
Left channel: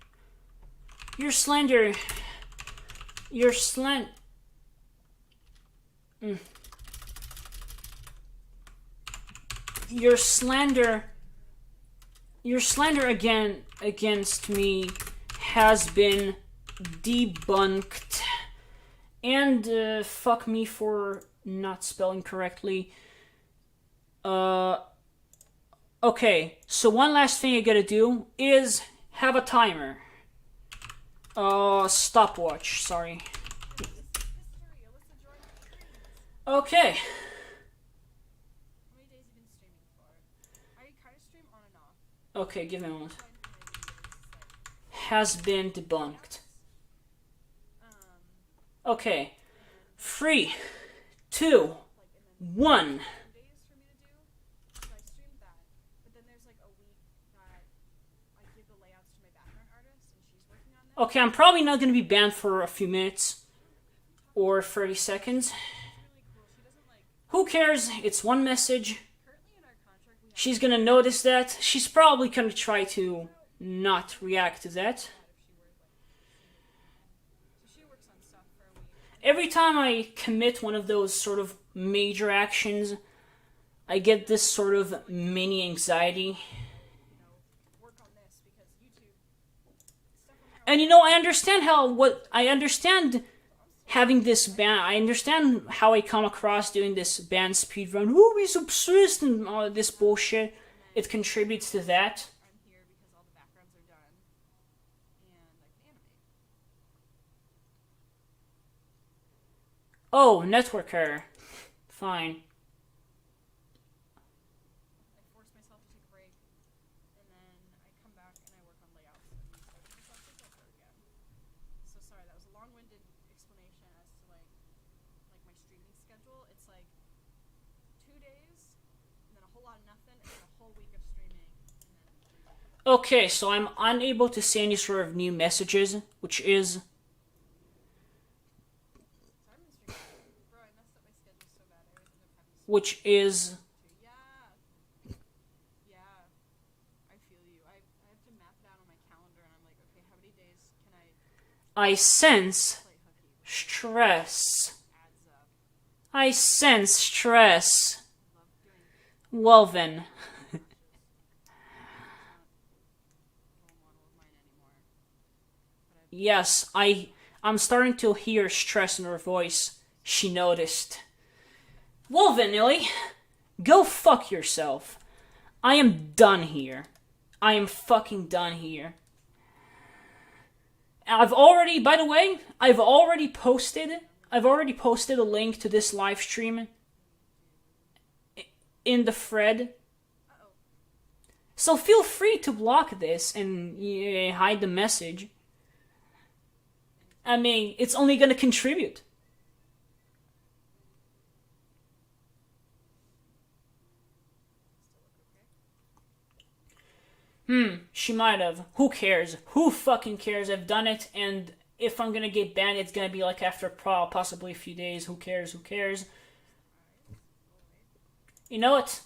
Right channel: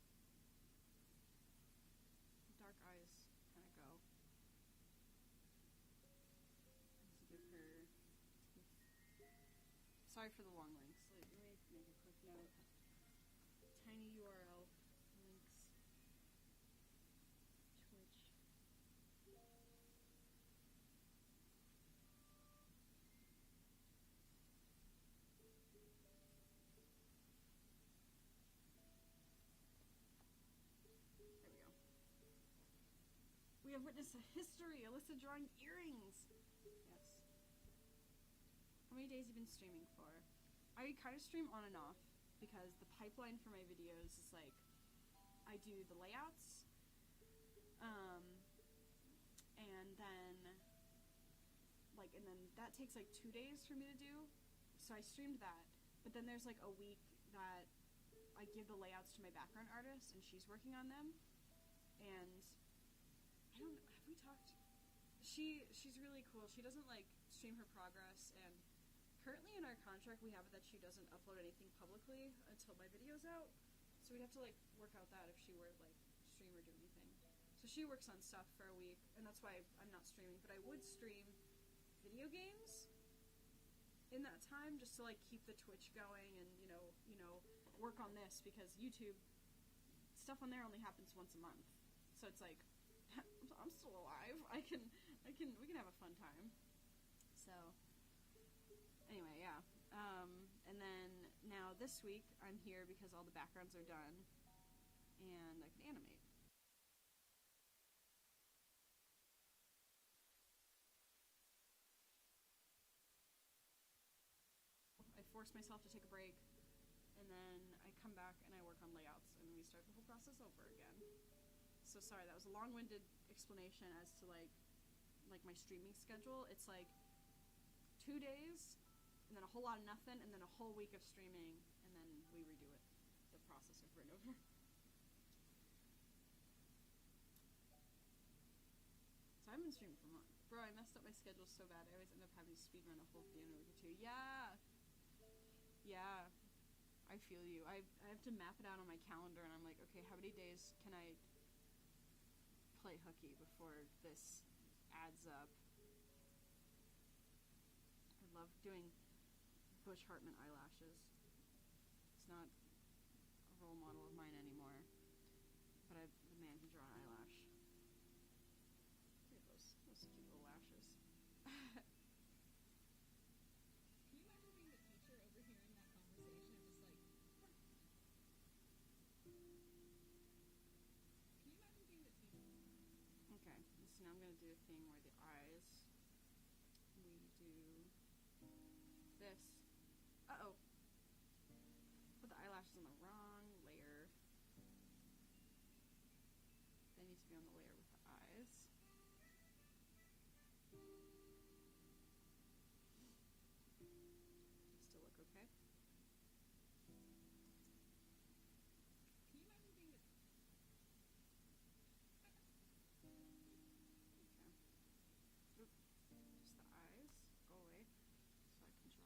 You're slender. You're Your slander again against me has been debunked. And fuck me for not spelling correctly. Okay, so one last thing I gotta do is have a timer. Stopwatch, sorry. Yeah, but this is history. Alyssa drawing earrings. Okay. How many days have you been streaming for? I kind of stream on and off. Okay, give me a moment. First line for my videos is like Has been debunked. Okay. And 3, 2, like and then 1. 2 days for me to do. So I streamed that, but then there's like a week that I give the layouts to my background artist, and she's working on them. Okay, I'm probably not going to be banned for a few minutes I don't know, have we talked or about 30 seconds. She's really cool. She doesn't like. Who cares? It's one message. Currently in our contract, we have. She's going to notice that. She's probably going to try to not react to that. If she were like seeing or did anything. So she works on stuff for a week. Every time I commit one of those sort of major actions, I get this sort of mini anxiety. Work on this because YouTube stuff on there. And I understand having this ban. I understand how I come across doing this ban speedrun. Oh, he's obsessed and all this bullshit. It contributes to that. I'm here because all the backgrounds are done, and I can animate. Oh, network error. Fine. I force myself to take a break, and then I come back and I work on layouts, and we start the process over again. So sorry, that was a long-winded explanation as to like my streaming schedule. It's like 2 days, and then a whole lot of nothing, and then a whole week of streaming, and then we redo it. Okay, so I'm unable to see any sort of new messages, which is... So I've been streaming. Bro, I messed up my schedule so bad. I always end up having to Which is... Yeah, I feel you. I have to map it out on my calendar, and I'm like, okay, how many days can I I sense play hooky before stress. it adds up? I sense stress. I love doing Well then. partner matches. It's not a role model of mine anymore. But Yes, I'm starting to hear stress in her voice. She noticed. Well then, Illy. Go fuck yourself. I am done here. I am fucking done here. By the way, I've already posted a link to this live stream in the thread. Uh-oh. So feel free to block this and hide the message. I mean, it's only gonna contribute. Still look okay? She might have. Who cares? Who fucking cares? I've done it, and if I'm gonna get banned, it's gonna be like after possibly a few days. Who cares? Who cares? Eyes. Go away. You know what?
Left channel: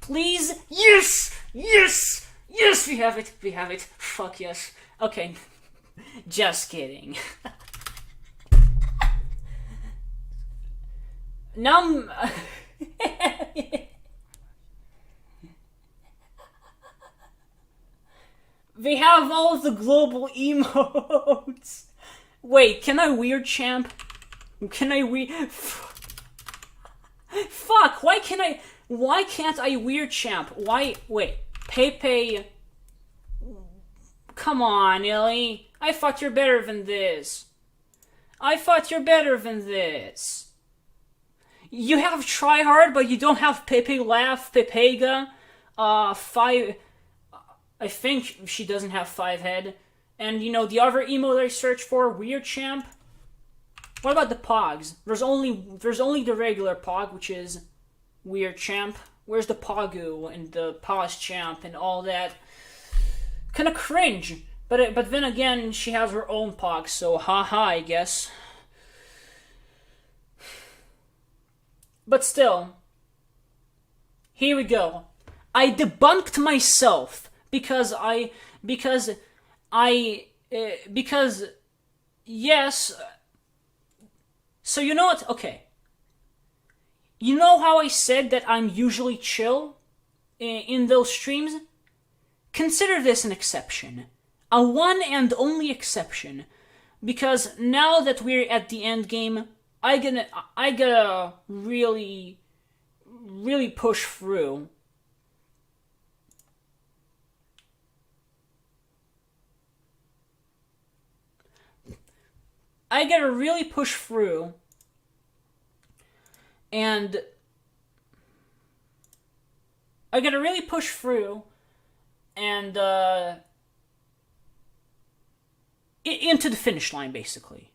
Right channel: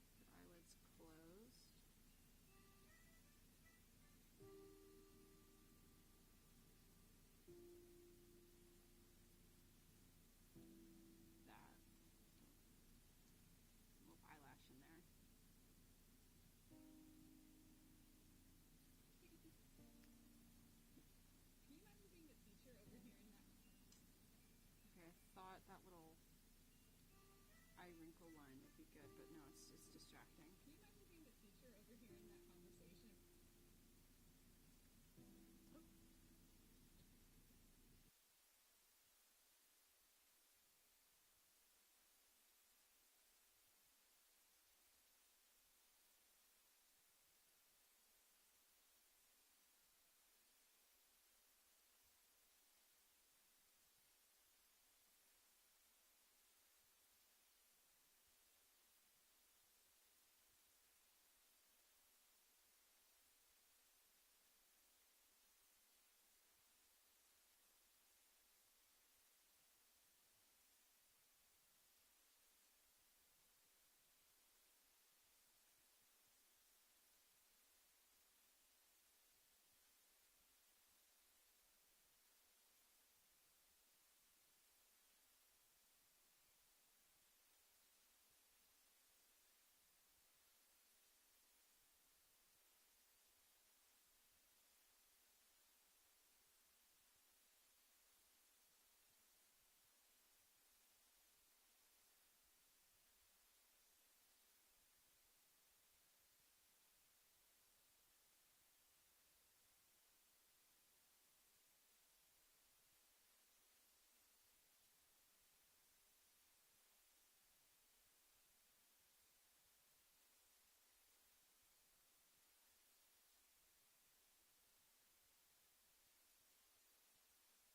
Please? Yes! Yes! Yes, we have it. We have it. Fuck yes. Okay. Just kidding. Now I'm... Eyelash in there. We have all of the global emotes. Wait, can I weird champ? Can I Fuck, why can't I weird champ? Why, wait, Pepe... Come on, Illy. I thought you're better than this. You have try hard, but you don't have Pepe Laugh, Pepega, 5... I think she doesn't have 5 head. And, the other emote I searched for, Weird Champ. What about the Pogs? There's only the regular Pog, which is Weird Champ. Where's the Pogu and the Pause Champ and all that? Kinda cringe. But then again, she has her own Pog, so haha, I guess. But still. Here we go. I debunked myself. Because yes. So you know what? Okay. You know how I said that I'm usually chill in those streams? Consider this an exception. A one and only exception. Because now that we're at the end game, I gotta really, really push through. I gotta really push through And I gotta really push through and into the finish line, basically.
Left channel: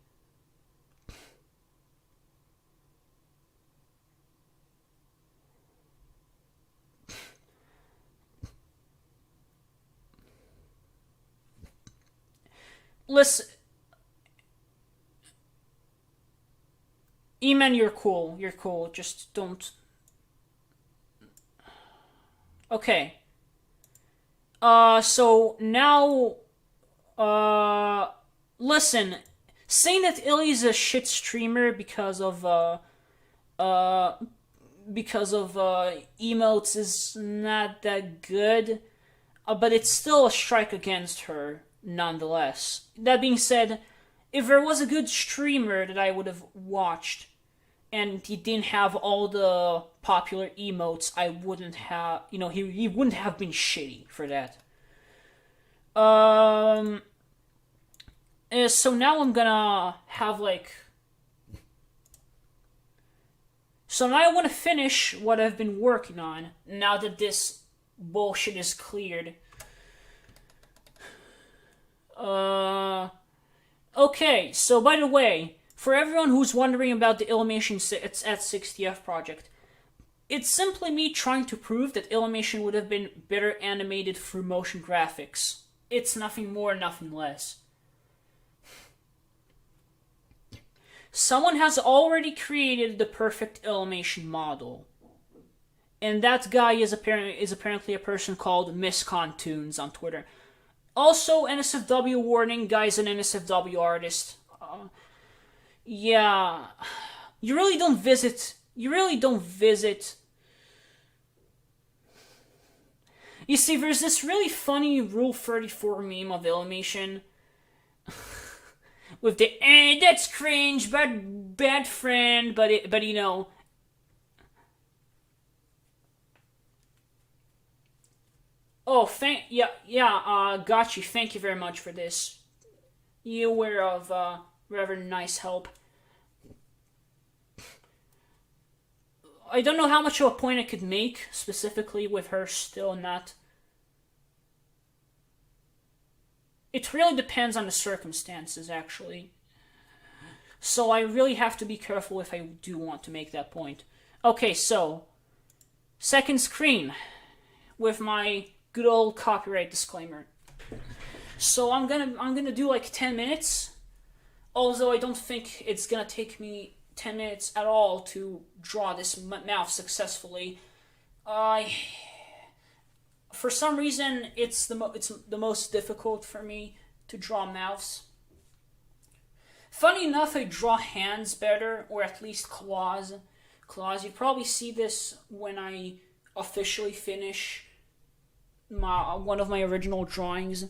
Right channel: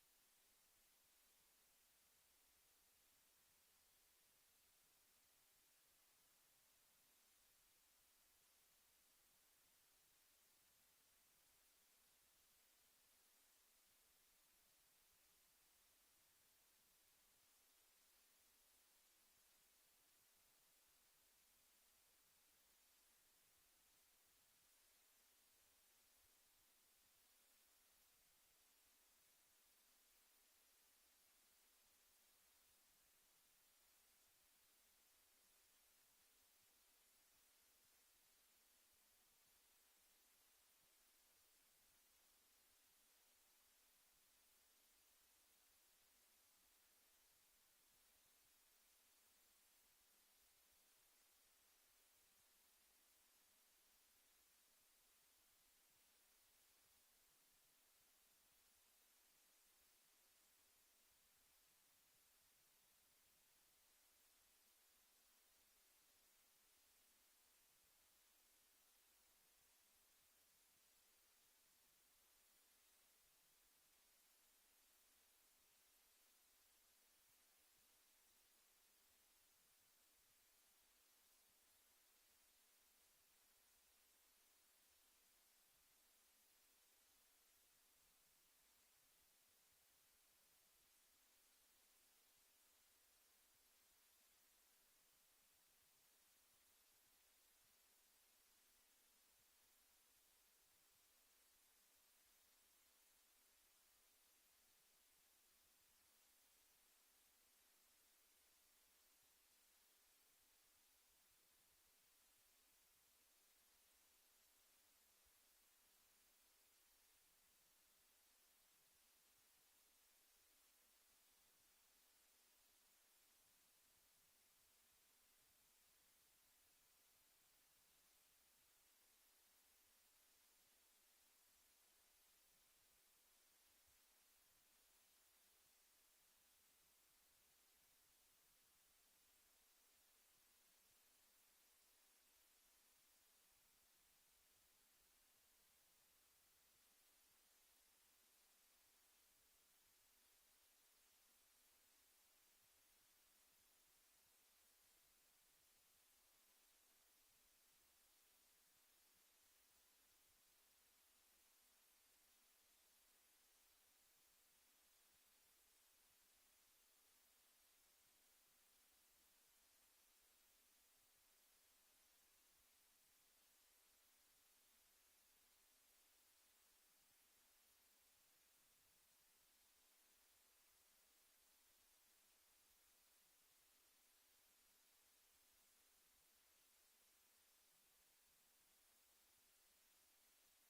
Listen, E-Man, you're cool. You're cool. Just don't. Okay. So now, listen. Saying that Illy's a shit streamer because of emotes is not that good, but it's still a strike against her nonetheless. That being said, if there was a good streamer that I would have watched and he didn't have all the popular emotes, I wouldn't have, he wouldn't have been shitty for that. So now I'm gonna have so now I want to finish what I've been working on now that this bullshit is cleared. Okay, so by the way, for everyone who's wondering about the Illymation at 60F project, it's simply me trying to prove that Illymation would have been better animated through motion graphics. It's nothing more, nothing less. Someone has already created the perfect Illymation model. And that guy is apparently a person called MissConTunes on Twitter. Also, NSFW warning, guy's an NSFW artist. Yeah. You really don't visit. You see, there's this really funny Rule 34 meme of Illymation. With the, that's cringe, bad . Oh, got you. Thank you very much for this. You were of rather nice help. I don't know how much of a point I could make, specifically with her still not. It really depends on the circumstances, actually. So I really have to be careful if I do want to make that point. Okay, so second screen with my good old copyright disclaimer. So I'm gonna do 10 minutes. Although I don't think it's gonna take me 10 minutes at all to draw this mouth successfully. For some reason, it's the most difficult for me to draw mouths. Funny enough, I draw hands better, or at least claws. You probably see this when I officially finish one of my original drawings.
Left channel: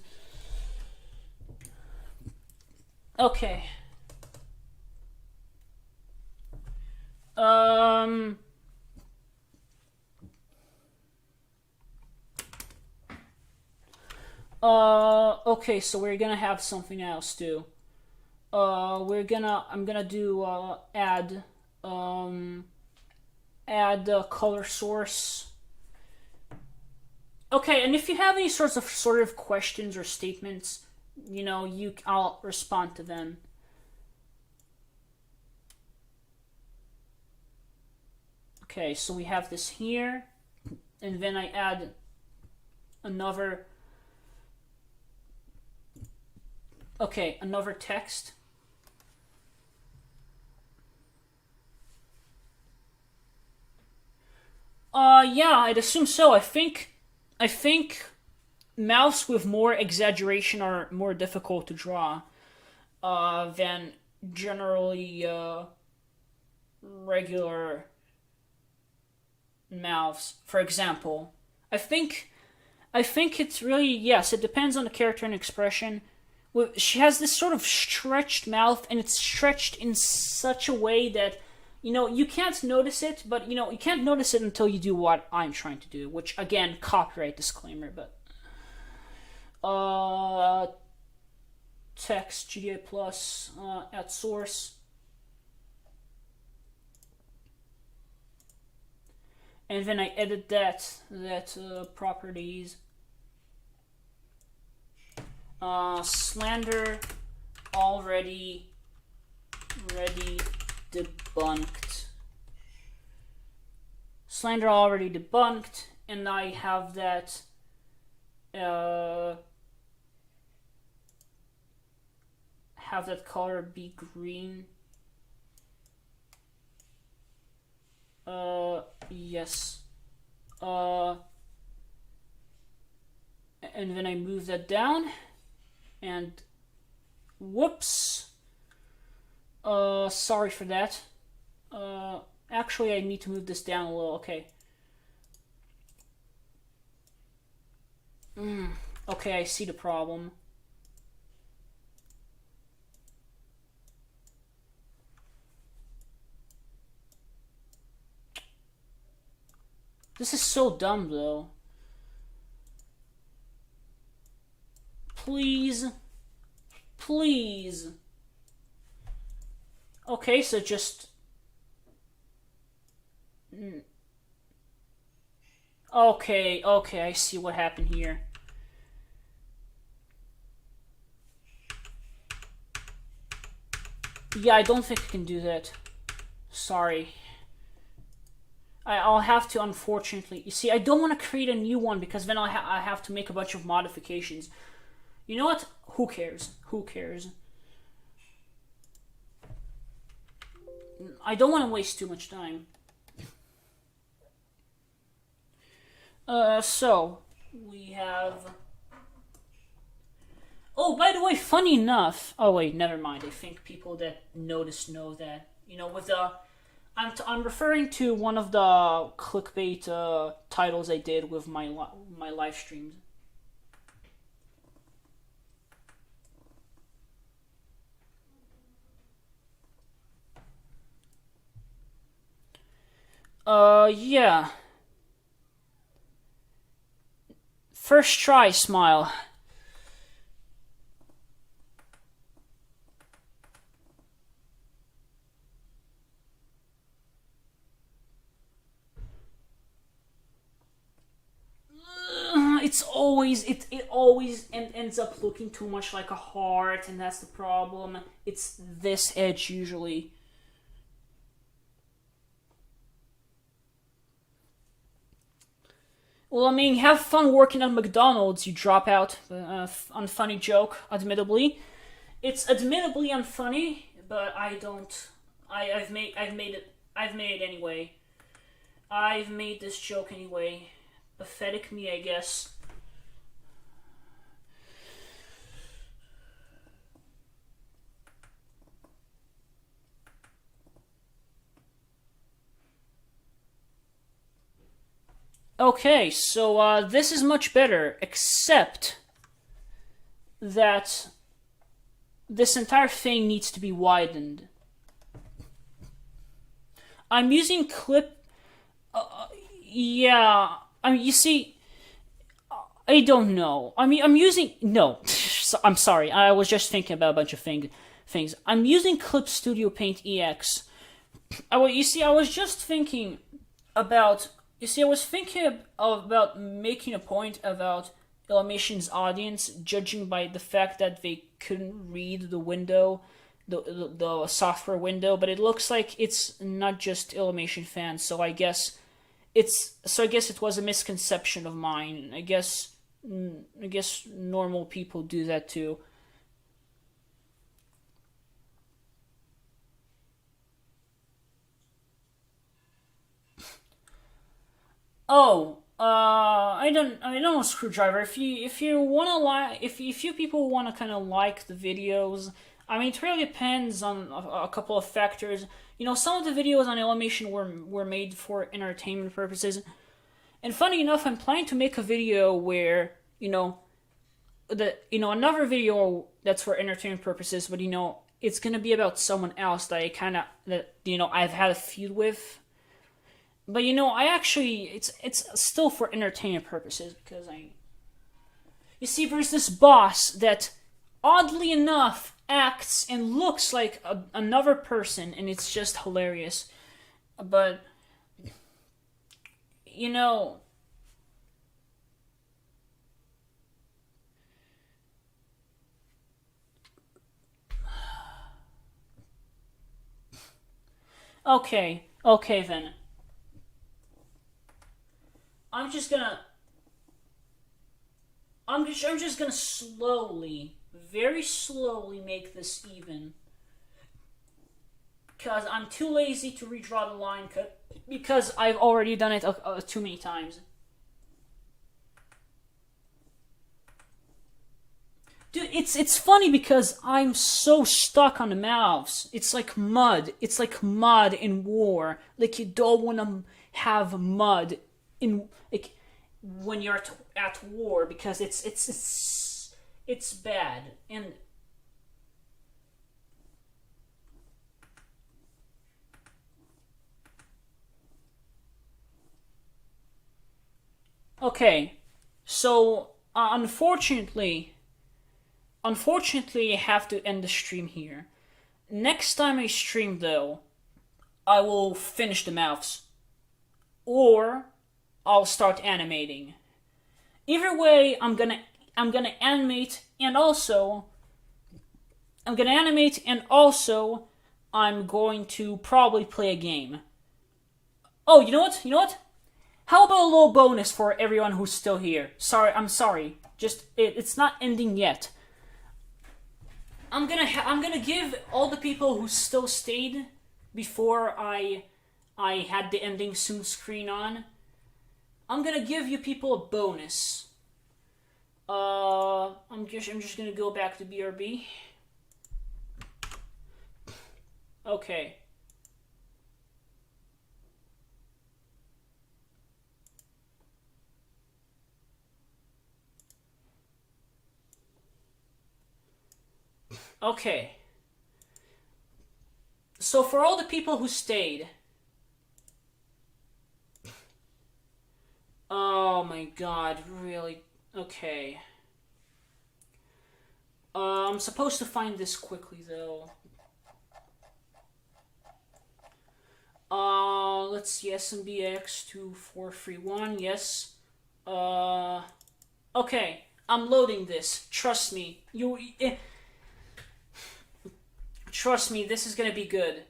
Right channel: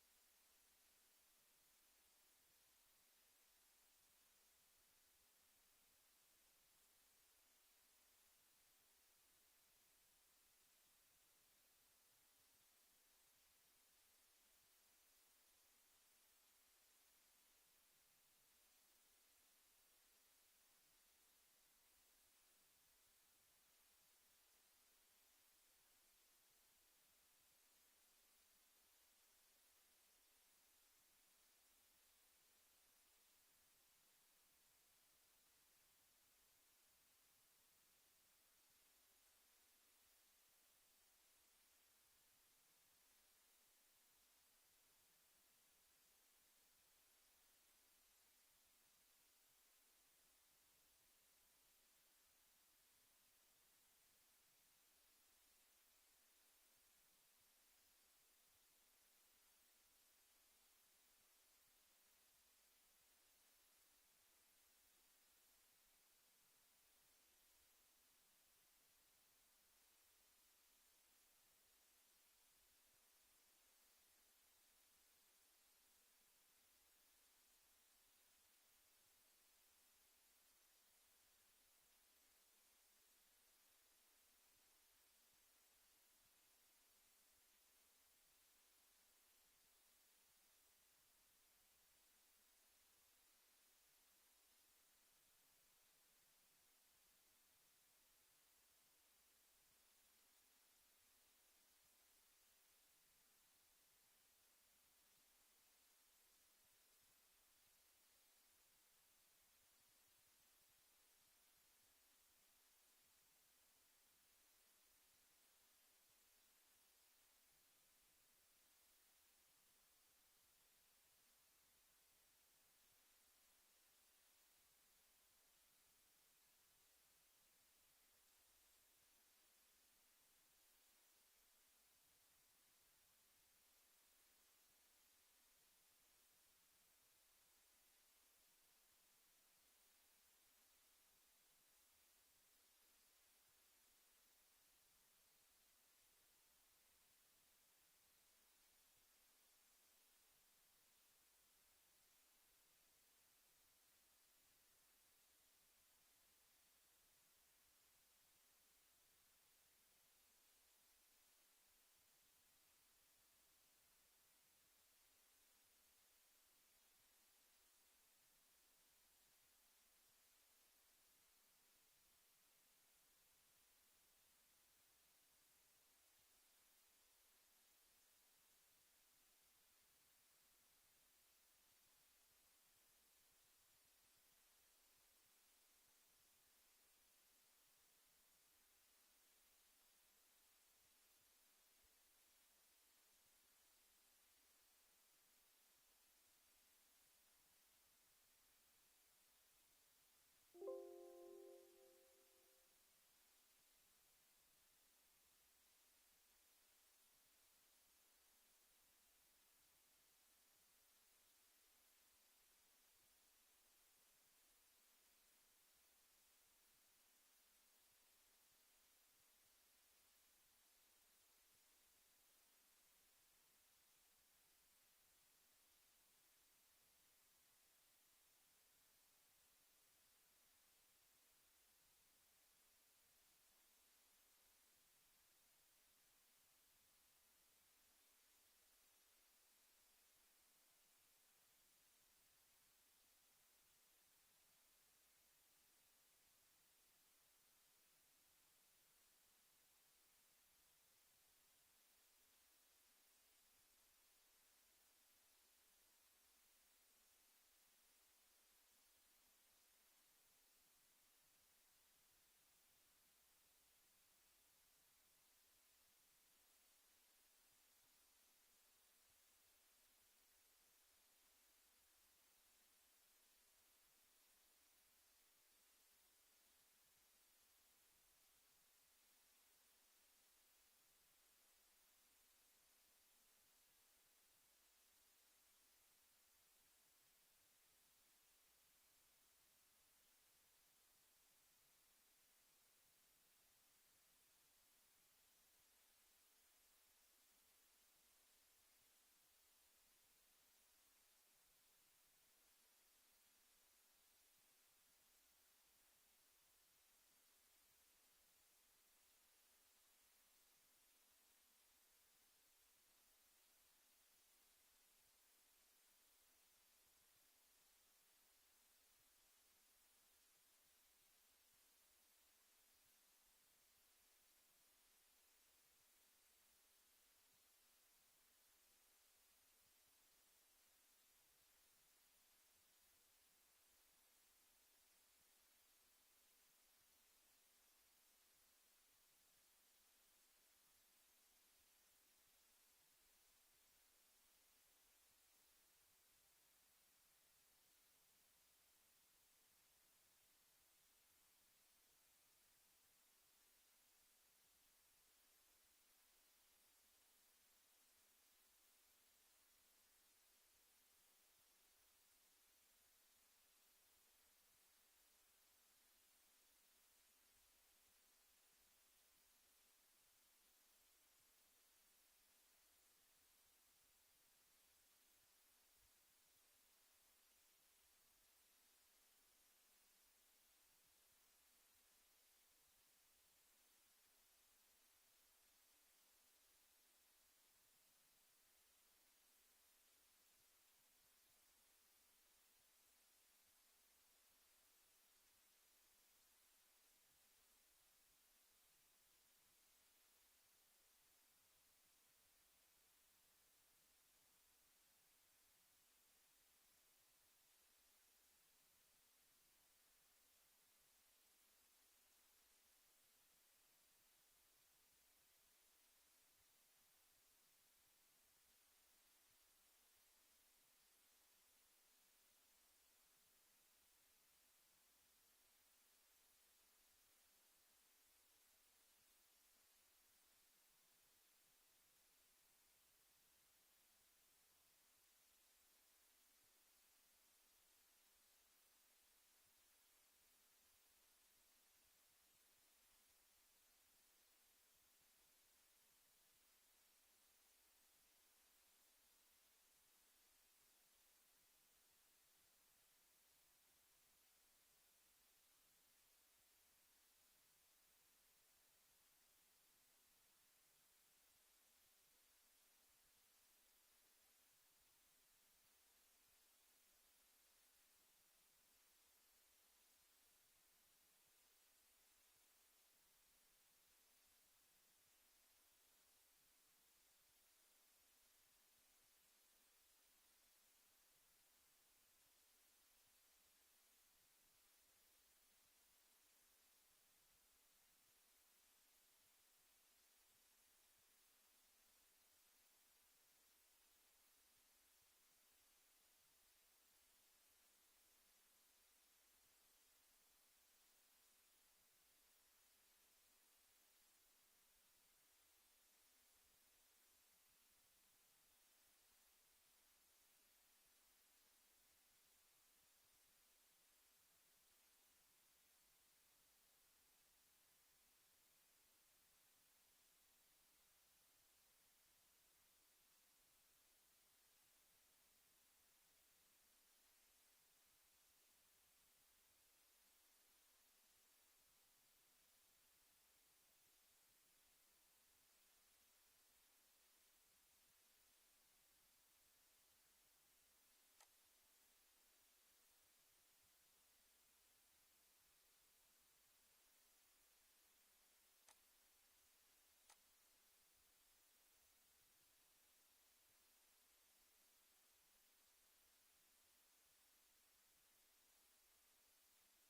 Okay. Okay, so we're gonna have something else too. I'm gonna do, add color source. Okay, and if you have any sort of questions or statements, I'll respond to them. Okay, so we have this here, and then I add another text. Yeah, I'd assume so. I think mouths with more exaggeration are more difficult to draw than generally regular mouths. For example, I think it's really, yes, it depends on the character and expression. She has this sort of stretched mouth, and it's stretched in such a way that you can't notice it, but you can't notice it until you do what I'm trying to do, which, again, copyright disclaimer, but text GDA plus at source. and then I edit that properties. Slander already debunked. Slander already debunked, and I have that. Have that color be green. Yes. And then I move that down, and whoops. Sorry for that. Actually, I need to move this down a little. Okay. Okay, I see the problem. This is so dumb, though. Please. Please. Okay, so just... Okay, I see what happened here. Yeah, I don't think I can do that. Sorry. I'll have to, unfortunately. You see, I don't want to create a new one because then I have to make a bunch of modifications. You know what? Who cares? Who cares? I don't want to waste too much time. So, we have... Oh, by the way, funny enough... Oh, wait, never mind. I think people that notice know that. You know, with the... I'm referring to one of the clickbait titles I did with my live streams. Yeah. First try, smile. It's always it always ends up looking too much like a heart, and that's the problem. It's this edge usually. Well, I mean, have fun working at McDonald's. You drop out. Unfunny joke, admittedly. It's admittedly unfunny, but I don't. I've made it anyway. I've made this joke anyway. Pathetic me, I guess. Okay, so this is much better, except that this entire thing needs to be widened. I'm using clip... yeah, I mean, you see, I don't know. I mean, I'm using... No, I'm sorry, I was just thinking about a bunch of things. I'm using Clip Studio Paint EX. You see, I was just thinking about... You see, I was thinking about making a point about Illumination's audience judging by the fact that they couldn't read the window, the software window, but it looks like it's not just Illumination fans. So I guess it was a misconception of mine. I guess normal people do that too. Oh, I don't know, Screwdriver. If you wanna if you people wanna kind of like the videos, I mean, it really depends on a couple of factors. You know, some of the videos on Illumination were made for entertainment purposes, and funny enough, I'm planning to make a video where another video that's for entertainment purposes, but it's gonna be about someone else that I've had a feud with. But I actually it's still for entertainment purposes because you see, there's this boss that oddly enough acts and looks like another person, and it's just hilarious. But you know... Okay, okay then. I'm just gonna slowly, very slowly make this even. Because I'm too lazy to redraw the line cut. Because I've already done it too many times. Dude, it's funny because I'm so stuck on the mouse. It's like mud. It's like mud in war. Like, you don't want to have mud in, like, when you're at war, because it's bad. And okay, so unfortunately, I have to end the stream here. Next time I stream, though, I will finish the mouths, or I'll start animating. Either way, I'm gonna animate, and also I'm going to probably play a game. Oh, you know what? How about a little bonus for everyone who's still here? I'm sorry. Just it's not ending yet. I'm gonna give all the people who still stayed before I had the ending soon screen on. I'm gonna give you people a bonus. I'm just gonna go back to BRB. Okay. Okay. So for all the people who stayed... Oh my god, really? Okay. I'm supposed to find this quickly, though. Let's see, SMBX2431, yes. Okay, I'm loading this. Trust me. Trust me, this is gonna be good.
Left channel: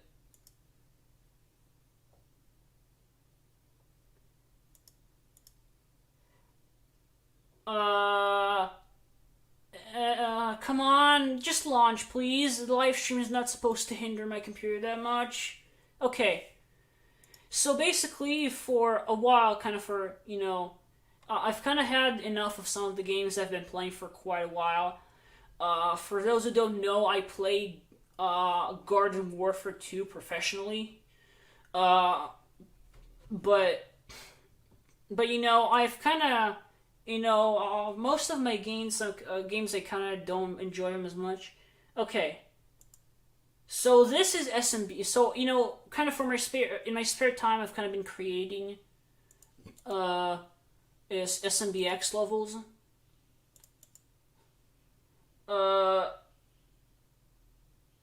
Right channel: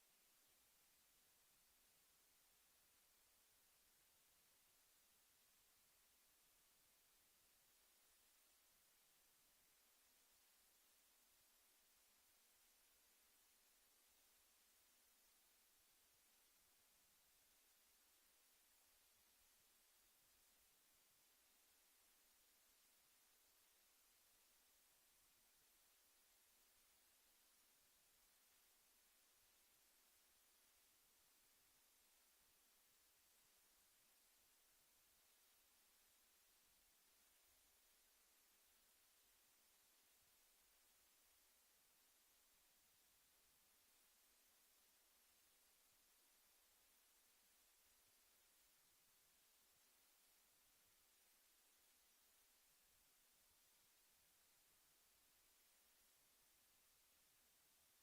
Come on, just launch, please. The live stream is not supposed to hinder my computer that much. Okay. So basically, for a while, I've kind of had enough of some of the games I've been playing for quite a while. For those who don't know, I played Garden Warfare 2 professionally. But I've kind of... most of my games I kind of don't enjoy them as much. Okay. So this is SMB. So, kind of in my spare time, I've kind of been creating is SMBX levels.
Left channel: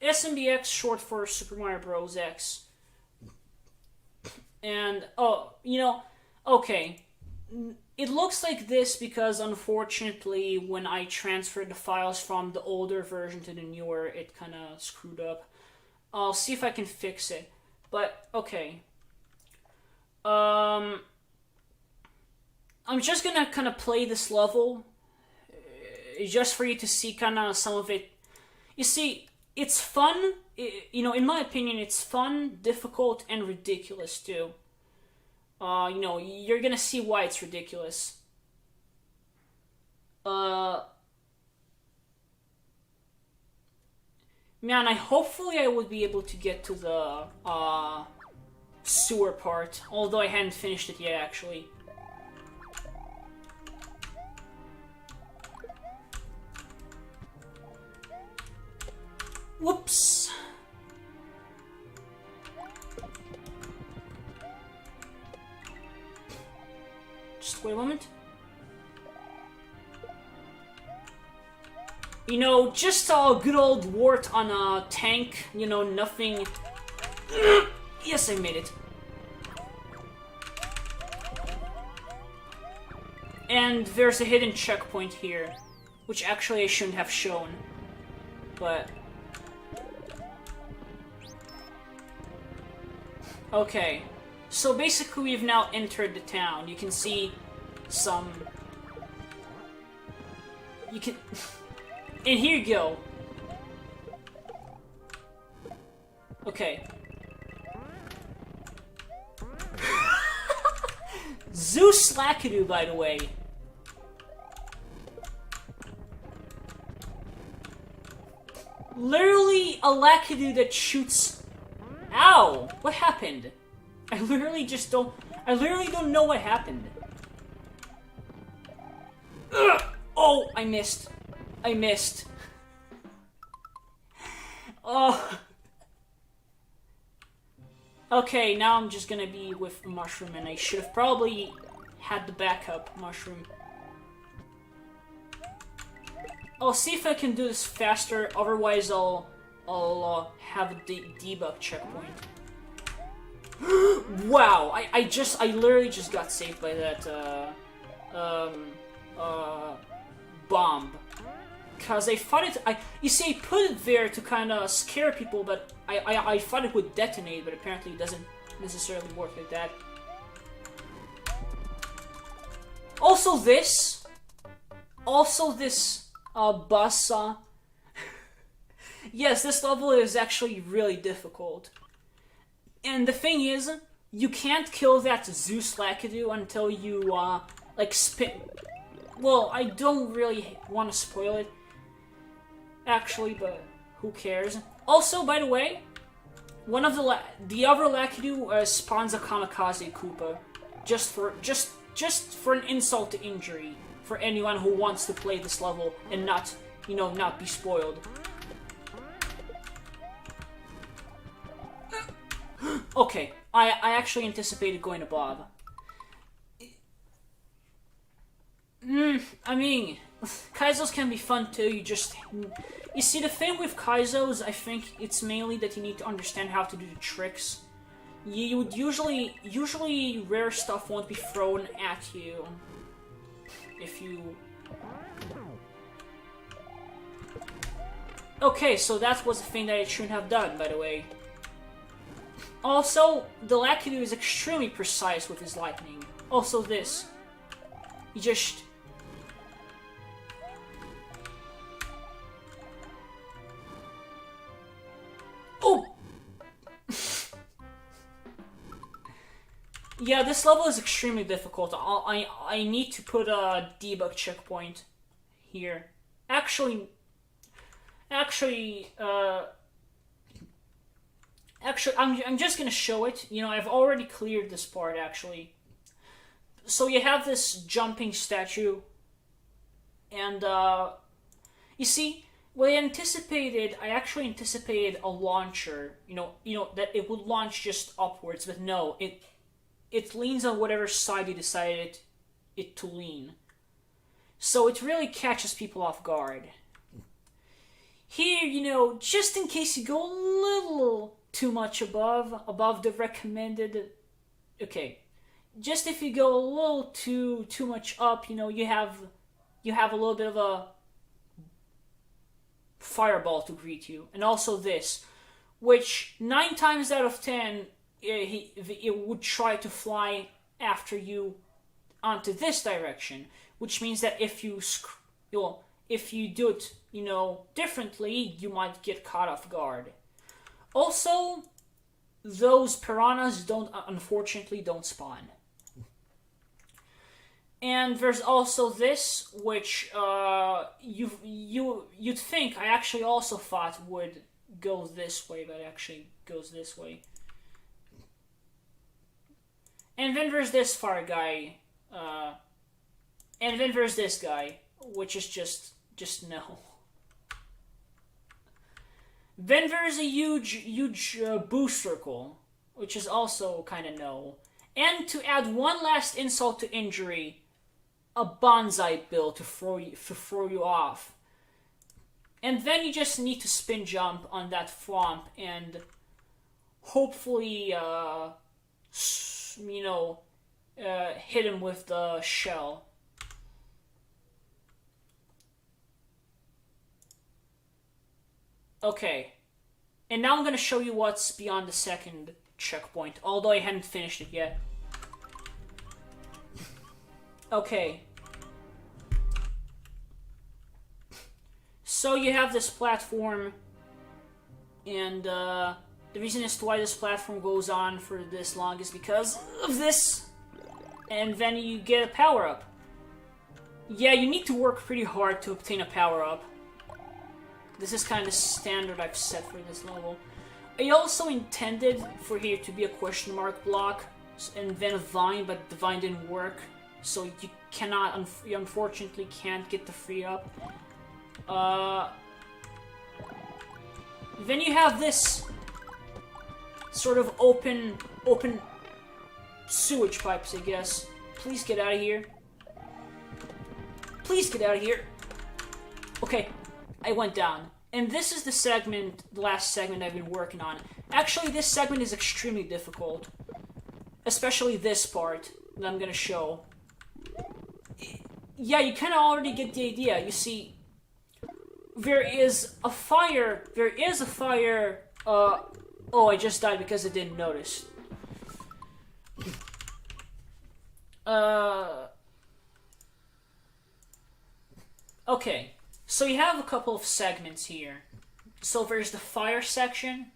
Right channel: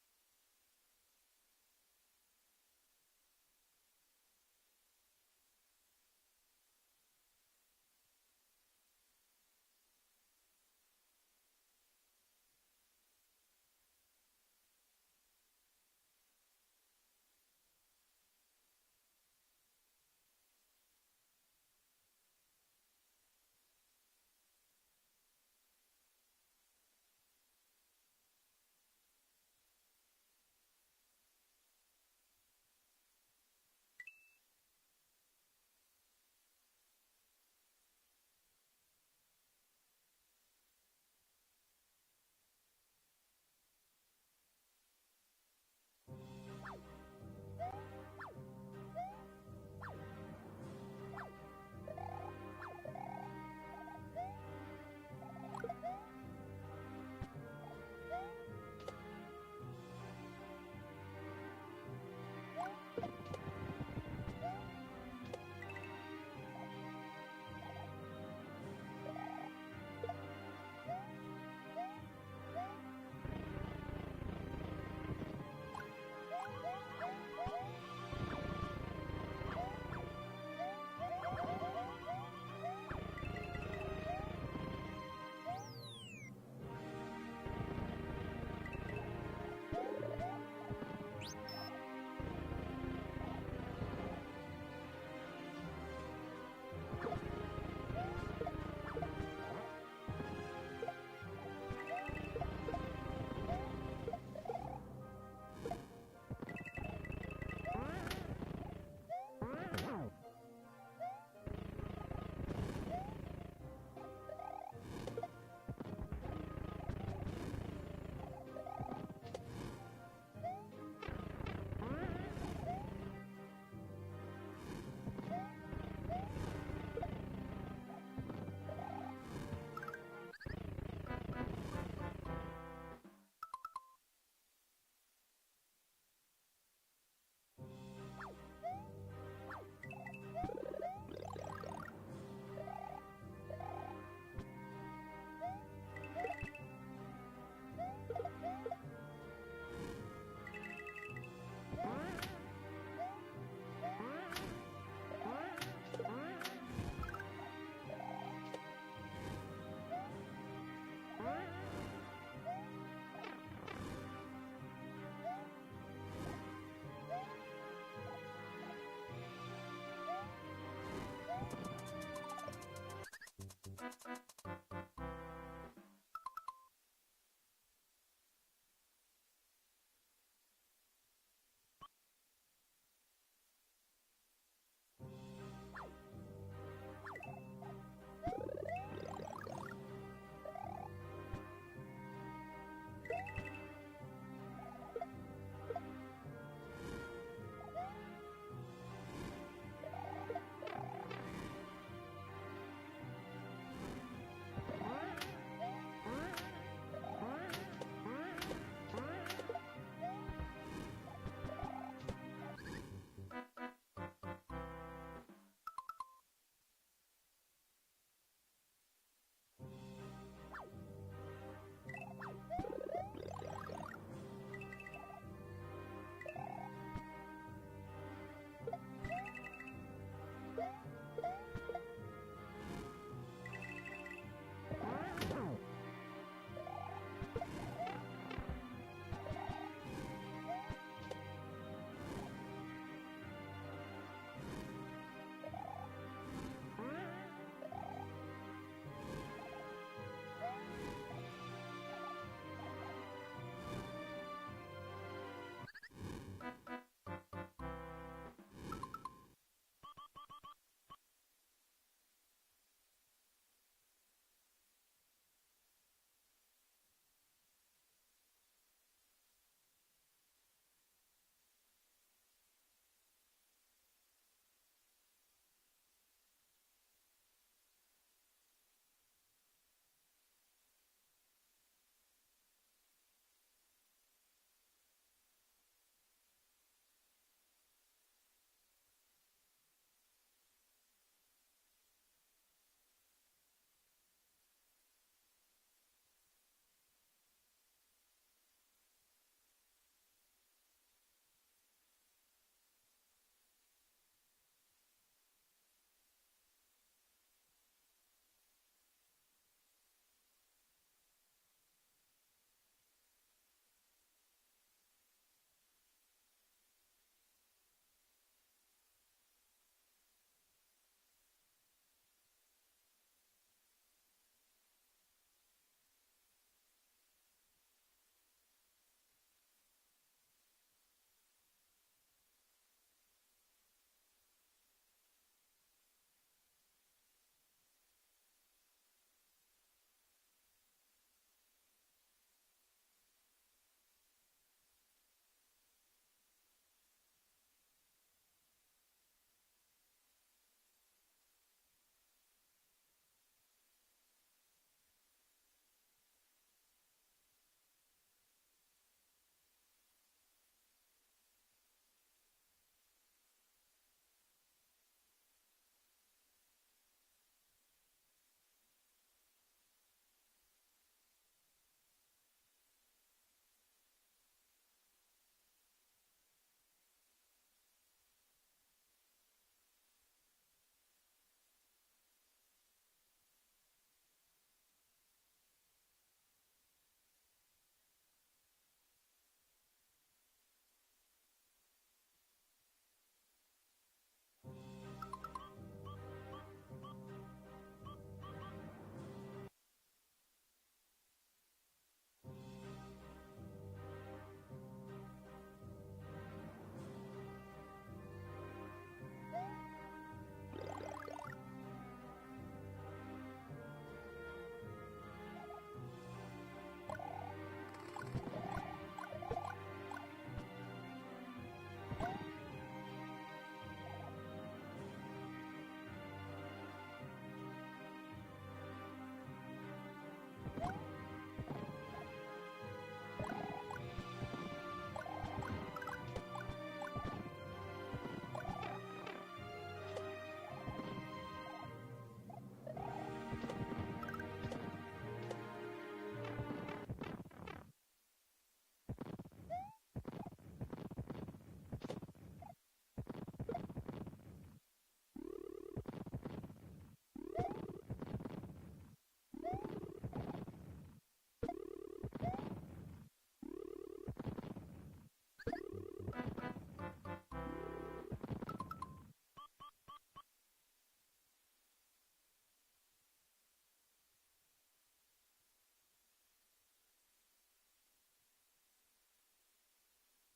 SMBX, short for Super Mario Bros. X. And, okay. It looks like this because, unfortunately, when I transferred the files from the older version to the newer, it kind of screwed up. I'll see if I can fix it. But, okay. I'm just gonna kind of play this level, just for you to see kind of some of it. You see, it's fun. In my opinion, it's fun, difficult, and ridiculous, too. You're gonna see why it's ridiculous. Man, hopefully I would be able to get to the, sewer part, although I hadn't finished it yet, actually. Whoops! Just wait a moment. Just a good old wart on a tank, nothing... Yes, I made it. And there's a hidden checkpoint here, which actually I shouldn't have shown, but... Okay, so basically we've now entered the town. You can see some... You can... And here you go. Okay. Zeus Lakidu, by the way. Literally a Lakidu that shoots... Ow! What happened? I literally don't know what happened. Ugh! Oh, I missed. Oh. Okay, now I'm just gonna be with Mushroom, and I should have probably had the backup Mushroom. I'll see if I can do this faster, otherwise I'll have a debug checkpoint. Wow, I literally just got saved by that, bomb. Because I thought it, you see, I put it there to kind of scare people, but I thought it would detonate, but apparently it doesn't necessarily work like that. Also this buzzsaw. Yes, this level is actually really difficult. And the thing is, you can't kill that Zeus Lakidu until you, like, spin... Well, I don't really want to spoil it, actually, but who cares? Also, by the way, one of the other Lakidu spawns a Kamikaze Koopa, just for an insult to injury for anyone who wants to play this level and not, not be spoiled. Okay, I actually anticipated going to Bob. I mean, Kaizos can be fun too, you see, the thing with Kaizos, I think it's mainly that you need to understand how to do the tricks. You would usually rare stuff won't be thrown at you if you... Okay, so that was the thing that I shouldn't have done, by the way. Also, the Lakidu is extremely precise with his lightning. Also this. You just... Oh! Yeah, this level is extremely difficult. I need to put a debug checkpoint here. Actually, I'm just gonna show it. I've already cleared this part, actually. So you have this jumping statue, and, you see, what I actually anticipated a launcher, that it would launch just upwards, but no, it leans on whatever side you decided it to lean. So it really catches people off guard. Here, just in case you go a little too much above the recommended, okay, just if you go a little too much up, you have a little bit of a fireball to greet you. And also this, which 9 times out of 10 it would try to fly after you onto this direction, which means that if you do it, differently, you might get caught off guard. Also, those piranhas unfortunately don't spawn. And there's also this, which you'd think I actually also thought would go this way, but it actually goes this way. And then there's this far guy, and then there's this guy, which is just no. Then there's a huge boo circle, which is also kind of no. And to add one last insult to injury, a bonsai bill to throw you off. And then you just need to spin jump on that thwomp and hopefully, hit him with the shell. Okay. And now I'm gonna show you what's beyond the second checkpoint, although I hadn't finished it yet. Okay. So you have this platform, and the reason as to why this platform goes on for this long is because of this. And then you get a power-up. Yeah, you need to work pretty hard to obtain a power-up. This is kind of standard I've set for this level. I also intended for here to be a question mark block, and then a vine, but the vine didn't work. So you cannot, you unfortunately can't get the free up. Then you have this sort of open sewage pipes, I guess. Please get out of here. Please get out of here. Okay, I went down. And this is the last segment I've been working on. Actually, this segment is extremely difficult. Especially this part that I'm gonna show. Yeah, you kinda already get the idea. You see, there is a fire, oh, I just died because I didn't notice. Okay, so you have a couple of segments here. So there's the fire section,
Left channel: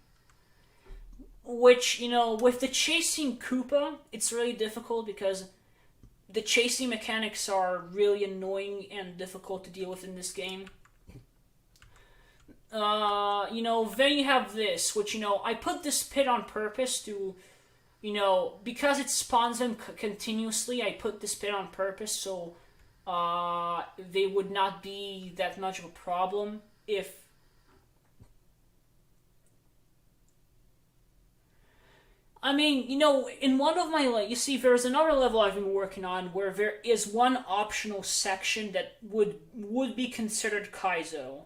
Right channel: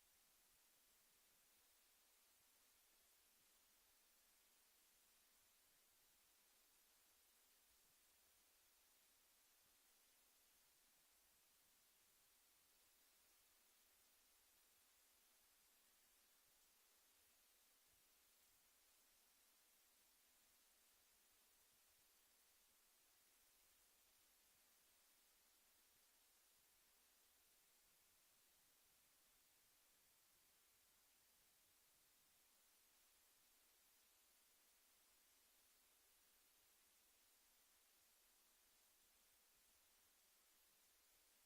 which, you know, with the chasing Koopa, it's really difficult because the chasing mechanics are really annoying and difficult to deal with in this game. You know, then you have this, which, you know, I put this pit on purpose to, you know, because it spawns them continuously, I put this pit on purpose so they would not be that much of a problem if... I mean, you know, in one of my, you see, there's another level I've been working on where there is one optional section that would be considered Kaizo,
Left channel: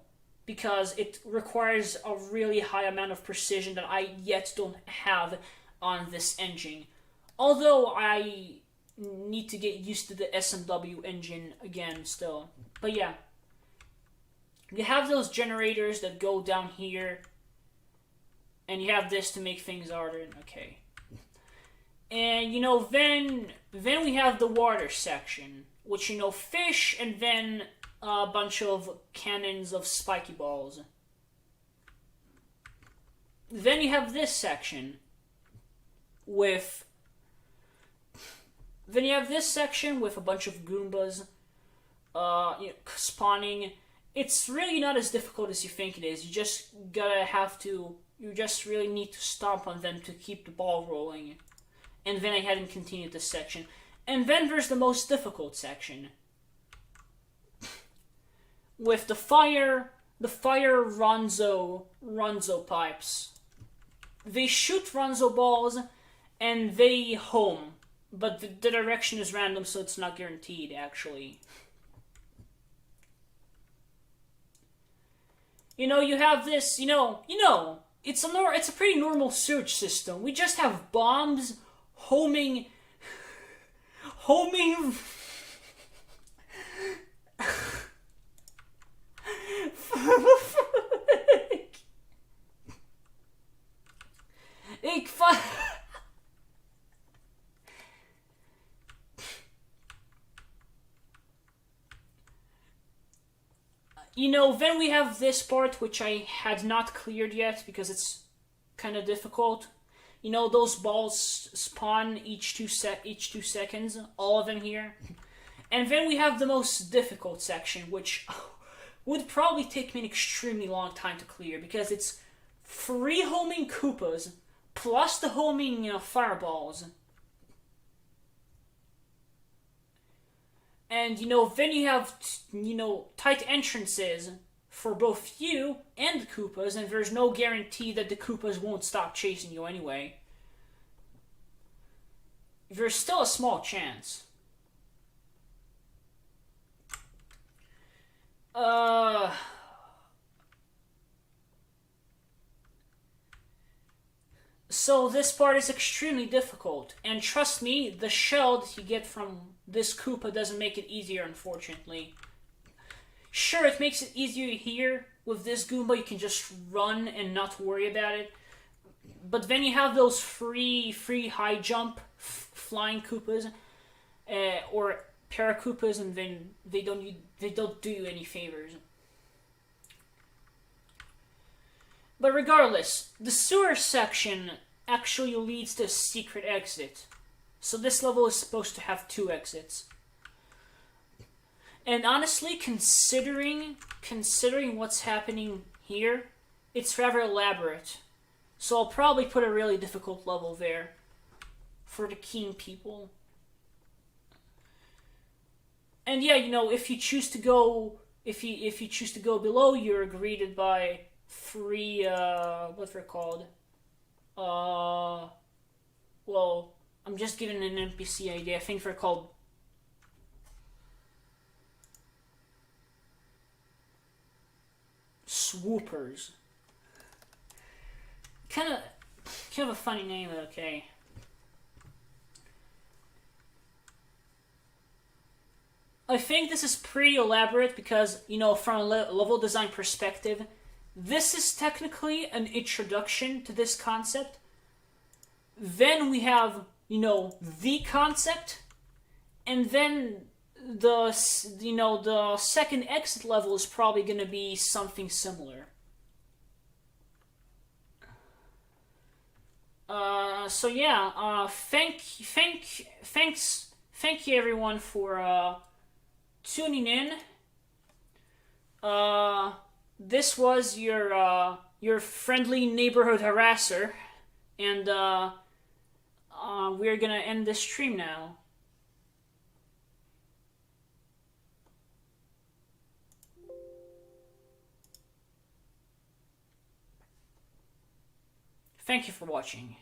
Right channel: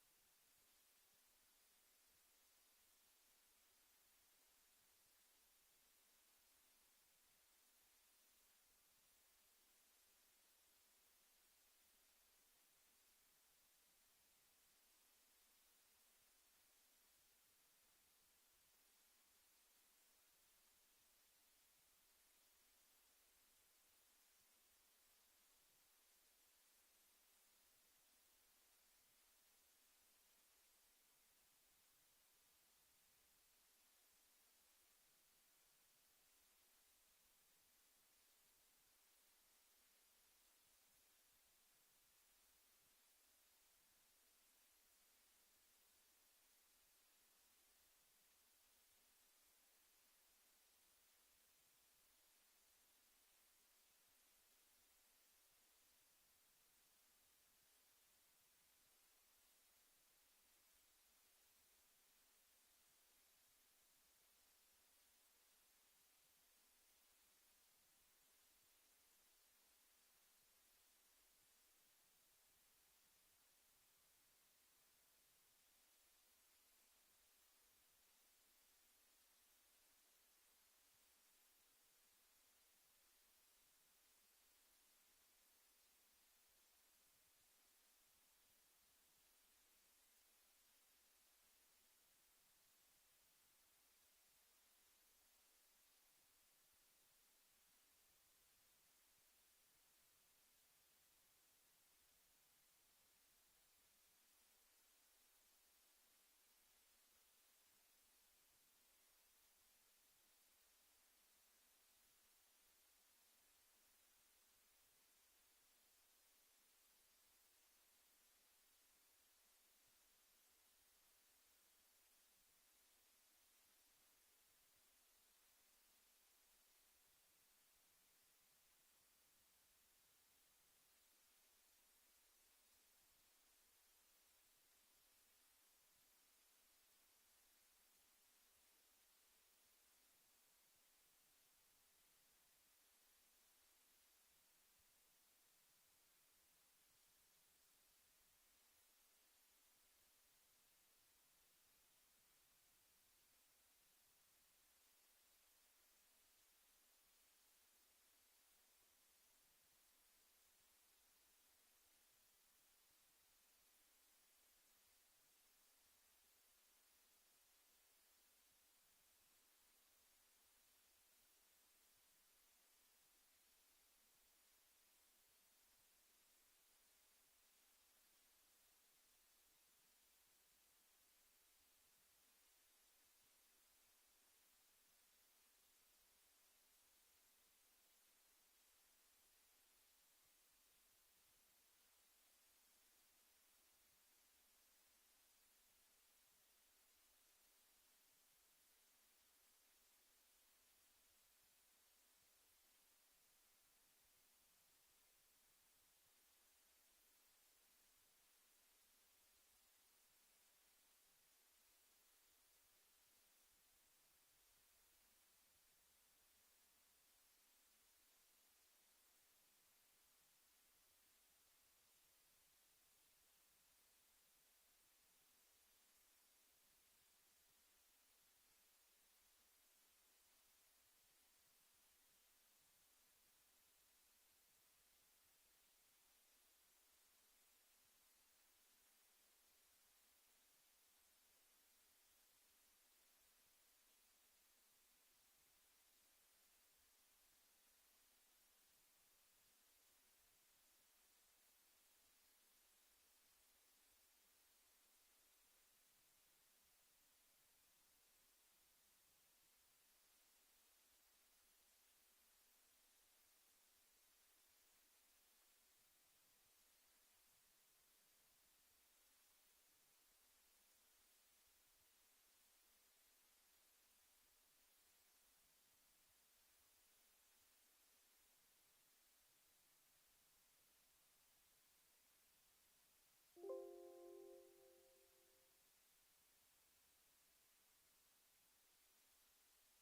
because it requires a really high amount of precision that I yet don't have on this engine. Although I need to get used to the SMW engine again still. But yeah. You have those generators that go down here. And you have this to make things harder. Okay. And, you know, then we have the water section, which, you know, fish and then a bunch of cannons of spiky balls. Then you have this section with... Then you have this section with a bunch of Goombas you know, spawning. It's really not as difficult as you think it is. You just you just really need to stomp on them to keep the ball rolling. And then I hadn't continued this section. And then there's the most difficult section. With the fire Ronzo pipes. They shoot Ronzo balls and they home. But the direction is random, so it's not guaranteed, actually. You know, you have this, you know, it's a pretty normal search system. We just have bombs homing You know, then we have this part, which I had not cleared yet, because it's kind of difficult. You know, those balls spawn each two seconds, all of them here. And then we have the most difficult section, which would probably take me an extremely long time to clear, because it's 3 homing Koopas, plus the homing, you know, fireballs. And, you know, then you have, you know, tight entrances for both you and the Koopas, and there's no guarantee that the Koopas won't stop chasing you anyway. There's still a small chance. So this part is extremely difficult, and trust me, the shell that you get from this Koopa doesn't make it easier, unfortunately. Sure, it makes it easier here with this Goomba, you can just run and not worry about it. But then you have those free high jump flying Koopas, or Paracoopas, and then they don't do you any favors. But regardless, the sewer section actually leads to a secret exit. So this level is supposed to have 2 exits. And honestly, considering what's happening here, it's rather elaborate. So I'll probably put a really difficult level there for the keen people. And yeah, if you choose to go below, you're greeted by 3 what they're called. Well, I'm just giving an NPC idea. I think they're called swoopers. Kind of a funny name, okay. I think this is pretty elaborate because, from a level design perspective, this is technically an introduction to this concept. Then we have, the concept, and then the second exit level is probably going to be something similar. So yeah, thank you everyone for tuning in. This was your friendly neighborhood harasser, and we're gonna end this stream now. Thank you for watching.